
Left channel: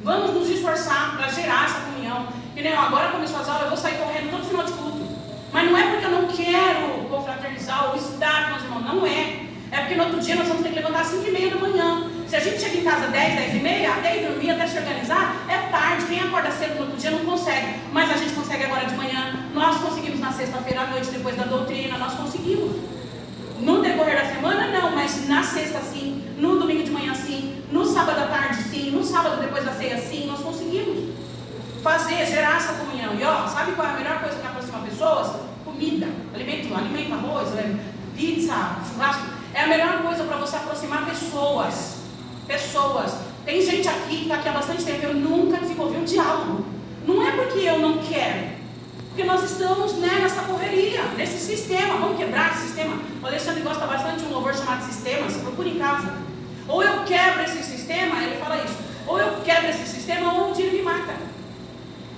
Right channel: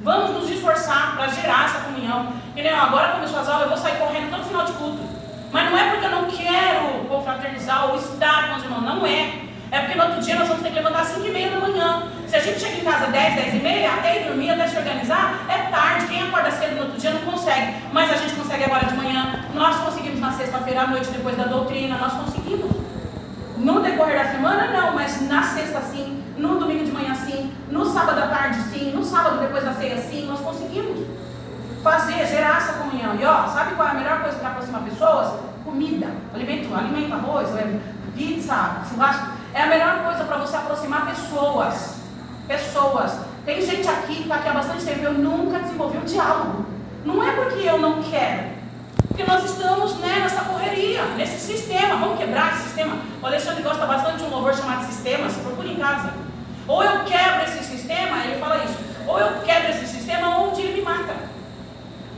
Vamos nos esforçar para gerar essa comunhão. E nem agora, quando eu faço aula, eu vou sair correndo todo final de culto. Mas não é porque eu não quero confraternizar ou estar com os irmãos. Não é. É porque no outro dia nós vamos ter que levantar às 5h30 da manhã. Se a gente chega em casa às 10, 10h30, até ir dormir, até se organizar, é tarde. Quem acorda cedo no outro dia não consegue. Mas a gente consegue agora de manhã. Nós conseguimos na sexta-feira à noite, depois da doutrina. Nós conseguimos. No decorrer da semana, não. Mas na sexta, sim. No domingo de manhã, sim. No sábado à tarde, sim. No sábado depois da ceia, sim. Nós conseguimos fazer, gerar essa comunhão. E sabe qual é a melhor coisa que aproxima pessoas? Comida, alimento, arroz, pizza, churrasco. É a melhor coisa para você aproximar pessoas. Tem gente aqui que está aqui há bastante tempo, eu nunca desenvolvi um diálogo. Não é porque eu não quero. Porque nós estamos, né, nessa correria, nesse sistema. Vamos quebrar esse sistema. O Alexandre gosta bastante de um louvor chamado Sistemas. Procure em casa. Ou eu quebro esse sistema, ele fala isso. Ou eu quebro esse sistema, ou um dia ele me mata.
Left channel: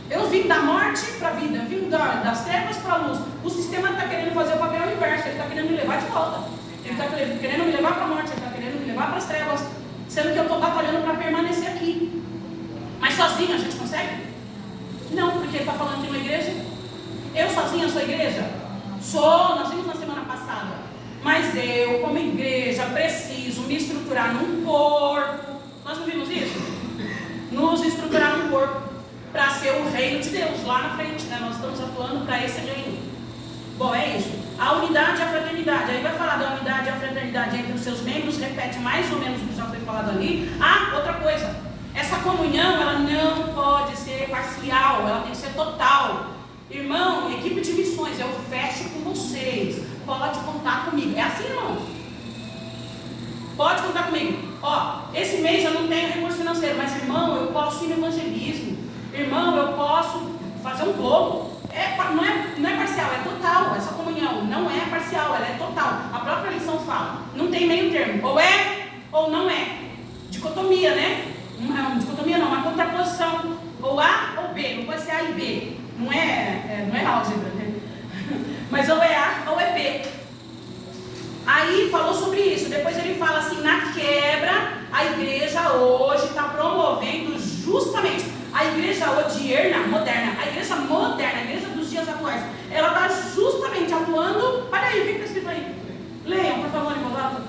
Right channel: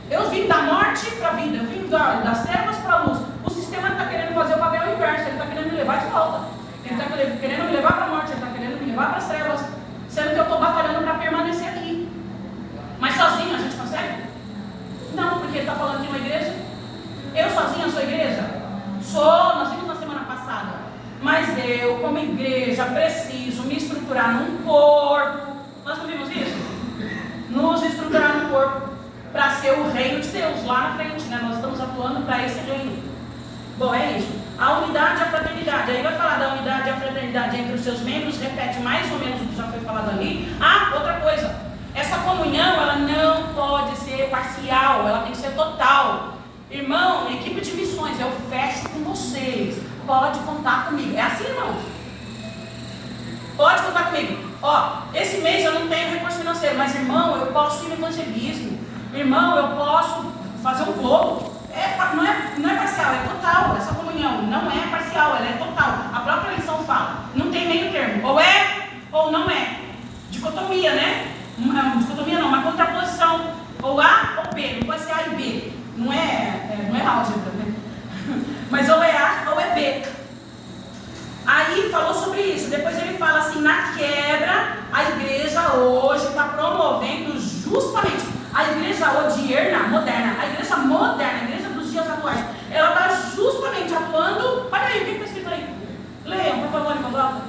Eu vim da morte para a vida, eu vim das trevas para a luz. O sistema está querendo fazer o papel inverso, ele está querendo me levar de volta. Ele está querendo me levar para a morte, ele está querendo me levar para as trevas, sendo que eu estou batalhando para permanecer aqui. Mas sozinho a gente consegue? Não, porque ele está falando de uma igreja. Eu sozinha sou igreja? Sou, nós vimos na semana passada. Mas eu, como igreja, preciso me estruturar num corpo. Nós não vimos isso? Nos estruturar num corpo para ser o reino de Deus lá na frente, né? Nós estamos atuando para esse reino. Bom, é isso. A unidade e a fraternidade. Aí vai falar da unidade e a fraternidade entre os seus membros, repete mais ou menos o que já foi falado ali. Ah, outra coisa. Essa comunhão, ela não pode ser parcial, ela tem que ser total. Irmão, equipe de missões, eu fecho com vocês. Pode contar comigo. É assim, irmãos? Pode contar comigo. Ó, esse mês eu não tenho recurso financeiro, mas irmão, eu posso ir no evangelismo. Irmão, eu posso fazer um globo. Não é parcial, é total. Essa comunhão não é parcial, ela é total. A própria lição fala. Não tem meio termo. Ou é ou não é. Dicotomia, né? Dicotomia não, uma contraposição. Ou A ou B. Não pode ser A e B. Não é álgebra, né? Mas ou é A ou é B. Aí falou sobre isso. Depois ele fala assim: na quebra, a igreja hoje está promovendo justamente a igreja odierna, moderna, a igreja moderna, a igreja dos dias atuais. Ela está justamente atuando. Olha aí, o que está escrito aí? Leiam, por favor, em voz alta.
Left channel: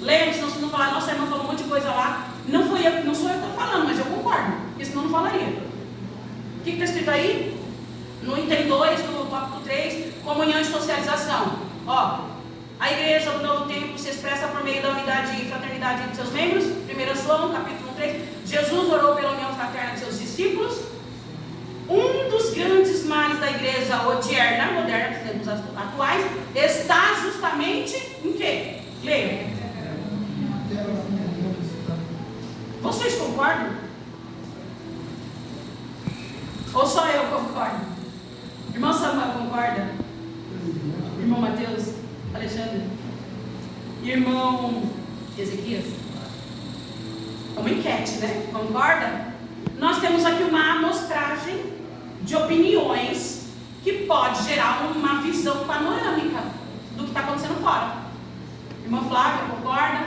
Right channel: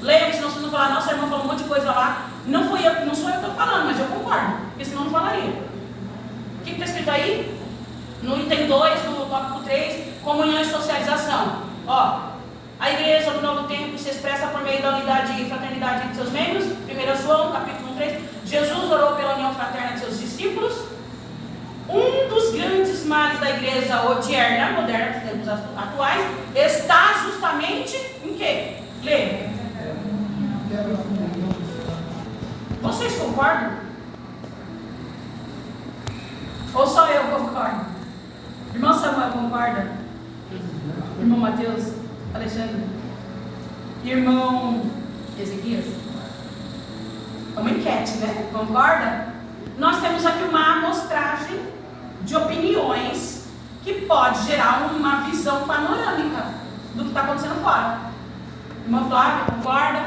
Leiam, senão vocês vão falar: nossa, a irmã falou um monte de coisa lá. Não sou eu que estou falando, mas eu concordo, porque senão não falaria. O que está escrito aí? No item 2, no tópico 3, comunhão e socialização. Ó, a igreja do novo tempo se expressa por meio da unidade e fraternidade entre seus membros. 1 João, capítulo 3. Jesus orou pela união fraterna de seus discípulos. Um dos grandes males da igreja odierna, moderna dos tempos atuais, está justamente em quê? Leia. Vocês concordam? Ou só eu concordo? Irmão Samuel concorda? Irmão Mateus? Alexandre? Irmão Ezequias? É uma enquete, né? Concorda? Nós temos aqui uma amostragem de opiniões que pode gerar uma visão panorâmica do que está acontecendo fora. Irmã Flávia, concorda?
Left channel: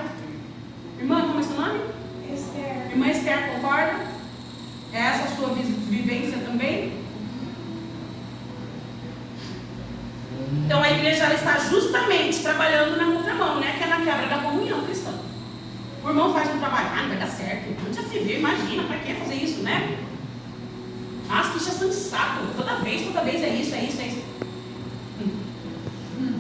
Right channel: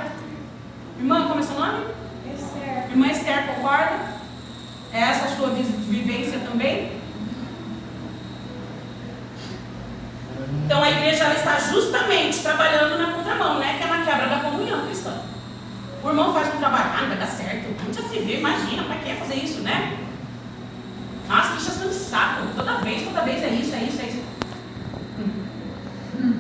Irmã, como é seu nome? Esther. Irmã Esther, concorda? É essa a sua vivência também? Então a igreja ela está justamente trabalhando na contramão, né? Que é na quebra da comunhão cristã. O irmão faz um trabalho, não vai dar certo, onde já se vê, imagina, para que fazer isso, né? As queixas são de saco, toda vez é isso.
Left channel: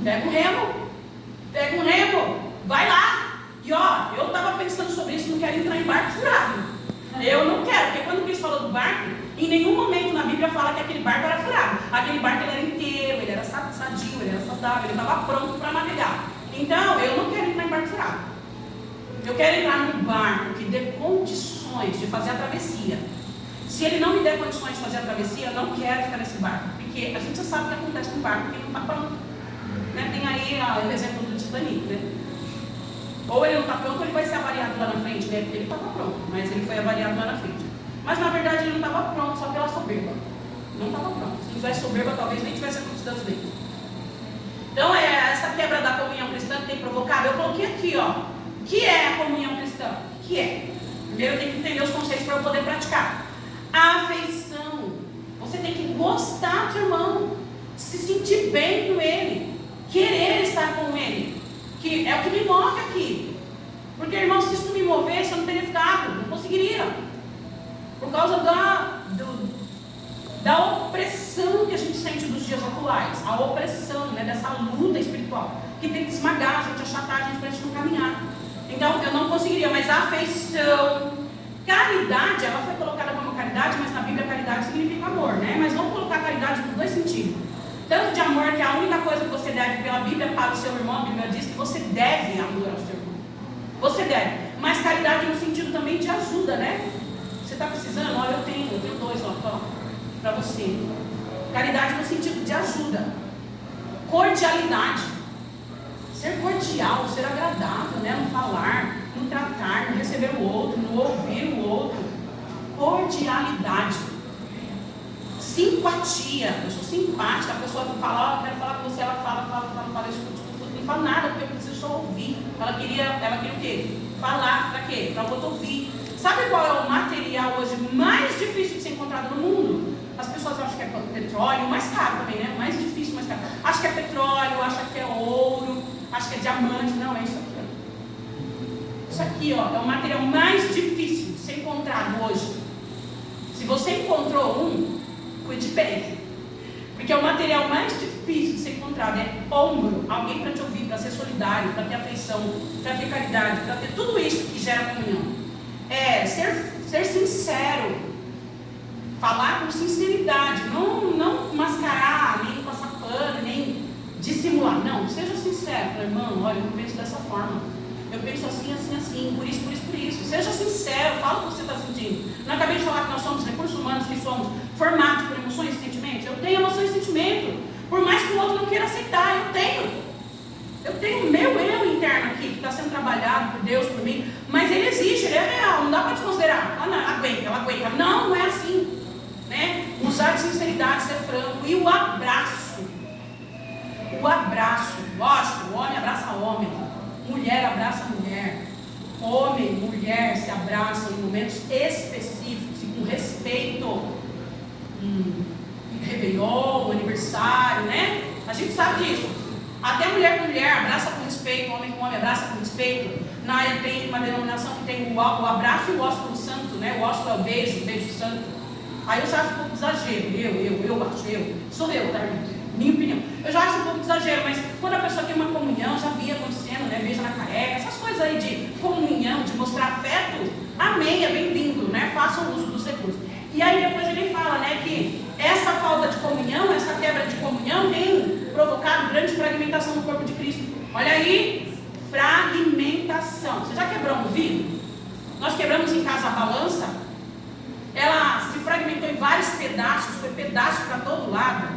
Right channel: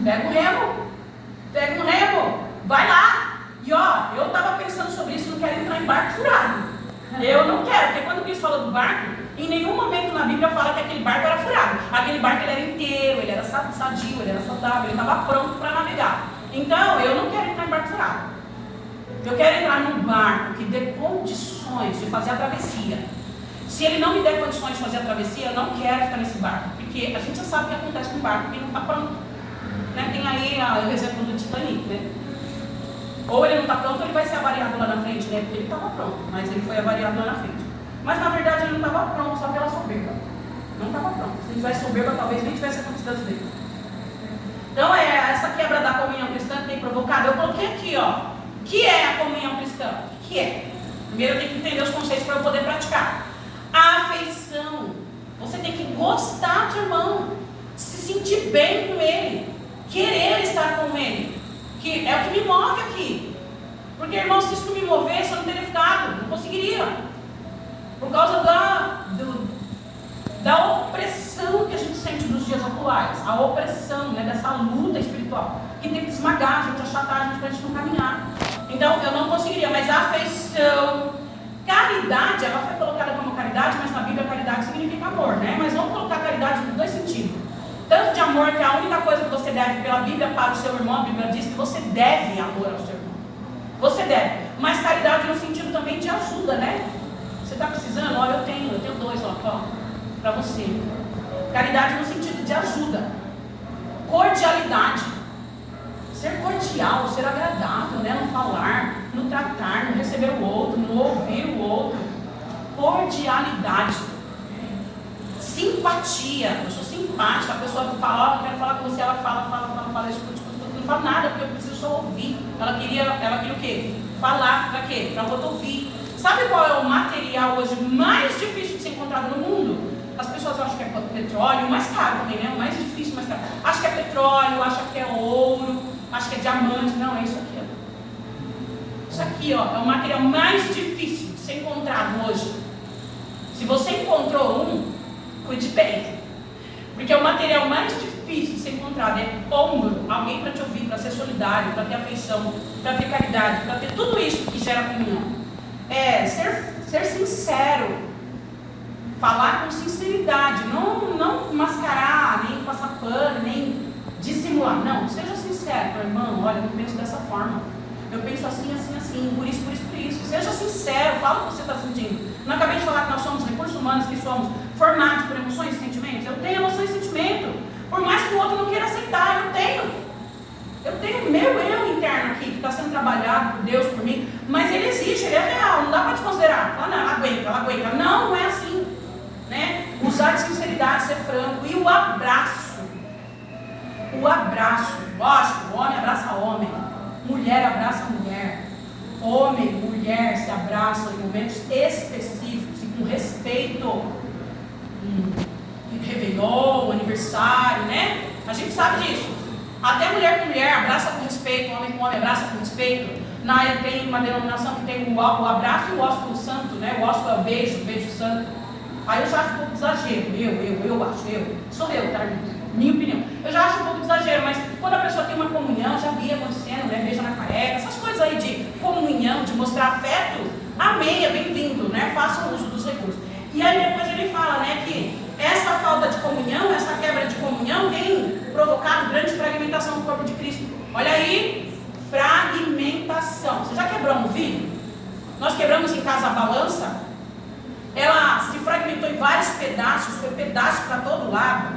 Pega um remo, vai lá. E ó, eu estava pensando sobre isso, não quero entrar em barco furado. Eu não quero, porque quando Cristo falou do barco, em nenhum momento na Bíblia fala que aquele barco era furado. Aquele barco ele era inteiro, ele era sadio, ele era saudável, ele estava pronto para navegar. Então, eu não quero entrar em barco furado. Eu quero entrar num barco que dê condições de fazer a travessia. Se ele não me der condições de fazer a travessia, eu não quero ficar nesse barco. Porque a gente já sabe o que acontece com o barco que não está pronto. Né? Tem aí o exemplo do Titanic, né? Ou ele não está pronto ou ele vai ser avariado lá na frente, né? Porque ele estava pronto, mas ele foi avariado lá na frente. Mas na verdade ele não estava pronto só pela soberba. Não estava pronto. Se ele tivesse soberba, talvez nem tivesse acontecido dele. Então essa quebra da comunhão cristã que tem provocado, eu coloquei aqui, ó. O que é a comunhão cristã? O que é? Primeiro eu tenho que entender os conceitos para eu poder praticar. A afeição. Você tem que gostar do seu irmão, se sentir bem com ele, querer estar com ele, que é o que me move aqui. Porque, irmão, se isso me movesse, eu não teria ficado, não conseguiria. Por causa da opressão que a gente sente dos dias atuais, a opressão, né, dessa luta espiritual, que tem que esmagar a gente, achatar a gente para a gente não caminhar. Então, eu não conseguiria, mas a afeição, caridade, ela foi colocada como caridade, mas na Bíblia caridade significa amor, né? Mas vamos colocar caridade por dois sentidos. Tanto de amor, que é a única coisa que você deve pela Bíblia para o seu irmão, a Bíblia diz que você deve amor ao seu irmão. Você deve. Mas caridade no sentido também de ajuda, né? Você está precisando? Olha, eu tenho dois, ó, para você. Caridade no sentido de ajuda. Cordialidade. Ser cordial, ser agradável, né? No falar, no tratar, no receber o outro, no ouvir o outro. Cordialidade. Simpatia. Eu sou simpática. A pessoa fala, quero falar com você, ela fala, escuta, não fala nada, porque eu preciso só ouvir. Ela queria o quê? Falar, para quê? Para o outro ouvir. Sabe qual é o material hoje mais difícil de ser encontrado no mundo? As pessoas acham que é petróleo, mais caro também, né? O mais difícil, mais caro. Acho que é petróleo, acho que é ouro, acho que é diamante. Não, é isso aqui, ó. Isso aqui, ó, é o material mais difícil de ser encontrado hoje. Se você encontrou um, cuide bem. Porque o material mais difícil de ser encontrado é ombro, alguém para te ouvir, para ser solidário, para ter afeição, para ter caridade, para ter tudo isso que gera comunhão. É ser sincero, falar com sinceridade, não mascarar, nem passar pano, nem dissimular. Não, seja sincero, irmão, olha, eu não penso dessa forma, eu penso assim, por isso. Seja sincero, fala o que você está sentindo. Não acabei de falar que nós somos recursos humanos, que somos formados por emoções e sentimentos? Eu tenho emoções e sentimentos, por mais que o outro não queira aceitar, eu tenho meu eu interno aqui, que está sendo trabalhado por Deus, por mim, mas ele existe, ele é real, não dá para desconsiderar. Fala, não, ela aguenta. Não é assim, né? Usar de sinceridade, ser franco. E o abraço, lógico, homem abraça homem, mulher abraça mulher, homem e mulher se abraçam em momentos específicos e com respeito. Réveillon, aniversário, né? A gente sabe disso. Até mulher com mulher abraça com respeito, homem com homem abraça com respeito. Na área tem uma denominação que tem o abraço e o ósculo santo, né? O ósculo é o beijo santo. Aí eu já acho um pouco de exagero, eu acho, sou eu, tá? Minha opinião. Eu já acho um pouco de exagero, mas quando a pessoa tem uma comunhão, já vi acontecendo, né? Beija na careca, essas coisas aí de comunhão, de mostrar afeto, amém, é bem-vindo, né? Façam uso dos recursos. E aí depois ele fala, né, que essa falta de comunhão, essa quebra de comunhão tem provocado grande fragmentação do corpo de Cristo. Olha aí, fragmentação. Você já quebrou um vidro? Nós quebramos em casa a balança. Ela se fragmentou em vários pedaços, foi pedaço para todo lado.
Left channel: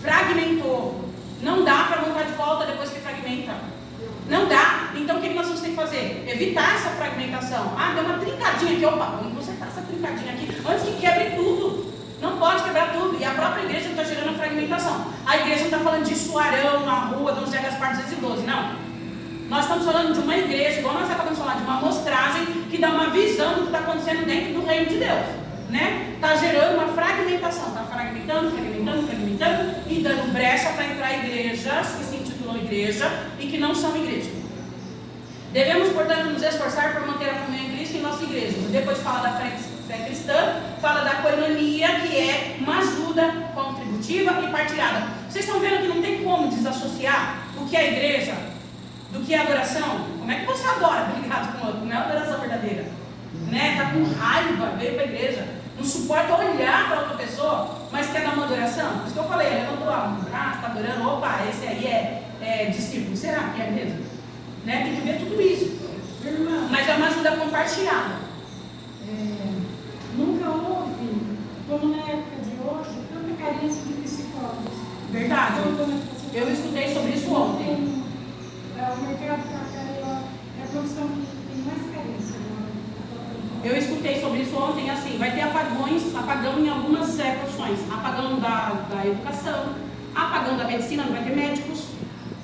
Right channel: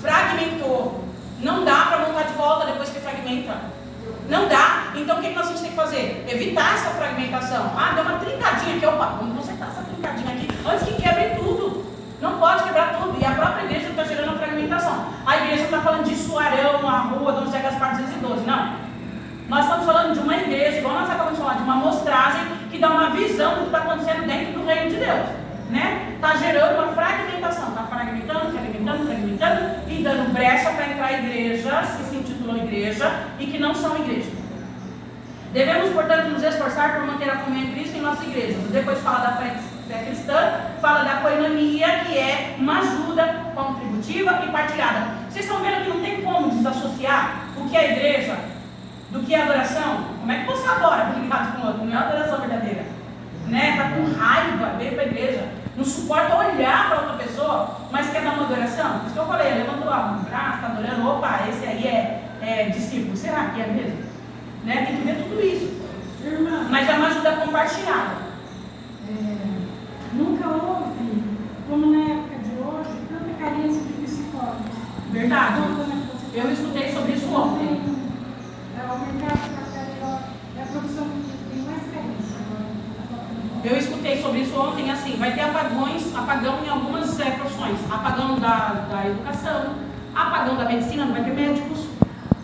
Fragmentou. Não dá para montar de volta depois que fragmenta. Não dá. Então o que nós vamos ter que fazer? Evitar essa fragmentação. Ah, deu uma trincadinha aqui. Opa, vamos consertar essa trincadinha aqui antes que quebre tudo. Não pode quebrar tudo. E a própria igreja está gerando a fragmentação. A igreja está falando de Suarão, a rua Dom José Gaspar 212. Não. Nós estamos falando de uma igreja, igual nós acabamos de falar, de uma amostragem que dá uma visão do que está acontecendo dentro do reino de Deus. Né? Está gerando uma fragmentação. Está fragmentando e dando brecha para entrar igrejas que se intitulam igreja e que não são igreja. Devemos, portanto, nos esforçar por manter a comunhão em Cristo em nossas igrejas. Depois fala da fé cristã, fala da koinonia, que é uma ajuda contributiva e partilhada. Vocês estão vendo que não tem como desassociar o que é igreja do que é adoração? Como é que você adora brigado com o outro? Não é adoração verdadeira, né? Está com raiva, veio para a igreja, não suporta olhar para outra pessoa, mas quer dar uma adoração. Por isso que eu falei, levantou o braço, está adorando, opa, esse aí é discípulo. Será que é mesmo? Né? Tem que ver tudo isso. Mas é uma ajuda compartilhada. Nunca houve, como na época de hoje, tanta carência de psicólogos. Verdade. Eu escutei sobre isso ontem. O mercado é a profissão que tem mais carência agora. Eu escutei sobre isso ontem, assim, vai ter apagão em algumas profissões. Apagão da educação, apagão da medicina, não vai ter médicos.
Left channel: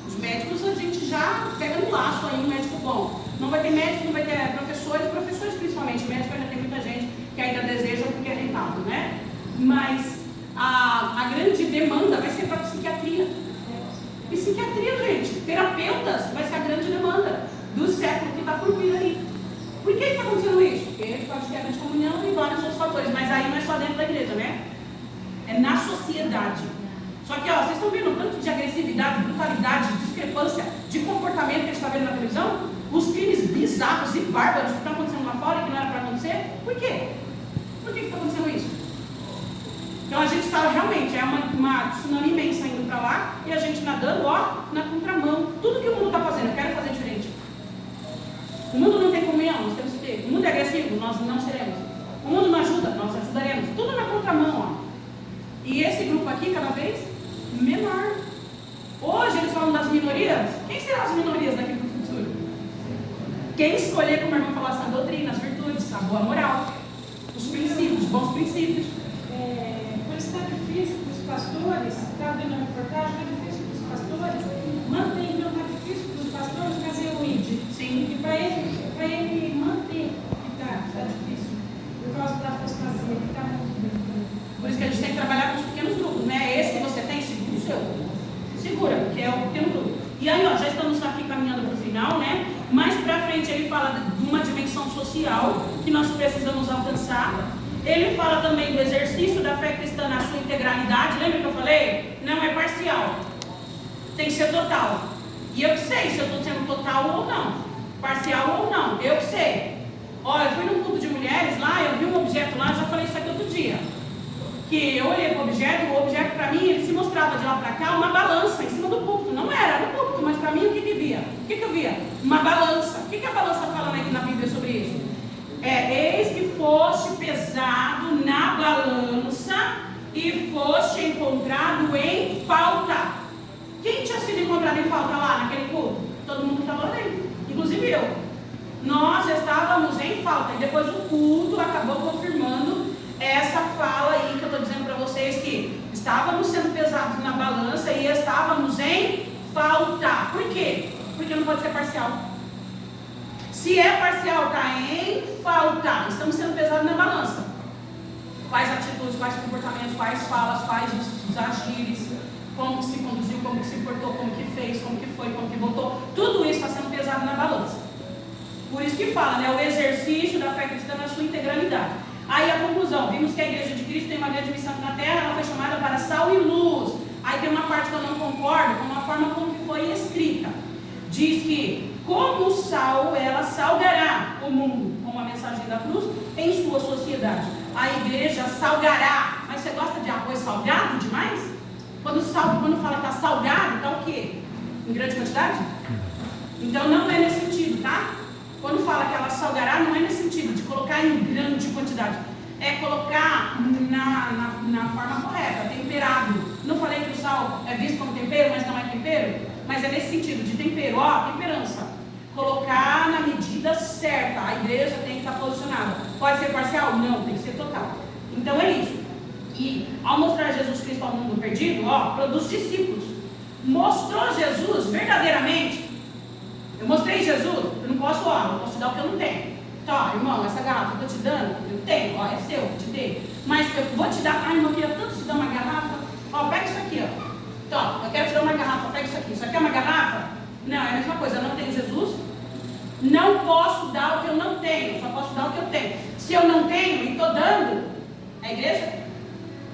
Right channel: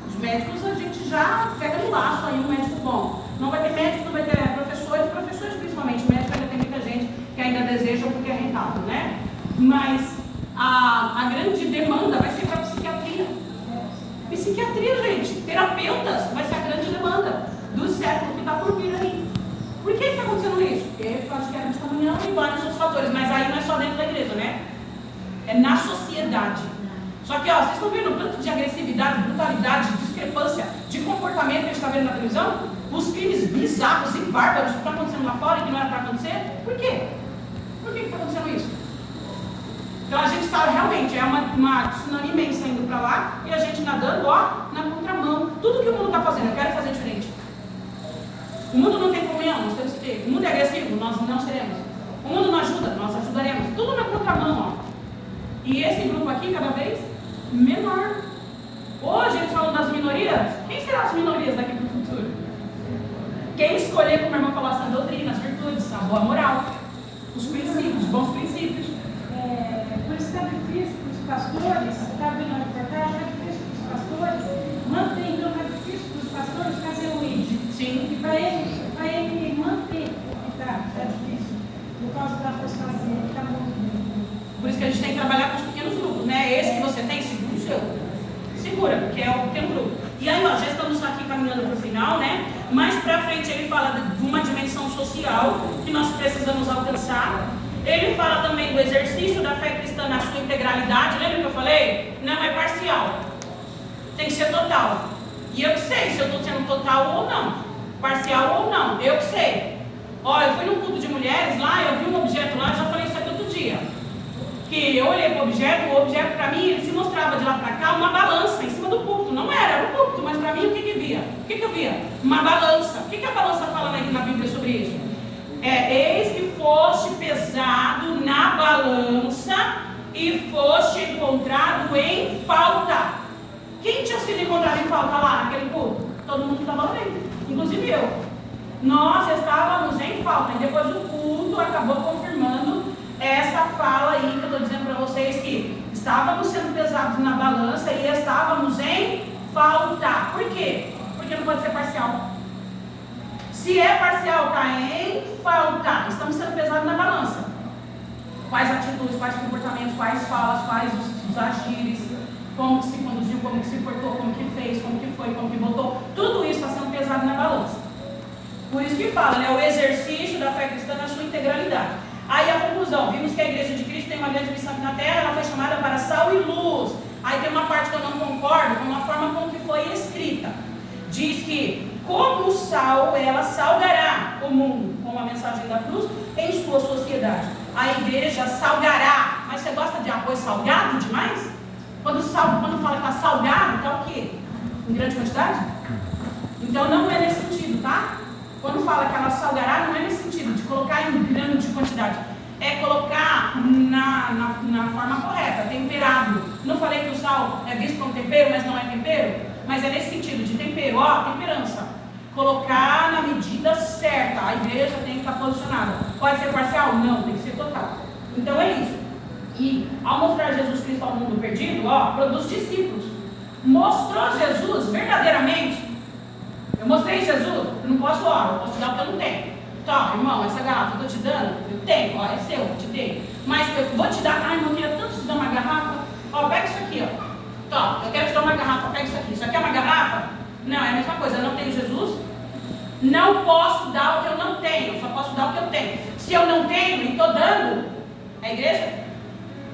Os médicos a gente já pega no laço aí, um médico bom. Não vai ter médico, não vai ter professores principalmente. Médico ainda tem muita gente que ainda deseja porque é rentável, né? Mas a grande demanda vai ser para a psiquiatria. Psiquiatria, gente, terapeutas vai ser a grande demanda do século que está por vir aí. Por que está acontecendo isso? Porque pode quebra de comunhão e vários outros fatores, mas aí não é só dentro da igreja, né? É na sociedade. Só que, ó, vocês estão vendo o tanto de agressividade, brutalidade, discrepância de comportamento que a gente está vendo na televisão? Os crimes bizarros e bárbaros que estão acontecendo lá fora e que não era para acontecer? Por quê? Por que está acontecendo isso? Então a gente está realmente, é uma tsunami imensa indo para lá e a gente nadando, ó, na contramão. Tudo que o mundo está fazendo, eu quero fazer diferente. O mundo não tem comunhão, nós temos que ter. O mundo é agressivo, nós não seremos. O mundo não ajuda, nós ajudaremos. Tudo na contramão, ó. E esse grupo aqui cada vez menor. Hoje eles falam das minorias. Quem serão as minorias daqui para o futuro? Quem escolher, como a irmã falou, essa doutrina, as virtudes, a boa moral, os princípios, os bons princípios. Por isso está difícil para os pastores, está vendo a reportagem, é difícil para os pastores manter, então é difícil para os pastores fazer o ID. Sim. E para ele manter, está difícil, por causa da apostasia, que está muito bem. Por isso que a gente tem que trabalhar com os pequenos grupos, né? Esse que você tem, segura o seu. Segura, porque é o pequeno grupo. E aí, ó, já estamos aqui caminhando para o final, né? Mais pra frente ele fala de uma dimensão social que nós precisamos alcançar. Ele fala também do exercício da fé cristã na sua integralidade. Lembra que eu falei? Não é parcial. Tem que ser total. E eu que sei se eu estou sendo total ou não. Parcial ou não. Eu que sei. Ó, eu fui num culto de mulheres lá, eu vi um objeto lá, já falei isso aqui outro dia. Que eu olhei para o objeto para mim, ele se mostrava de lá para cá uma balança em cima do púlpito. Não era o púlpito, mas para mim o que via? O que eu via? Uma balança. O que a balança fala na Bíblia sobre isso? Eis que foste pesado na balança e foste encontrado em falta. Quem tinha sido encontrado em falta lá naquele culto? Todo mundo estava lendo, inclusive eu. Nós estávamos em falta e depois o culto acabou confirmando essa fala aí que eu estou dizendo para vocês, que estávamos sendo pesados na balança e estávamos em falta. Por quê? Porque não pode ser parcial. Se é parcial, está em falta. Estamos sendo pesados na balança. Quais atitudes, quais comportamentos, quais falas, quais os agires, como que se conduziu, como que se portou, como que fez, como que foi, como que voltou. Tudo isso está sendo pesado na balança. Por isso que fala, né? O exercício da fé cristã na sua integralidade. Aí a conclusão, vimos que a Igreja de Cristo tem uma grande missão aqui na Terra, ela foi chamada para sal e luz. Aí tem uma parte que eu não concordo com a forma como que foi escrita. Diz que, como o sal, ela salgará o mundo com a mensagem da cruz em sua sociedade. A igreja salgará. Mas você gosta de arroz salgado demais? Quando fala que está salgado, está o quê? Em grande quantidade? Então não é nesse sentido, tá? Quando fala que ela salgará, não é nesse sentido de colocar em grande quantidade. É colocar na forma correta, temperado. Não falei que o sal é visto como tempero, mas não é tempero? Mas é nesse sentido, de tempero, ó, temperança. Colocar na medida certa. A igreja tem que estar posicionada. Pode ser parcial? Não, tem que ser total. Então é isso. E ao mostrar Jesus Cristo ao mundo perdido, ó, produz discípulos. Mostrou Jesus verdadeiramente. Eu mostrei Jesus, eu não posso, ó, eu posso te dar o que eu não tenho. Tá, irmão, essa garrafa que eu estou te dando, eu tenho, ó, é seu, eu te dei. Mas eu vou te dar, irmão, eu queria tanto te dar uma garrafa. Ó, pega isso aqui, ó. Tá, eu quero te dar uma garrafa, pega isso aqui. Isso aqui é uma garrafa? Não, é a mesma coisa, eu não tenho Jesus. Não posso dar o que eu não tenho, só posso dar o que eu tenho. Se eu não tenho e estou dando, é igreja?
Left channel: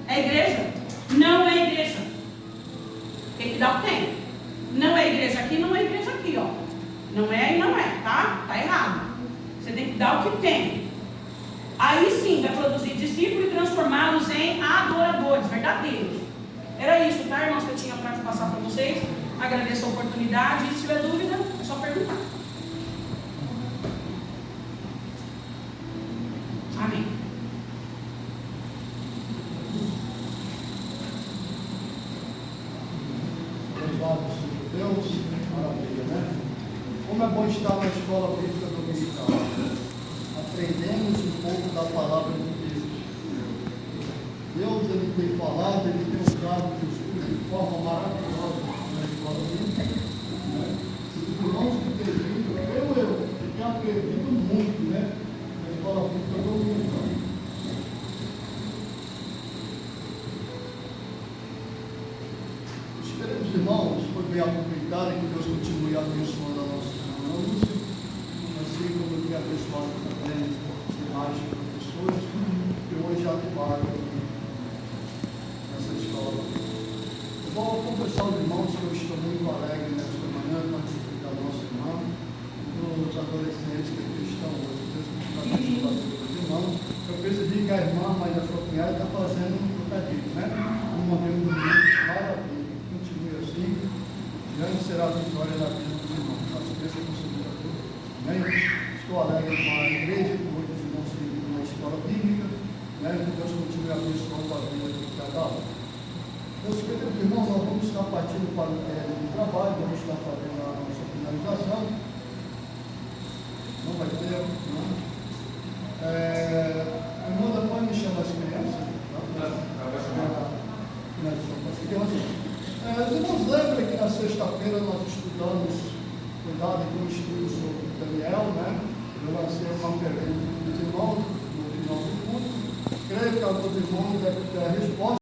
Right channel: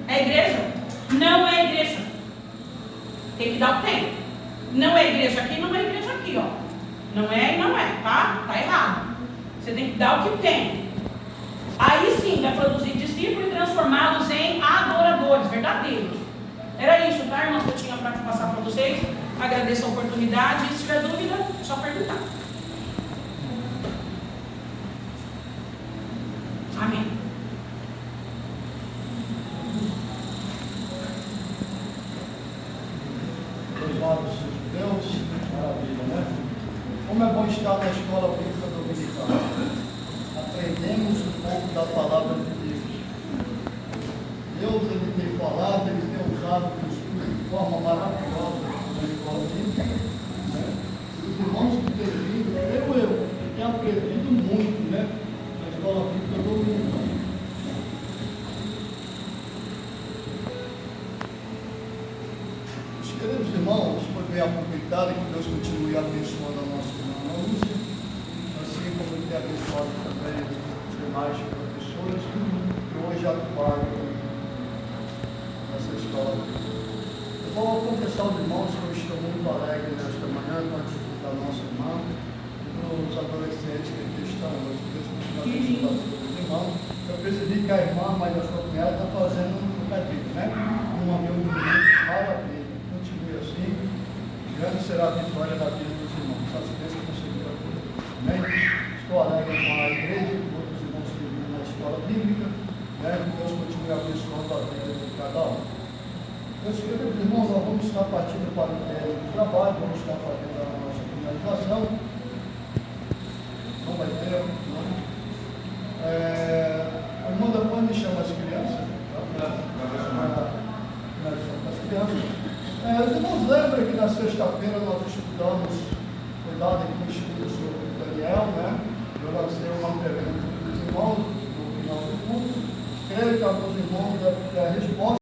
É igreja? Não é igreja. Tem que dar o que tem. Não é igreja aqui, não é igreja aqui, ó. Não é e não é, tá? Tá errado. Você tem que dar o que tem. Aí sim, vai produzir discípulos e transformá-los em adoradores verdadeiros. Era isso, tá, irmãos, que eu tinha para passar para vocês. Agradeço a oportunidade. E se tiver dúvida, é só perguntar. Amém. Louvado seja Deus, maravilha, né? Como é bom estar na escola bíblica dominical. Aprendemos um pouco da palavra de Deus. Deus, Ele tem falado, Ele tem usado de forma maravilhosa na escola bíblica. Né? Os irmãos que têm vindo, eu tenho aprendido muito, né? Na escola bíblica dominical. Queridos irmãos, foi bem aproveitado, que Deus continue abençoando a nossa irmã Lúcia, assim como Ele tem abençoado também os demais professores que hoje atuaram nessa escola. Eu vou confessar aos irmãos que eu estou muito alegre nesta manhã com a atitude da nossa irmã, dos adolescentes que aqui estão hoje. Deus continue abençoando os irmãos. Eu percebi que a irmã, mas a sua cunhada, está fazendo um trocadilho, né? Uma reunião maravilha. Grande será a vitória da vida dos irmãos. Paciência com o Senhor a todos. Amém? Estou alegre com a igreja e com outros irmãos que vivem na escola bíblica. Né? Que Deus continue abençoando a vida de cada um. Meus queridos irmãos, nós vamos estar partindo para o término do trabalho, vamos estar fazendo a nossa finalização. Não vai ter, não. A irmã da mãe me chama as crianças. Os irmãos lembram que na sexta-feira nós estudamos, cuidado com o estudo sobre Daniel, né? Eu lancei uma pergunta para os irmãos no final do curso. Creio que alguns irmãos devem ter a resposta.